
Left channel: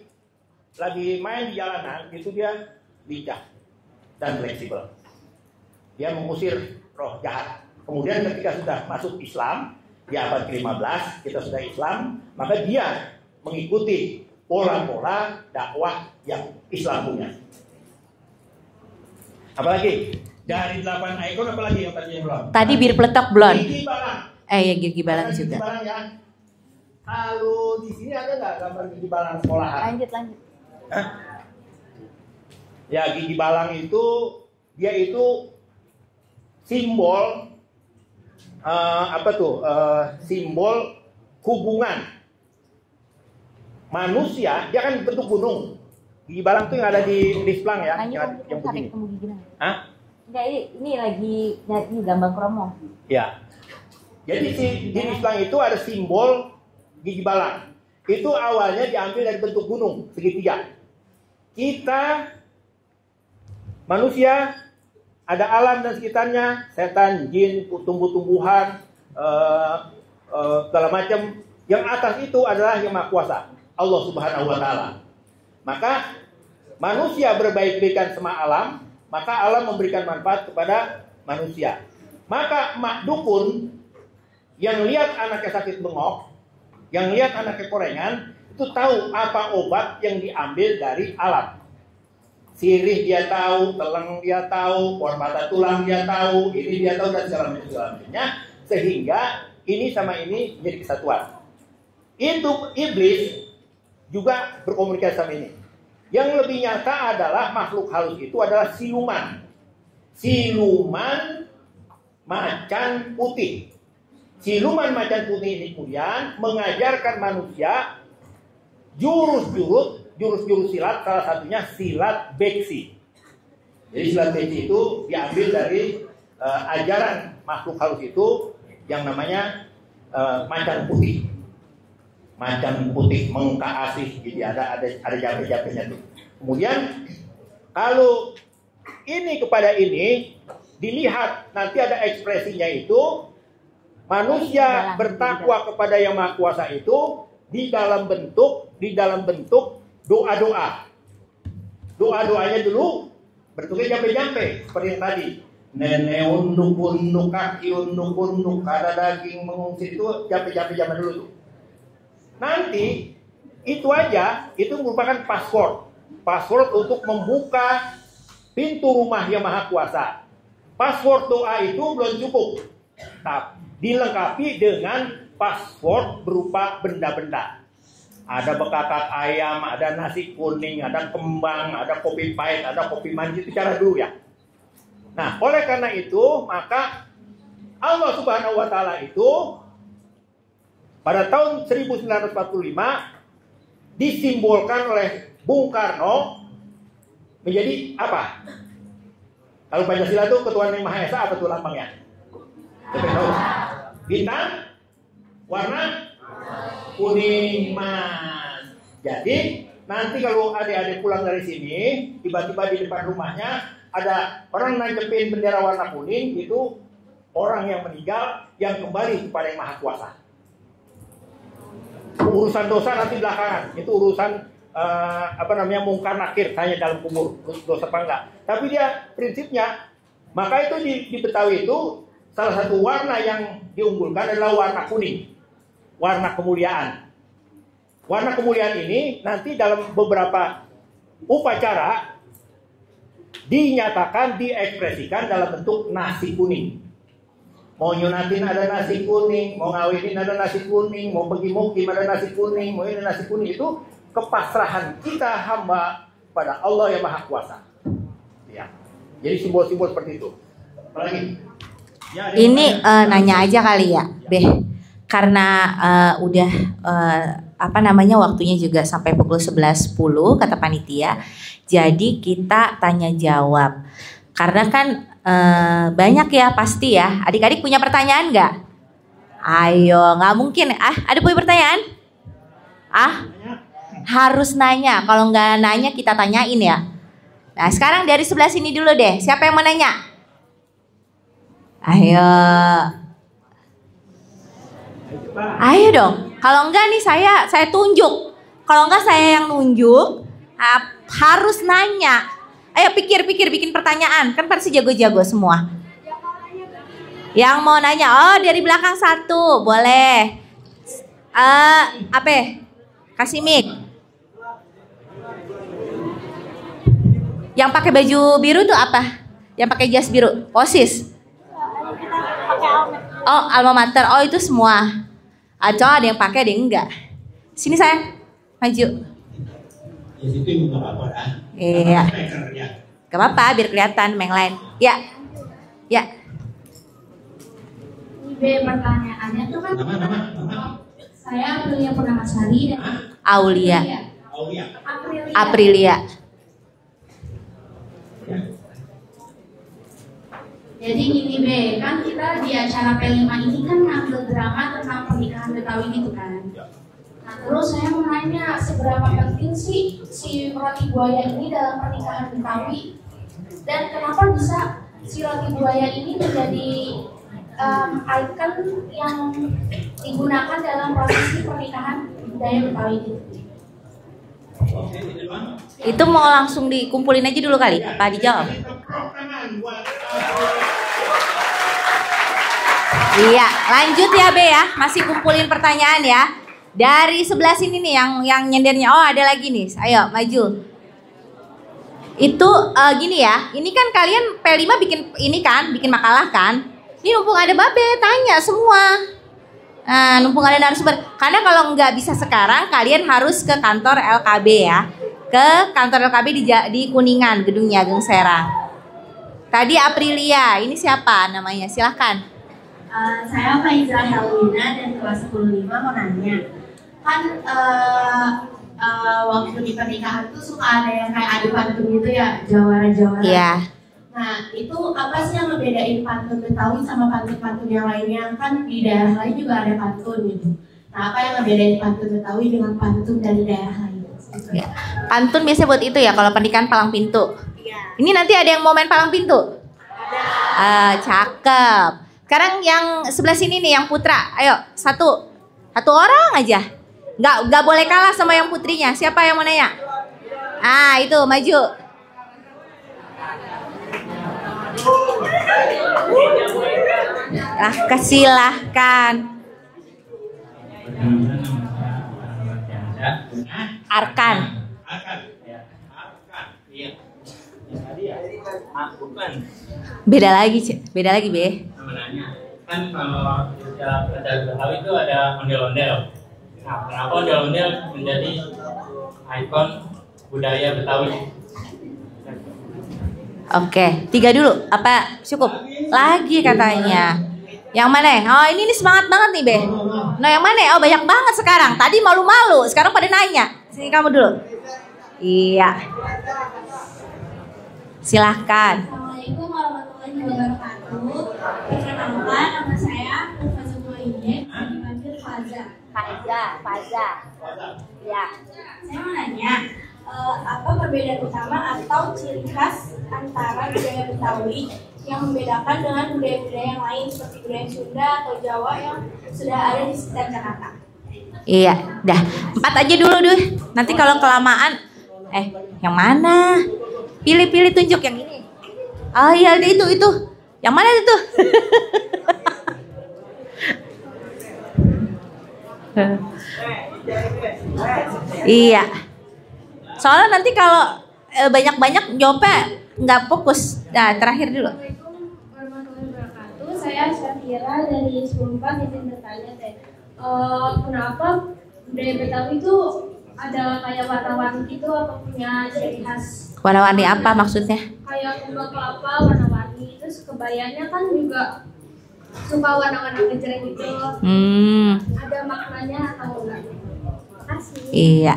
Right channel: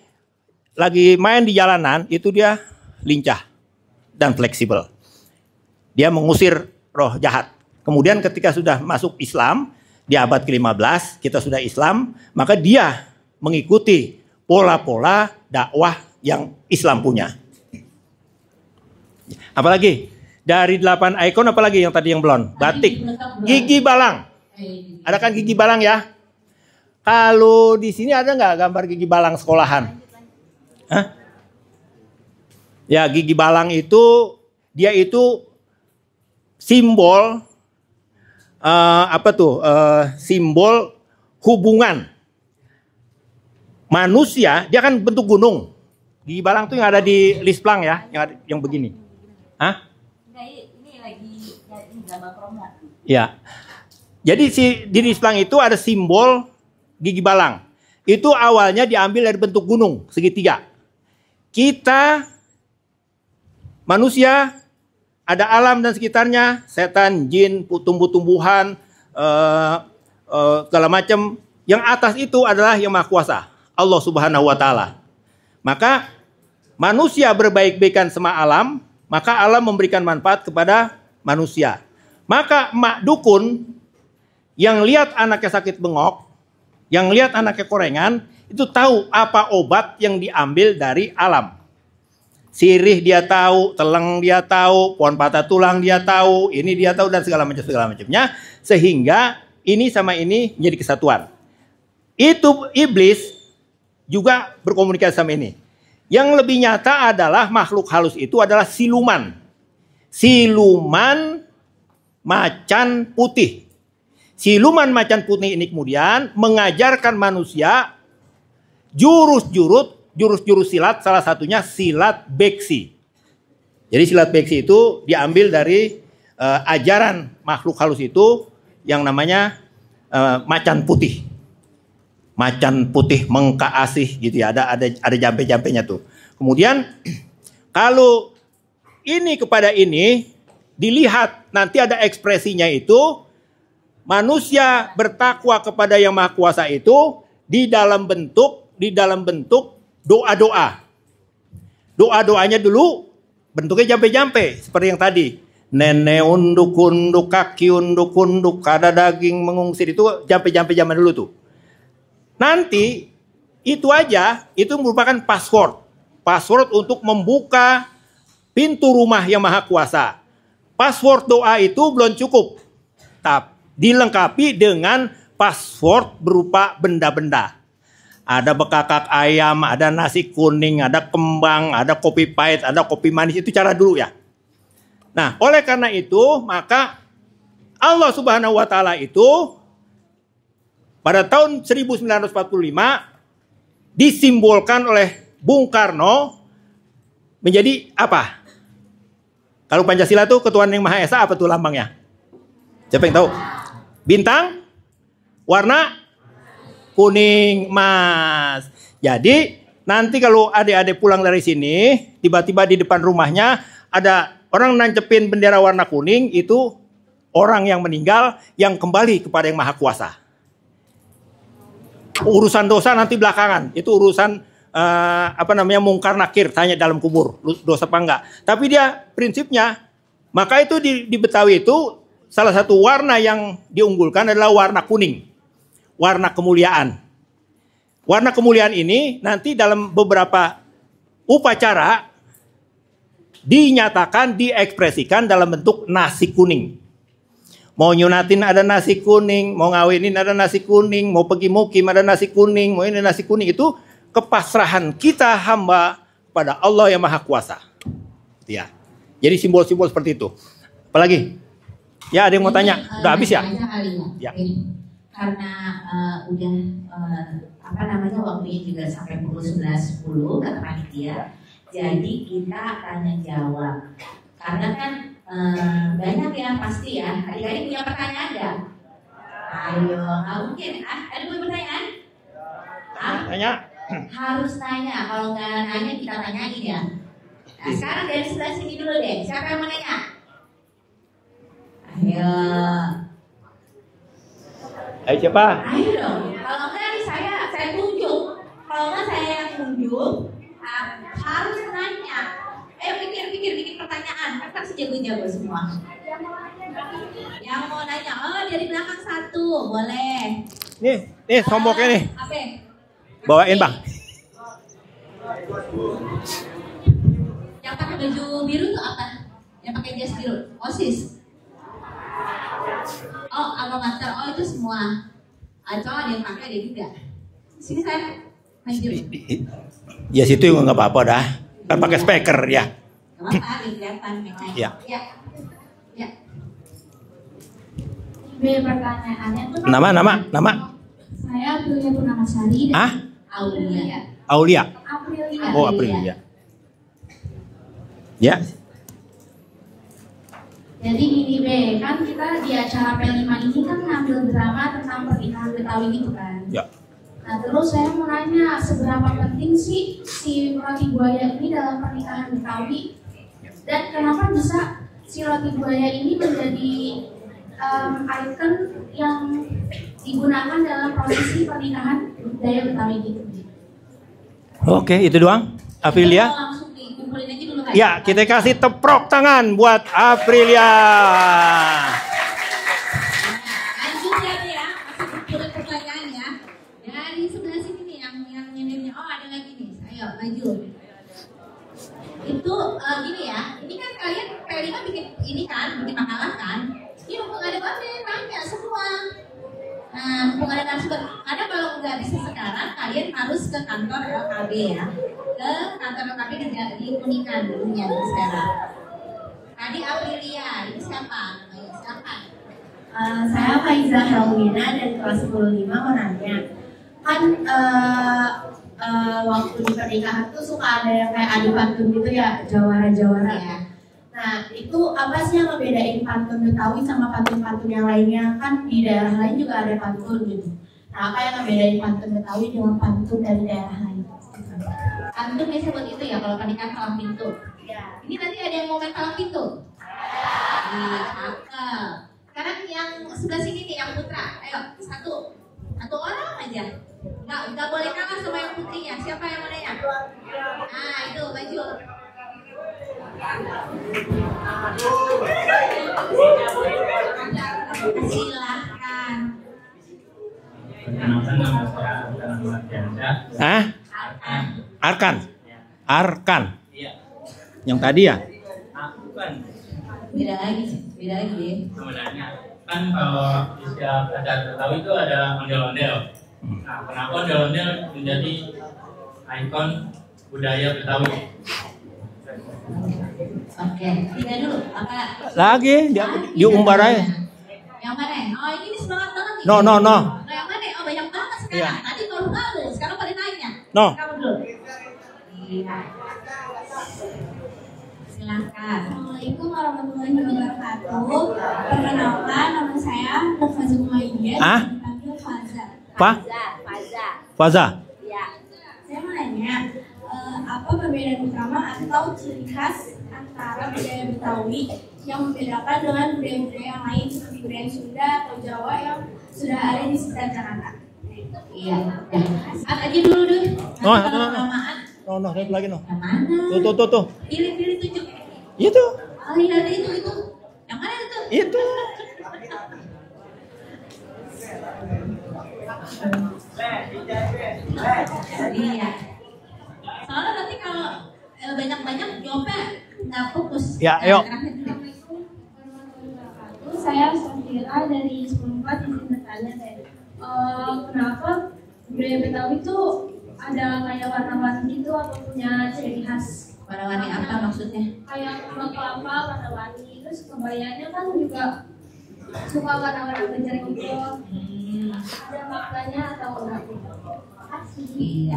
main di jalanan itu dia lincah dan fleksibel. Dia mengusir roh jahat. Kemudian ketika sudah masuk Islam di abad ke-15 kita sudah Islam, maka dia mengikuti pola-pola dakwah yang Islam punya. Apalagi dari 8 ikon apalagi yang tadi yang belum? Tadi bir peletok belum. Gigi balang. Ya gigi balang. Ada kan gigi balang ya? Kalau di sini ada nggak gambar gigi balang sekolahan? Lanjut. Hah? Ya gigi balang itu dia itu simbol simbol hubungan manusia. Dia kan bentuk gunung. Gigi balang tuh yang ada di Lisplang ya, yang begini. Hah? Enggak, ini lagi gambar kromo. Ya. Jadi di Lisplang itu ada simbol gigi balang. Itu awalnya diambil dari bentuk gunung segitiga. Kita manusia ada alam dan sekitarnya, setan, jin, tumbuh-tumbuhan, segala macam. Yang atas itu adalah yang Maha Kuasa, Allah Subhanahu wa Ta'ala. Maka manusia berbaik-baikan sama alam, maka alam memberikan manfaat kepada manusia. Maka emak dukun yang lihat anaknya sakit bengok, yang lihat anaknya korengan, itu tahu apa obat yang diambil dari alam. Sirih dia tahu, teleng dia tahu, pohon patah tulang dia tahu, ini dia tahu dan segala macamnya, sehingga ini sama ini menjadi kesatuan. Itu iblis juga berkomunikasi sama ini. Yang lebih nyata adalah makhluk halus itu adalah siluman. Siluman macan putih. Siluman macan putih ini kemudian mengajarkan manusia jurus-jurus silat, salah satunya silat beksi. Jadi silat beksi itu diambil dari ajaran makhluk halus itu yang namanya macan putih. Macan putih mengka asih gitu ya, ada jampe-jampenya tuh. Kemudian kalau ini kepada ini dilihat nanti ada ekspresinya itu manusia bertakwa kepada Yang Maha Kuasa itu di dalam bentuk doa-doa. Doa-doanya dulu bentuknya jampe-jampe seperti yang tadi. Nenek unduk-unduk, kaki unduk-unduk, ada daging mengungsir, itu jampe-jampe zaman dulu tuh. Nanti itu aja itu merupakan password untuk membuka pintu rumah Yang Maha Kuasa. Password doa itu belum cukup, tapi dilengkapi dengan password berupa benda-benda. Ada bekakak ayam, ada nasi kuning, ada kembang, ada kopi pahit, ada kopi manis. Itu cara dulu ya. Nah, oleh karena itu maka Allah Subhanahu wa Ta'ala itu pada tahun 1945 disimbolkan oleh Bung Karno menjadi apa? Kalau Pancasila itu ketuhanan yang Maha Esa, apa tuh lambangnya? Siapa yang tahu? Bintang, warna kuning, emas. Jadi nanti kalau adik-adik pulang dari sini, tiba-tiba di depan rumahnya ada orang nancepin bendera warna kuning, itu orang yang meninggal yang kembali kepada Yang Maha Kuasa. Urusan dosa nanti belakangan. Itu urusan mungkar nakir, tanya dalam kubur dosa apa enggak. Tapi dia prinsipnya, maka itu di Betawi itu salah satu warna yang diunggulkan adalah warna kuning. Warna kemuliaan. Warna kemuliaan ini nanti dalam beberapa upacara dinyatakan, diekspresikan dalam bentuk nasi kuning. Mau nyunatin ada nasi kuning, mau ngawinin ada nasi kuning, mau pergi mukim ada nasi kuning, mau ini nasi kuning. Itu kepasrahan kita hamba pada Allah yang Maha Kuasa. Ya. Jadi simbol-simbol seperti itu. Apalagi? Ya, ada yang mau tanya? Nanya aja kali ya, ya. Beh. Karena udah waktunya juga sampai pukul 11.10 kata panitia. Jadi kita tanya jawab. Karena kan banyak ya pasti ya. Adik-adik punya pertanyaan nggak? Ayo, nggak mungkin. Ada punya pertanyaan? Tanya. Harus nanya. Kalau nggak nanya kita tanyain ya. Nah sekarang dari sebelah sini dulu deh. Siapa yang mau nanya? Ayo. Ayo siapa? Ayo dong. Kalau enggak nih saya tunjuk. Kalau enggak saya yang nunjuk. Harus nanya. Ayo pikir-pikir bikin pertanyaan. Kan pasti jago-jago semua. Yang mau nanya. Oh dari belakang satu. Boleh. Nih kelompoknya nih. Apa? Kasih Bawain, nih. Bang. Yang pakai baju biru tuh apa? Yang pakai jas biru. OSIS. Oh alma mater. Oh itu semua. Atau ada yang pakai, ada yang enggak. Sini sayang. Maju. Ya situ juga nggak apa-apa dah. Kan pakai speaker ya. Gak apa-apa biar kelihatan yang lain. Ya. Ya. Pertanyaannya tuh kan Nama. saya Aulia Purnamasari. Aulia. Aprilia. Ya. Jadi gini Be, kan kita di acara P5 ini kan ngambil drama tentang pernikahan Betawi gitu kan. Ya. Nah terus saya mau nanya seberapa penting sih si roti buaya ini dalam pernikahan Betawi, dan kenapa bisa si roti buaya ini menjadi ikon yang digunakan dalam prosesi pernikahan budaya Betawi gitu. Oke, itu doang. Itu Aprilia. mau langsung dikumpulin aja dulu kali. Ya, kita kasih teprok tangan buat Aprilia. Iya, lanjut ya Be ya. Masih kumpulin pertanyaan ya. Dari sebelah sini nih yang nyendernya. Oh, ada lagi nih. Ayo, maju. Itu gini ya. Ini kan kalian P5 bikin makalah kan? Ini mumpung ada Babe, tanya semua. Nah, mumpung ada narasumber. Karena kalau nggak bisa sekarang, kalian harus ke kantor LKB ya. Ke kantor LKB di Kuningan, gedungnya Agung Serang. Tadi Aprilia, ini siapa namanya? Silahkan. Saya Faiza Helmina dari kelas 105 mau nanya. Kan waktu di pernikahan tuh suka ada yang kayak adu pantun gitu ya, jawara-jawara. Iya. Nah itu apa sih yang ngebedain pantun Betawi sama pantun-pantun yang lainnya? Kan di daerah lain juga ada pantun gitu. Nah apa yang ngebedain pantun Betawi dengan pantun dari daerah lain? Ya. Pantun biasanya buat itu ya kalau pernikahan palang pintu. Iya. Ini nanti ada yang mau main palang pintu? Cakep. Sekarang yang sebelah sini nih yang putra. Ayo satu orang aja. Nggak boleh kalah sama yang putrinya. Siapa yang mau nanya? Itu maju. Silahkan. Arkan. Yang tadi ya? Beda lagi Be. Sebenarnya kan kalau istilah adat Betawi itu ada ondel-ondel. Nah, kenapa ondel-ondel menjadi ikon budaya Betawi? Oke, 3 dulu. Apa cukup? Lagi katanya. Yang mana? Oh ini semangat banget nih Be. No. No yang mana? Oh banyak banget sekarang. Tadi malu-malu, sekarang pada nanya. No. Kamu dulu. Iya. Silahkan. Assalamualaikum warahmatullahi wabarakatuh. Perkenalkan nama saya Nova Zumaidiyah. Dipanggil Faza. Faza. Ya. Saya mau nanya, apa perbedaan utama atau ciri khas antara budaya Betawi yang membedakan dengan budaya-budaya yang lain seperti budaya Sunda atau Jawa yang sudah ada di sekitar Jakarta? Iya, dah 4 aja dulu deh. Nanti kalau kelamaan. Yang mana? Tuh. Pilih tunjuk yang ini. Itu. Oh iya itu. Yang mana itu? Iya. Soalnya nanti kalau banyak-banyak jawabnya nggak fokus. Ya, Nah, ayo. terakhir dulu. Saya Syafira dari 14 izin bertanya teh. Kenapa budaya Betawi itu ada kayak warna-warni gitu atau punya ciri khas? Warna-warni apa maksudnya? Kayak bunga kelapa warna-warni, terus kebayanya kan juga suka warna-warna gejreng gitu. Ada maknanya atau enggak? Makasih. Iya.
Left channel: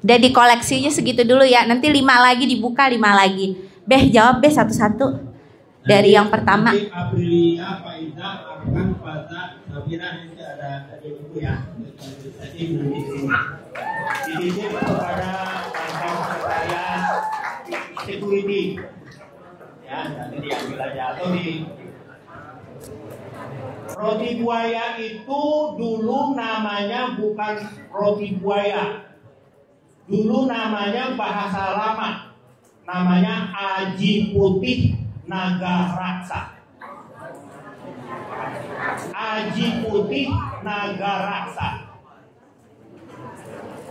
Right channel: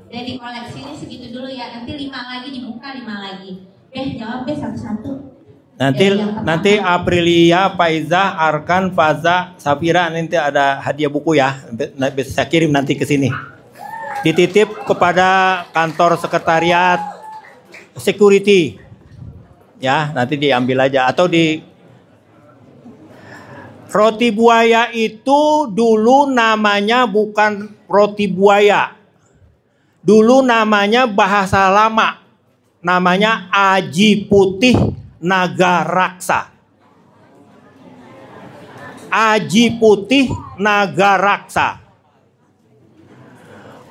Udah dikoleksinya segitu dulu ya. Nanti 5 lagi dibuka 5 lagi. Beh jawab Beh satu-satu. Dari yang pertama. Nanti Aprilia, Faiza, Arkan, Faza, Safira nanti ada hadiah buku ya. Bisa kirim nanti ke sini. Dititip kepada kantor sekretariat security. Ya, nanti diambil aja atau di roti buaya itu dulu namanya bukan roti buaya. Dulu namanya bahasa lama. Namanya aji putih naga raksa. Aji putih naga raksa.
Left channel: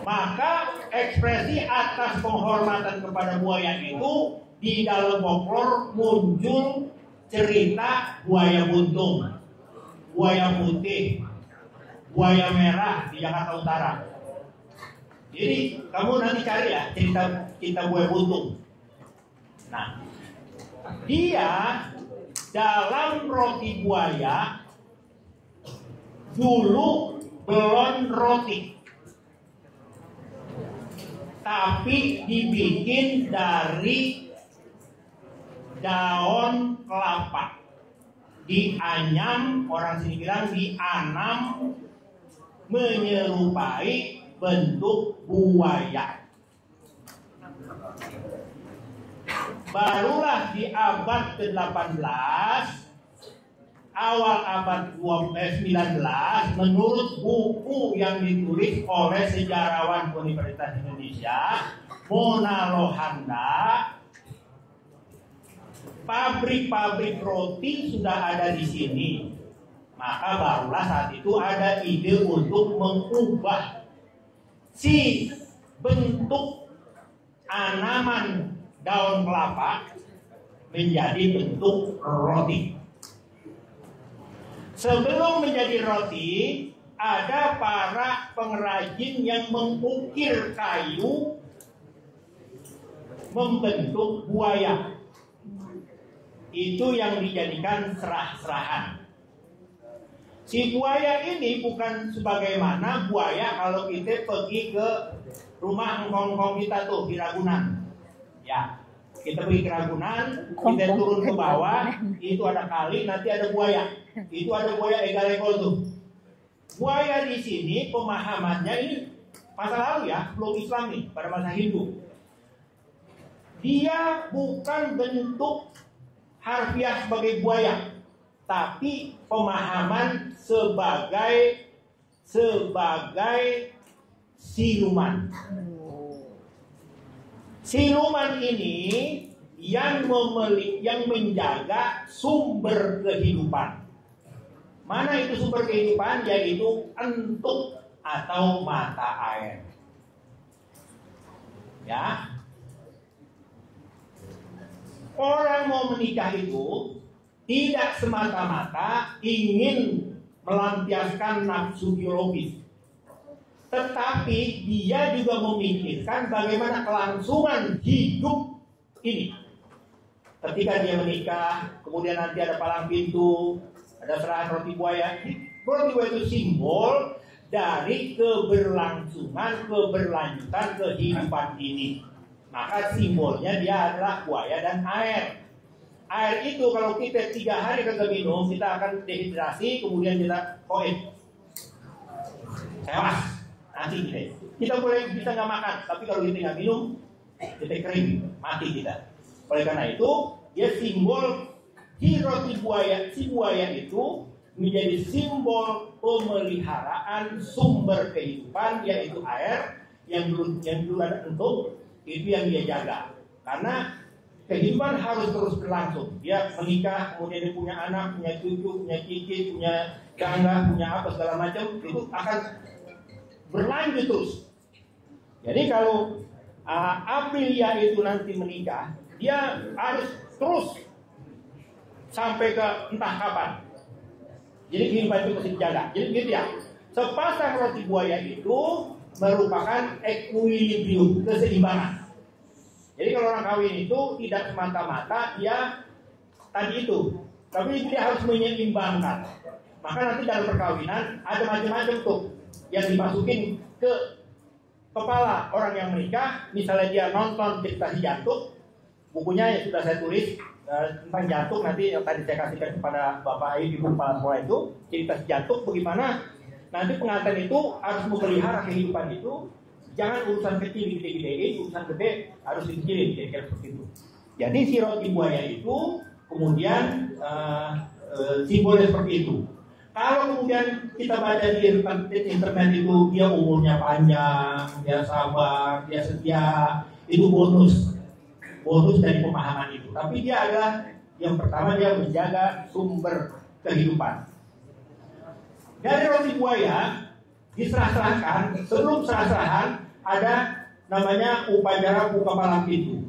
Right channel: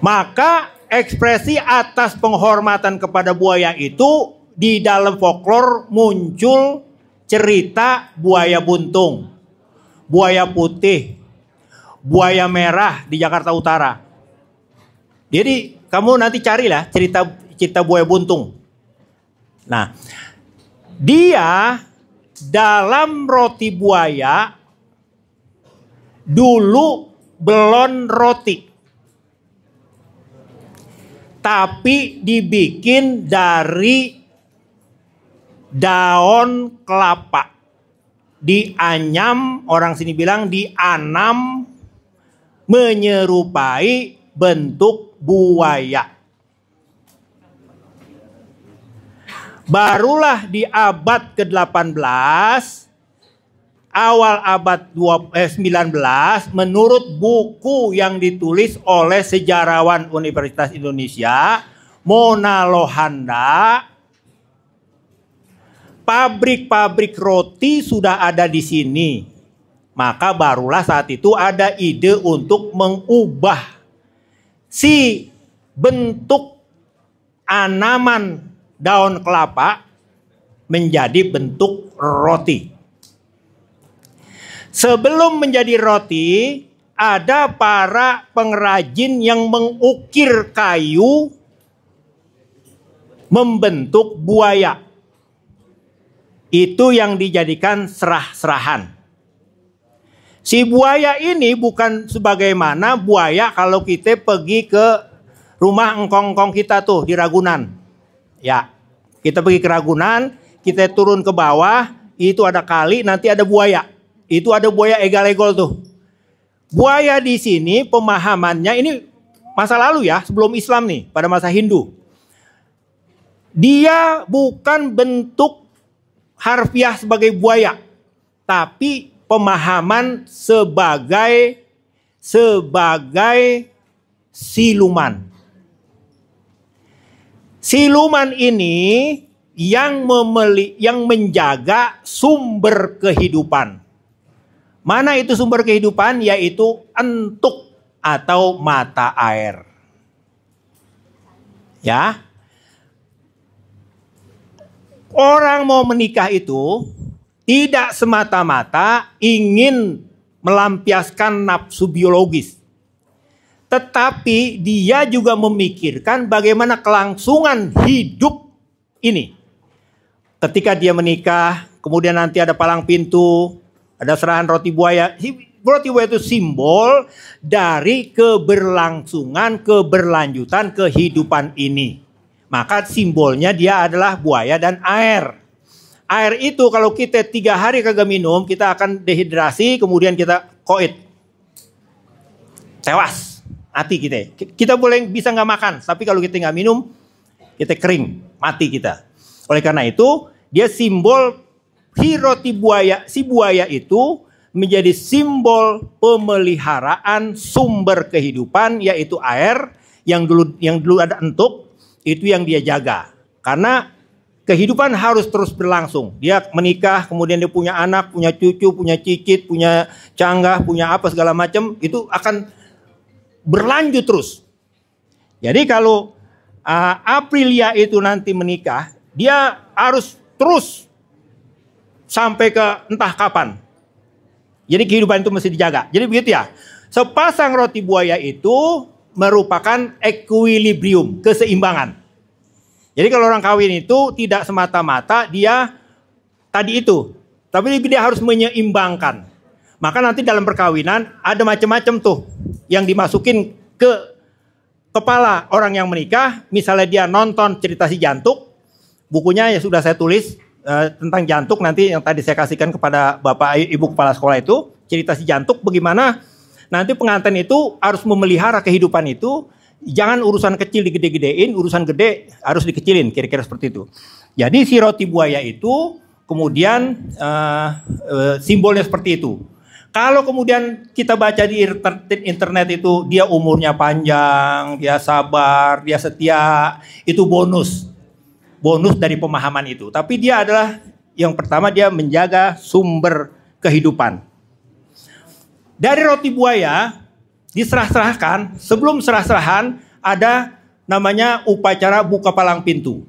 Maka ekspresi atas penghormatan kepada buaya itu di dalam folklore muncul cerita buaya buntung, buaya putih, buaya merah di Jakarta Utara. Jadi kamu nanti carilah cerita buaya buntung. Nah, dia dalam roti buaya dulu belum roti, tapi dibikin dari daun kelapa. Dianyam, orang sini bilang dianam menyerupai bentuk buaya. Barulah di abad ke-18, awal abad 19, menurut buku yang ditulis oleh sejarawan Universitas Indonesia, Mona Lohanda, pabrik-pabrik roti sudah ada di sini. Maka barulah saat itu ada ide untuk mengubah si bentuk anaman daun kelapa menjadi bentuk roti. Sebelum menjadi roti, ada para pengrajin yang mengukir kayu membentuk buaya. Itu yang dijadikan serah-serahan. Si buaya ini bukan sebagaimana buaya kalau kita pergi ke rumah engkong-engkong kita tuh di Ragunan. Ya, kita pergi ke Ragunan, kita turun ke bawah, itu ada kali, nanti ada buaya. Itu ada buaya egal-egol tuh. Buaya di sini pemahamannya ini masa lalu ya, sebelum Islam nih, pada masa Hindu. Dia bukan bentuk harfiah sebagai buaya, tapi pemahaman sebagai siluman. Siluman ini yang menjaga sumber kehidupan. Mana itu sumber kehidupan? Yaitu entuk atau mata air. Ya. Orang mau menikah itu tidak semata-mata ingin melampiaskan nafsu biologis. Tetapi dia juga memikirkan bagaimana kelangsungan hidup ini. Ketika dia menikah, kemudian nanti ada palang pintu, ada serahan roti buaya. Roti buaya itu simbol dari keberlangsungan, keberlanjutan kehidupan ini. Maka simbolnya dia adalah buaya dan air. Air itu kalau kita 3 hari kagak minum, kita akan dehidrasi, kemudian kita koid. Tewas. Mati kita. Kita boleh bisa nggak makan, tapi kalau kita nggak minum, kita kering, mati kita. Oleh karena itu, dia simbol si roti buaya, si buaya itu menjadi simbol pemeliharaan sumber kehidupan, yaitu air yang dulu ada entuk, itu yang dia jaga. Karena kehidupan harus terus berlangsung. Dia menikah, kemudian dia punya anak, punya cucu, punya cicit, punya canggah, punya apa segala macam, itu akan berlanjut terus. Jadi kalau Aprilia itu nanti menikah, dia harus terus sampai ke entah kapan. Jadi kehidupan itu mesti dijaga. Jadi begitu ya. Sepasang roti buaya itu merupakan equilibrium, keseimbangan. Jadi kalau orang kawin itu tidak semata-mata dia tadi itu, tapi dia harus menyeimbangkan. Maka nanti dalam perkawinan ada macam-macam tuh yang dimasukin ke kepala orang yang menikah. Misalnya dia nonton cerita si jantuk, bukunya ya sudah saya tulis tentang jantuk, nanti yang tadi saya kasihkan kepada Bapak Ibu kepala sekolah itu, cerita si jantuk bagaimana nanti pengantin itu harus memelihara kehidupan itu. Jangan urusan kecil digede-gedein, urusan gede harus dikecilin, kira-kira seperti itu. Jadi si roti buaya itu kemudian simbolnya seperti itu. Kalau kemudian kita baca di internet itu dia umurnya panjang, dia sabar, dia setia, itu bonus dari pemahaman itu. Tapi dia adalah yang pertama, dia menjaga sumber kehidupan. Dari roti buaya diserah-serahkan, sebelum serah-serahan ada namanya upacara buka palang pintu.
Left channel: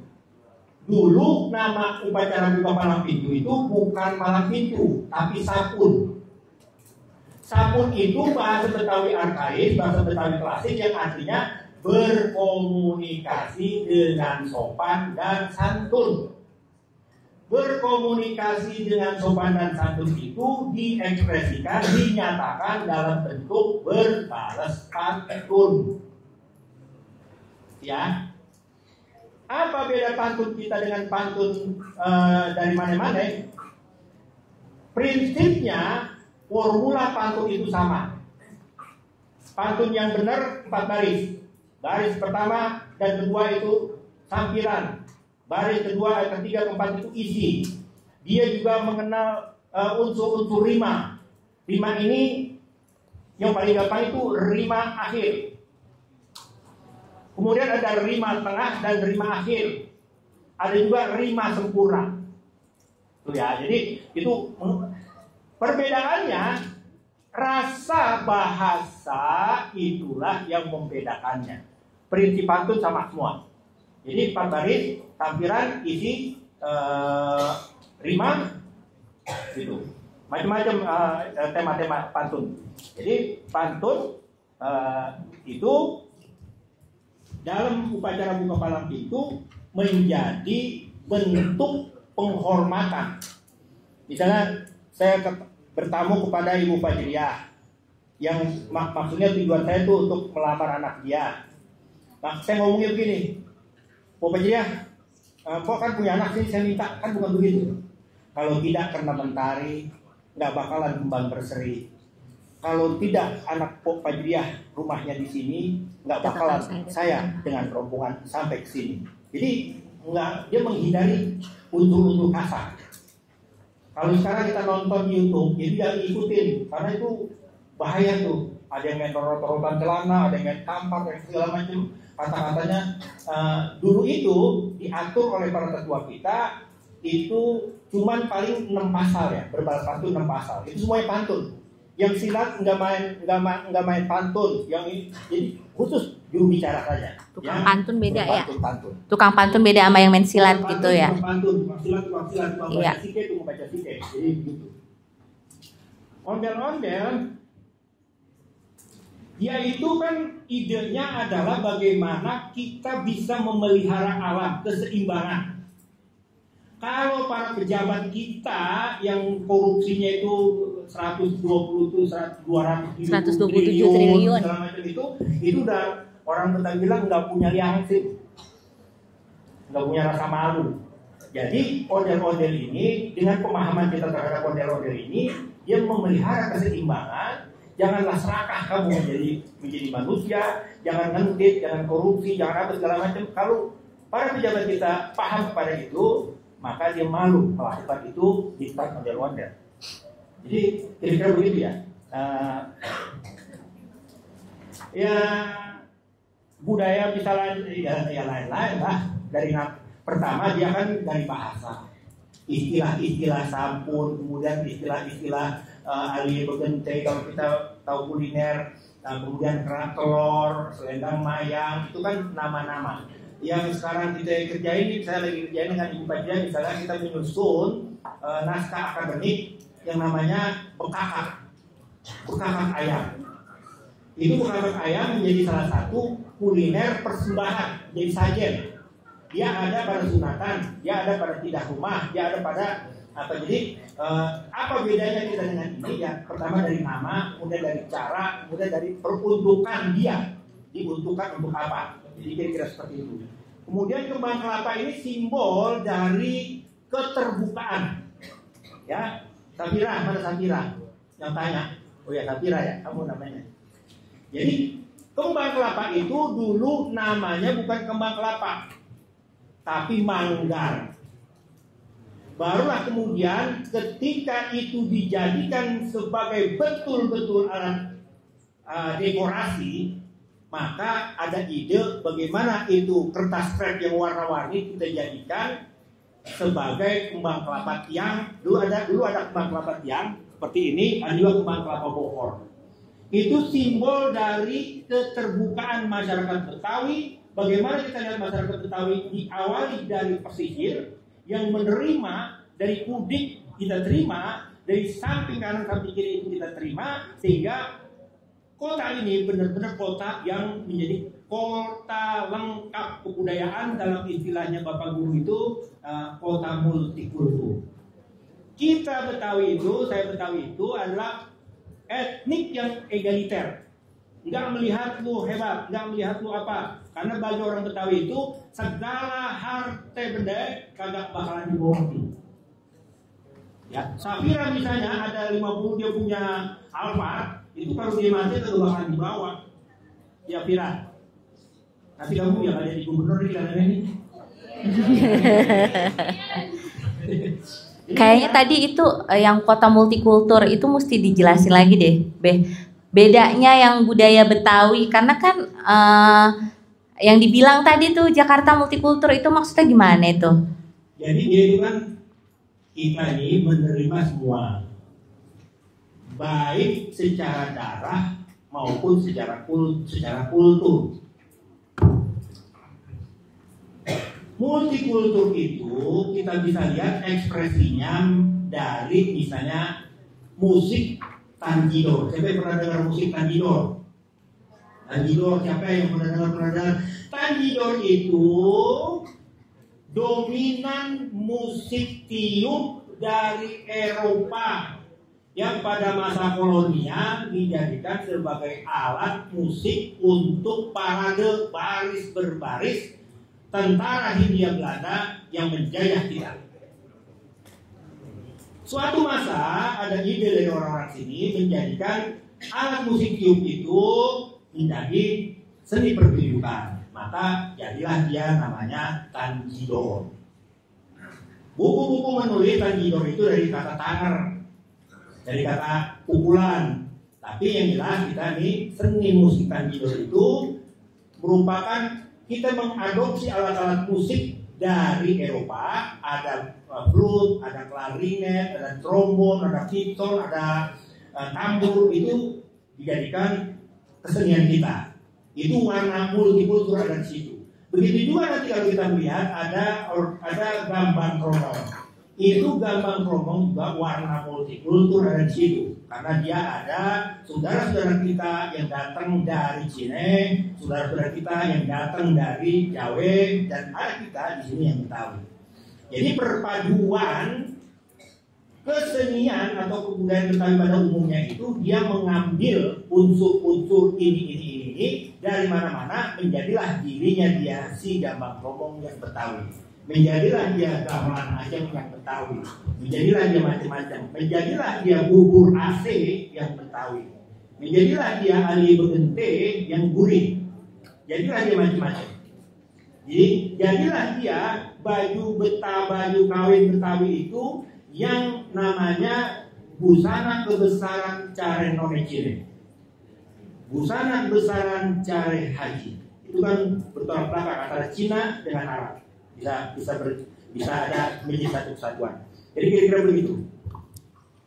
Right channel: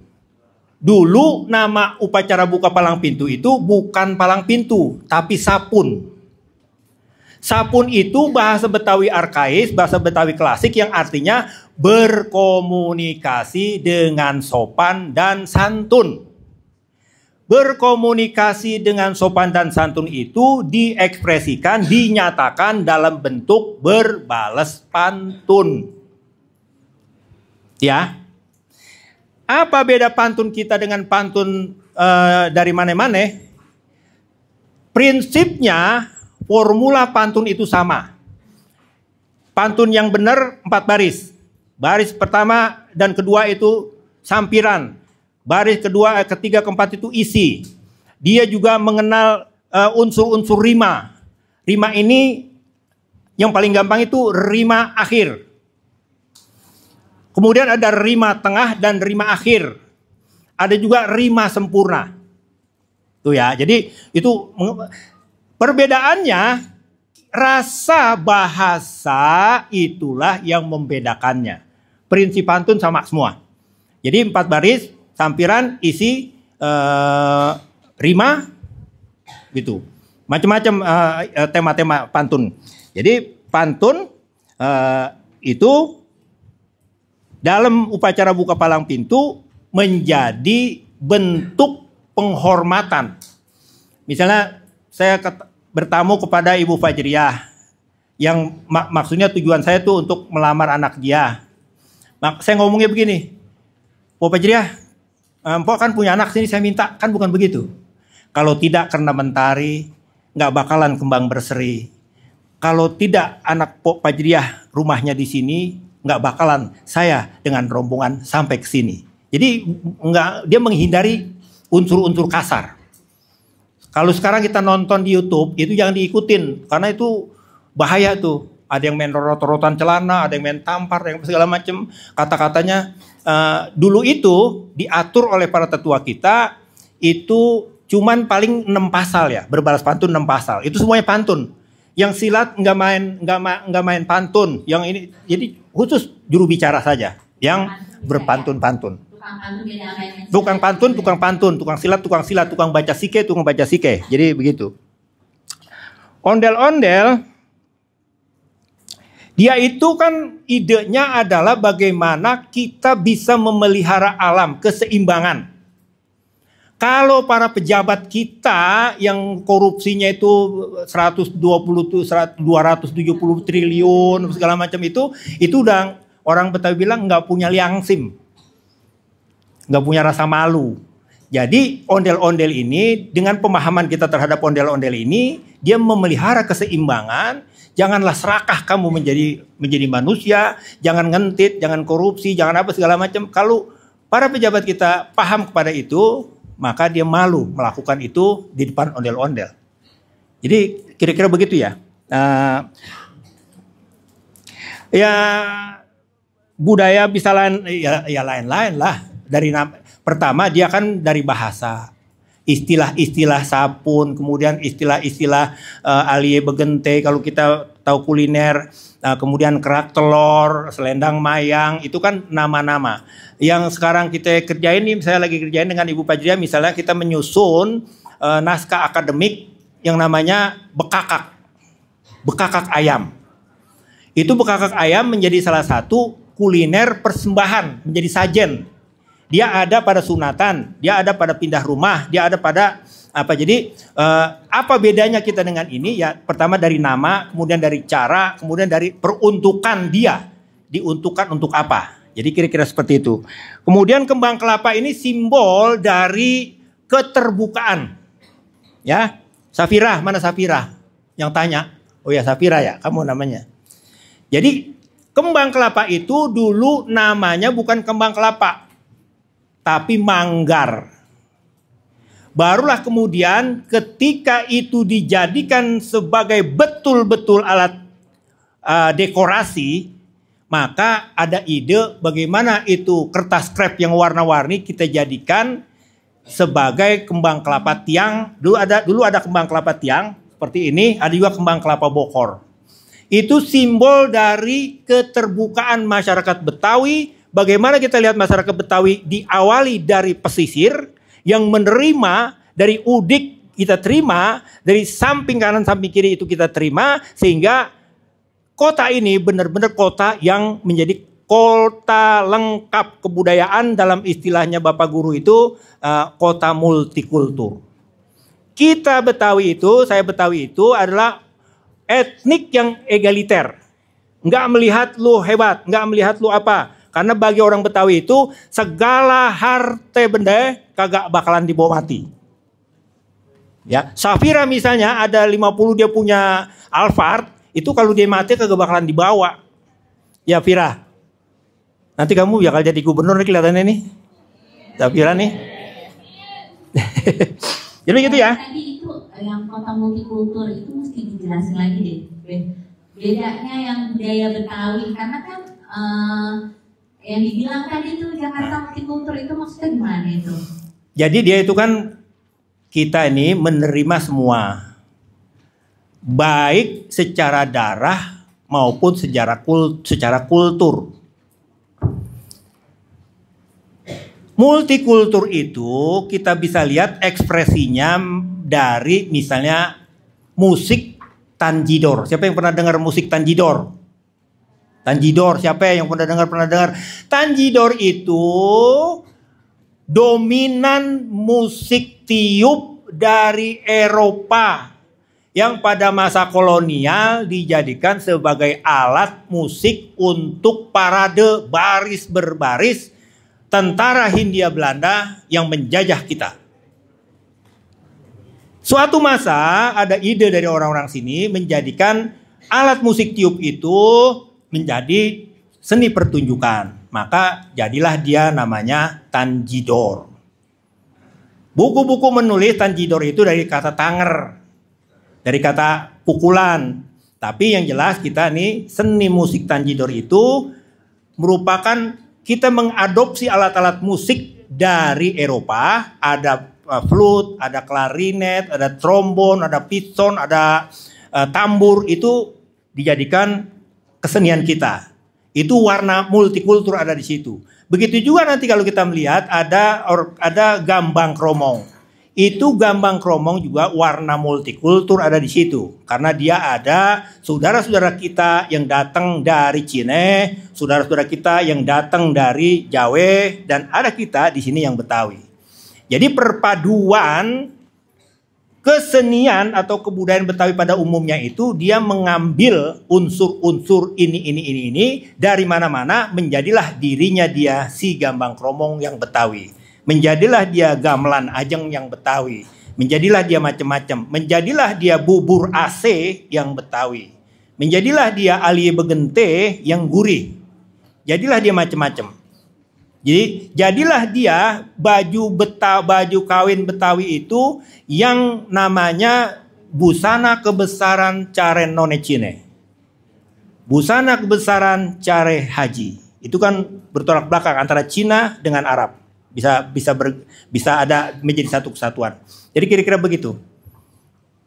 Dulu nama upacara buka palang pintu itu bukan palang pintu, tapi sapun. Sapun itu bahasa Betawi arkais, bahasa Betawi klasik yang artinya berkomunikasi dengan sopan dan santun. Berkomunikasi dengan sopan dan santun itu diekspresikan, dinyatakan dalam bentuk berbalas pantun. Ya. Apa beda pantun kita dengan pantun dari mana-mana? Prinsipnya formula pantun itu sama. Pantun yang benar 4 baris. Baris pertama dan kedua itu sampiran. Baris kedua, ketiga, keempat itu isi. Dia juga mengenal unsur-unsur rima. Rima ini yang paling gampang itu rima akhir. Kemudian ada rima tengah dan rima akhir. Ada juga rima sempurna. Tuh ya, jadi itu perbedaannya, rasa bahasa itulah yang membedakannya. Prinsip pantun sama semua. Jadi 4 baris, sampiran, isi, rima, gitu. Macam-macam tema-tema pantun. Jadi pantun itu dalam upacara buka palang pintu menjadi bentuk penghormatan. Misalnya saya bertamu kepada Ibu Fajriah, yang maksudnya tujuan saya tuh untuk melamar anak dia. Saya ngomongnya begini, Bu Fajriah, Mpok kan punya anak sini, saya minta, kan bukan begitu. Kalau tidak karena mentari, nggak bakalan kembang berseri. Kalau tidak anak Pok Fajriah rumahnya di sini, nggak bakalan saya dengan rombongan sampai ke sini. Jadi dia menghindari unsur-unsur kasar. Kalau sekarang kita nonton di YouTube, itu jangan diikutin, karena itu bahaya tuh. Ada yang main rot-rotan celana, ada yang main tampar, yang segala macam. Kata-katanya dulu itu diatur oleh para tetua kita, itu cuman paling 6 pasal ya, berbalas pantun 6 pasal. Itu semuanya pantun. Yang silat nggak main pantun. Yang ini jadi khusus juru bicara saja. Tukang yang pantun beda berpantun-pantun. Ya? Tukang pantun beda sama yang main silat. Tukang pantun, gitu ya? tukang pantun, tukang silat, tukang baca sike, tukang baca sike. Jadi begitu. Ondel-ondel, dia itu kan idenya adalah bagaimana kita bisa memelihara alam, keseimbangan. Kalau para pejabat kita yang korupsinya itu 270 triliun segala macam itu udah orang Betawi bilang nggak punya liangsim, nggak punya rasa malu. Jadi ondel-ondel ini, dengan pemahaman kita terhadap ondel-ondel ini, dia memelihara keseimbangan. Janganlah serakah kamu menjadi manusia, jangan ngentit, jangan korupsi, jangan apa segala macam. Kalau para pejabat kita paham kepada itu, maka dia malu melakukan itu di depan ondel-ondel. Jadi kira-kira begitu ya. Ya budaya bisa lain, ya lain-lain lah. Pertama dia kan dari bahasa, istilah-istilah sabun, kemudian istilah-istilah alie begente kalau kita tahu kuliner, kemudian kerak telur, selendang mayang, itu kan nama-nama. Yang sekarang kita kerjain nih, saya lagi kerjain dengan Ibu Fajria, misalnya kita menyusun naskah akademik yang namanya bekakak ayam. Itu bekakak ayam menjadi salah satu kuliner persembahan, menjadi sajen. Dia ada pada sunatan, dia ada pada pindah rumah, dia ada pada apa. Jadi apa bedanya kita dengan ini? Ya pertama dari nama, kemudian dari cara, kemudian dari peruntukan dia. Diuntukkan untuk apa? Jadi kira-kira seperti itu. Kemudian kembang kelapa ini simbol dari keterbukaan. Ya, Safira, mana Safira? Yang tanya. Oh ya Safira ya, kamu namanya. Jadi kembang kelapa itu dulu namanya bukan kembang kelapa, tapi manggar. Barulah kemudian ketika itu dijadikan sebagai betul-betul alat dekorasi, maka ada ide bagaimana itu kertas krep yang warna-warni kita jadikan sebagai kembang kelapa tiang. Dulu ada kembang kelapa tiang seperti ini, ada juga kembang kelapa bokor. Itu simbol dari keterbukaan masyarakat Betawi. Bagaimana kita lihat masyarakat Betawi diawali dari pesisir yang menerima dari udik kita terima, dari samping kanan samping kiri itu kita terima, sehingga kota ini benar-benar kota yang menjadi kota lengkap kebudayaan. Dalam istilahnya Bapak Guru itu kota multikultur. Kita Betawi itu, saya Betawi itu adalah etnik yang egaliter. Nggak melihat lu hebat, nggak melihat lu apa. Karena bagi orang Betawi itu segala harta benda kagak bakalan dibawa mati. Ya, Safira misalnya ada 50 dia punya Alphard, itu kalau dia mati kagak bakalan dibawa. Ya Fira. Nanti kamu bakal jadi gubernur nih kelihatannya nih. Safira nih. Jadi gitu ya. Tadi itu yang kota multikultur itu mesti dijelasin lagi deh, bedanya yang budaya Betawi, karena kan yang dibilang tadi tuh Jakarta multikultur itu maksudnya gimana itu? Jadi dia itu kan kita ini menerima semua, baik secara darah maupun secara kultur. Multikultur itu kita bisa lihat ekspresinya dari misalnya musik tanjidor. Siapa yang pernah dengar musik tanjidor? Tanjidor, siapa yang pernah dengar? Tanjidor itu dominan musik tiup dari Eropa yang pada masa kolonial dijadikan sebagai alat musik untuk parade baris berbaris tentara Hindia Belanda yang menjajah kita. Suatu masa ada ide dari orang-orang sini menjadikan alat musik tiup itu menjadi seni pertunjukan. Maka jadilah dia namanya tanjidor. Buku-buku menulis tanjidor itu dari kata tanger, dari kata pukulan. Tapi yang jelas kita nih seni musik tanjidor itu merupakan kita mengadopsi alat-alat musik dari Eropa. Ada flute, ada klarinet, ada trombon, ada piston, ada tambur. Itu dijadikan kesenian kita. Itu warna multikultur ada di situ. Begitu juga nanti kalau kita melihat ada gambang kromong. Itu gambang kromong juga warna multikultur ada di situ. Karena dia ada saudara-saudara kita yang datang dari Cina, saudara-saudara kita yang datang dari Jawa, dan ada kita di sini yang Betawi. Jadi perpaduan kesenian atau kebudayaan Betawi pada umumnya itu dia mengambil unsur-unsur ini dari mana-mana, menjadilah dirinya dia si gambang kromong yang Betawi. Menjadilah dia gamelan ajeng yang Betawi. Menjadilah dia macam-macam. Menjadilah dia bubur AC yang Betawi. Menjadilah dia alie begente yang gurih. Jadilah dia macam-macam. Jadi jadilah dia baju kawin Betawi itu yang namanya busana kebesaran care none Cine. Busana kebesaran care haji. Itu kan bertolak belakang antara Cina dengan Arab. Bisa ada menjadi satu kesatuan. Jadi kira-kira begitu.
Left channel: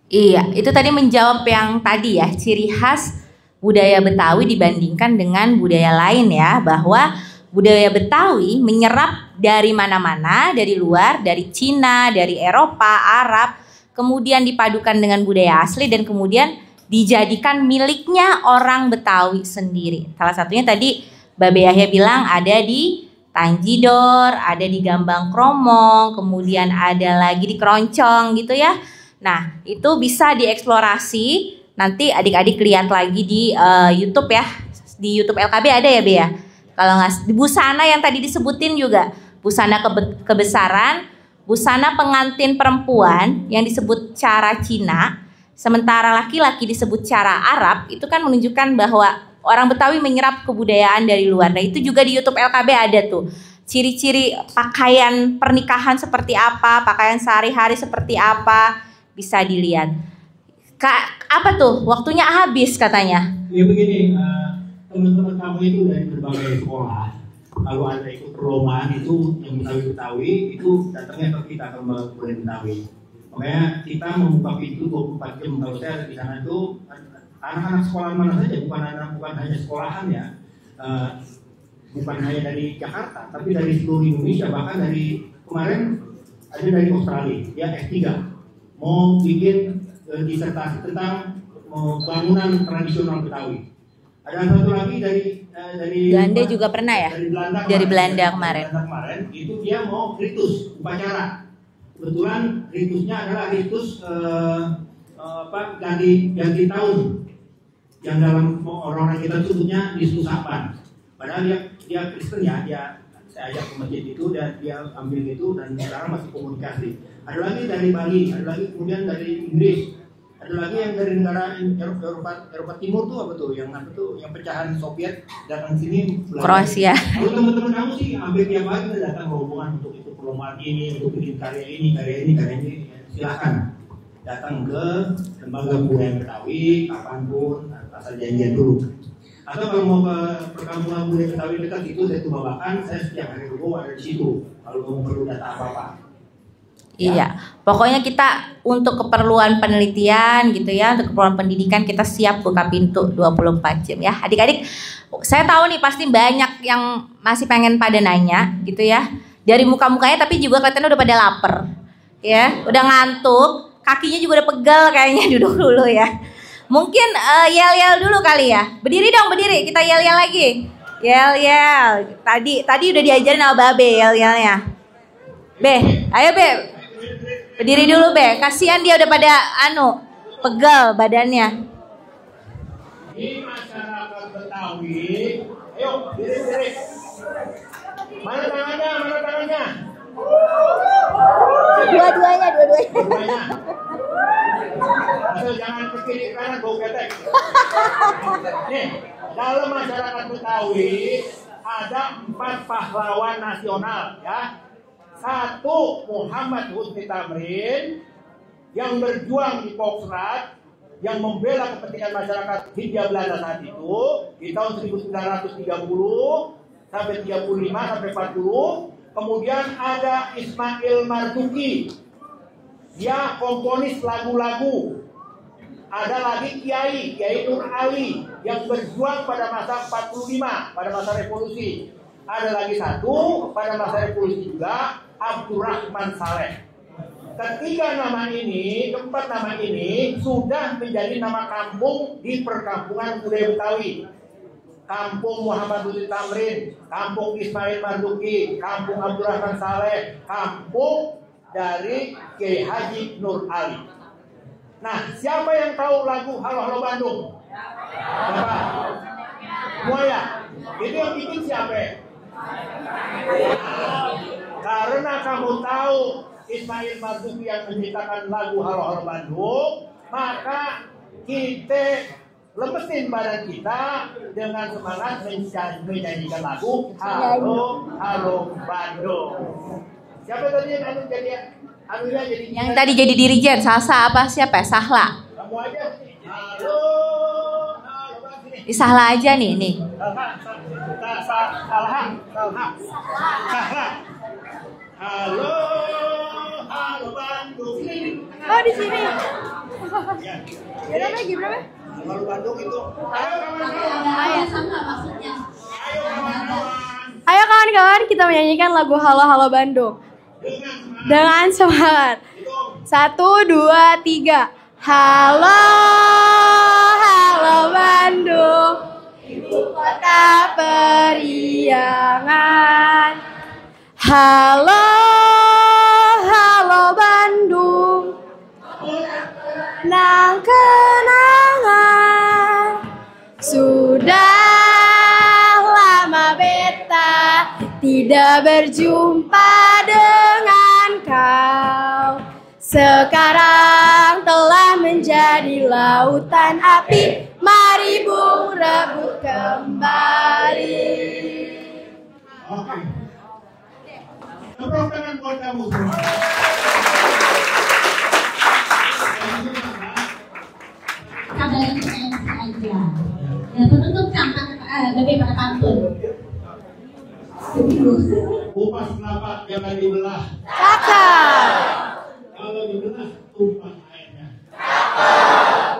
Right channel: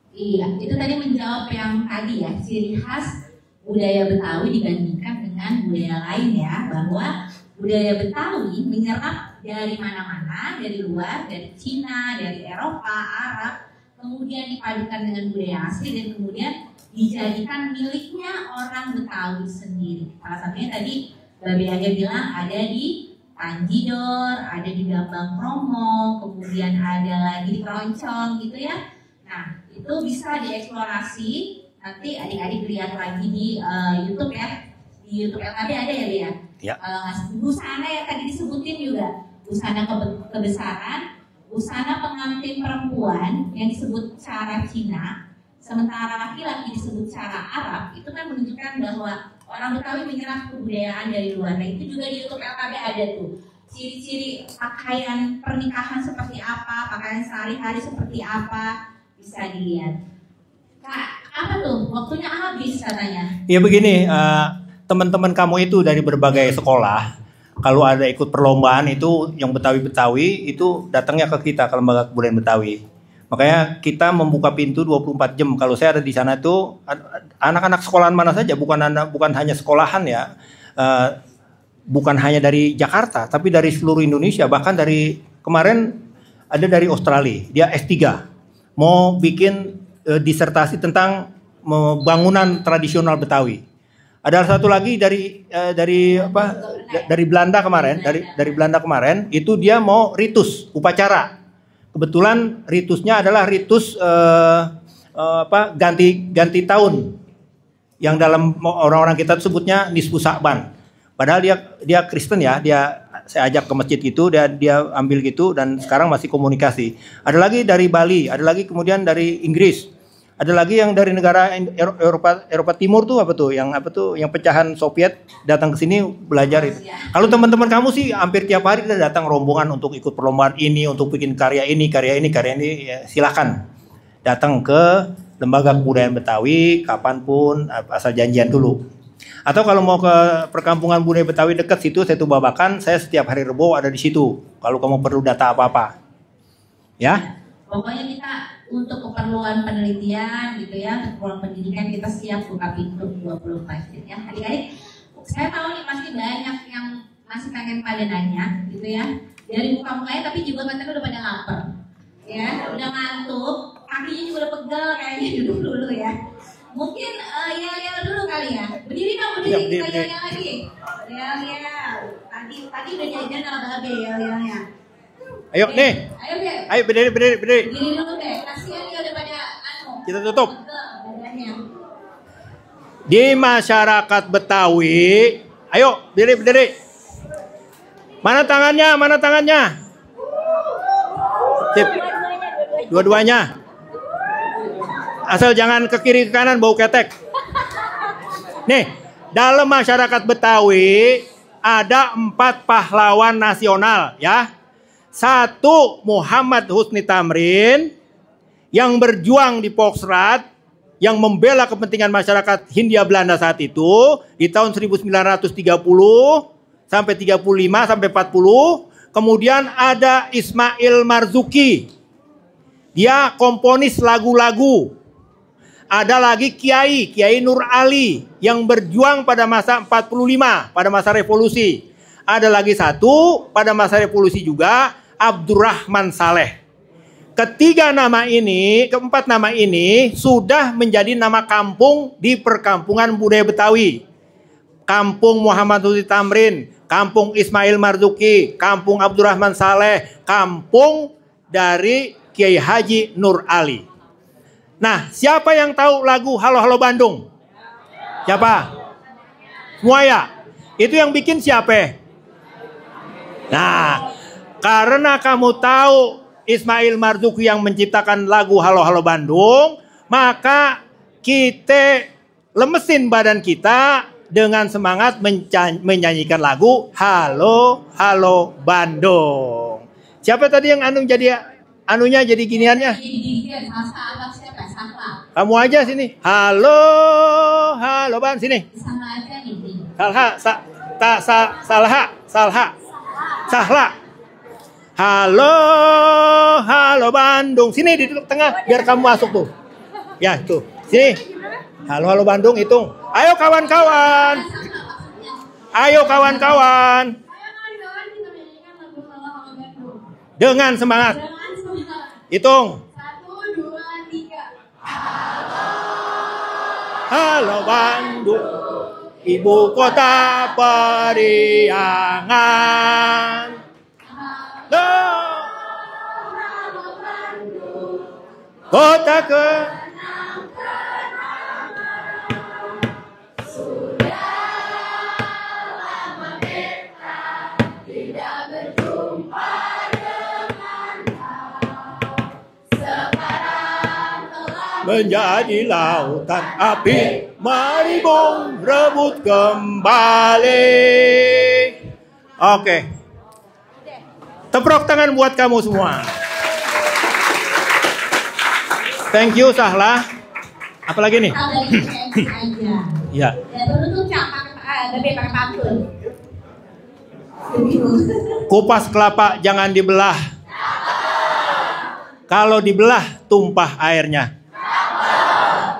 Iya, itu tadi menjawab yang tadi ya, ciri khas budaya Betawi dibandingkan dengan budaya lain ya, bahwa budaya Betawi menyerap dari mana-mana, dari luar, dari Cina, dari Eropa, Arab, kemudian dipadukan dengan budaya asli dan kemudian dijadikan miliknya orang Betawi sendiri. Salah satunya tadi Babe Yahya bilang ada di Tanjidor, ada di Gambang Kromong, kemudian ada lagi di Keroncong gitu ya. Nah, itu bisa dieksplorasi. Nanti adik-adik lihat lagi di YouTube ya. Di YouTube LKB ada ya, Be ya? Ya. Kalau nggak di busana yang tadi disebutin juga, busana kebesaran, busana pengantin perempuan yang disebut cara Cina, sementara laki-laki disebut cara Arab, itu kan menunjukkan bahwa orang Betawi menyerap kebudayaan dari luar. Nah, itu juga di YouTube LKB ada tuh. Ciri-ciri pakaian pernikahan seperti apa, pakaian sehari-hari seperti apa, bisa dilihat. Kak, apa tuh? Waktunya habis katanya. Ya begini, teman-teman kamu itu dari berbagai sekolah, kalau ada ikut perlombaan itu yang Betawi-Betawi itu datangnya ke kita, ke Lembaga Kebudayaan Betawi. Makanya kita membuka pintu 24 jam. Kalau saya ada di sana tuh anak-anak sekolahan mana saja, bukan hanya sekolahan ya. Bukan hanya dari Jakarta, tapi dari seluruh Indonesia. Bahkan dari kemarin ada dari Australia, dia S3. Mau bikin disertasi tentang bangunan tradisional Betawi. Ada satu lagi dari Belanda juga pernah ya? Dari Belanda kemarin. Dari Belanda kemarin itu dia mau ritus upacara. Kebetulan ritusnya adalah ritus ganti tahun yang dalam orang-orang kita sebutnya nisfu Sa'ban. Padahal dia Kristen ya, saya ajak ke masjid itu, dia ambil gitu dan sekarang masih komunikasi. Ada lagi dari Bali, ada lagi kemudian dari Inggris, ada lagi yang dari negara Eropa Timur tuh yang pecahan Soviet datang ke sini belajar. Kalau teman-teman kamu sih hampir tiap hari kita datang rombongan untuk ikut perlombaan ini, untuk bikin karya ini, ya, silahkan datang ke Lembaga Kebudayaan Betawi kapanpun, asal janjian dulu. Atau kalau mau ke perkampungan budaya Betawi dekat situ, Setu Babakan, saya setiap hari Rebo ada di situ. Kalau kamu perlu data apa-apa. Ya? Iya, pokoknya kita untuk keperluan penelitian gitu ya, untuk keperluan pendidikan kita siap buka pintu 24 jam ya. Adik-adik, saya tahu nih pasti banyak yang masih pengen pada nanya gitu ya. Dari muka-mukanya tapi juga kelihatannya udah pada lapar. Ya, udah ngantuk, kakinya juga udah pegel kayaknya, duduk dulu ya. Mungkin yel-yel dulu kali ya. Berdiri dong, berdiri. Kita yel-yel lagi. Yel-yel. Tadi udah diajarin sama Babe yel-yelnya. Ayo, Be. Ayo, Be. Ayo berdiri. Berdiri dulu, Be. Kasihan dia udah pada kita tutup. Pegel badannya. Di masyarakat Betawi, ayo berdiri. Mana tangannya? Dua-duanya. Asal jangan ke kiri ke kanan bau ketek. Nih, dalam masyarakat Betawi ada 4 pahlawan nasional ya. 1 Muhammad Husni Tamrin yang berjuang di Poksrat, yang membela kepentingan masyarakat Hindia Belanda saat itu di tahun 1930 sampai 35 sampai 40. Kemudian ada Ismail Marzuki. Dia komponis lagu-lagu. Ada lagi Kiai Nur Ali yang berjuang pada masa 45, pada masa revolusi. Ada lagi 1 pada masa revolusi juga, Abdurrahman Saleh. Keempat nama ini sudah menjadi nama kampung di perkampungan budaya Betawi. Kampung Muhammad Husni Tamrin, Kampung Ismail Marzuki, Kampung Abdurrahman Saleh, Kampung dari Kiai Haji Nur Ali. Nah, siapa yang tahu lagu Halo Halo Bandung? Siapa? Semua ya? Itu yang bikin siapa? Nah, karena kamu tahu Ismail Marzuki yang menciptakan lagu Halo Halo Bandung, maka kita lemesin badan kita dengan semangat menyanyikan lagu Halo Halo Bandung. Siapa tadi yang jadi anunya jadi Yang giniannya. tadi jadi dirijen, Salsa apa siapa? Sahla. Kamu aja sini. Halo, halo Ban sini. Sahla aja nih, nih. Sahla. Halo, halo Bandung. Sini di tengah biar kamu masuk tuh. Ya, tuh. Sini. Halo, halo Bandung hitung. Ayo kawan-kawan. Ayo kawan-kawan. Ayo kawan-kawan, kita menyanyikan lagu Halo Halo Bandung. Dengan semangat. Dengan semangat. Hitung. 1, 2, 3. Halo, halo Bandung, Ibu kota periangan. halo, halo Bandung, Kota kenang-kenangan. Sudah lama beta tidak berjumpa dengan kau. Sekarang telah menjadi lautan api. Mari bung rebut kembali. Oke. Tepuk tangan buat kamu semua. Thank you Sahla. Apalagi nih? Ya. Kupas kelapa jangan dibelah. Kalau dibelah tumpah airnya.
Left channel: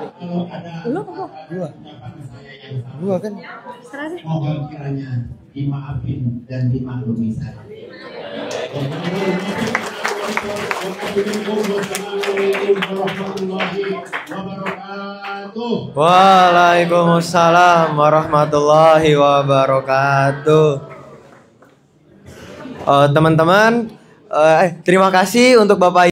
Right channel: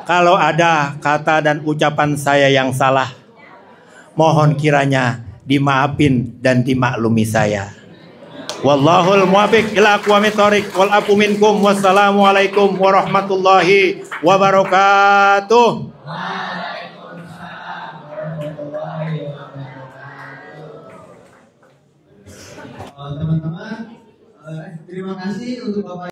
Kalau ada kata dan ucapan saya yang salah, mohon kiranya dimaafin dan dimaklumi saya. Wallahul muwaffiq ila aqwamit thoriq wal afu minkum. Wassalamualaikum warahmatullahi wabarakatuh. Waalaikumsalam warahmatullahi wabarakatuh. Teman-teman, terima kasih untuk Bapak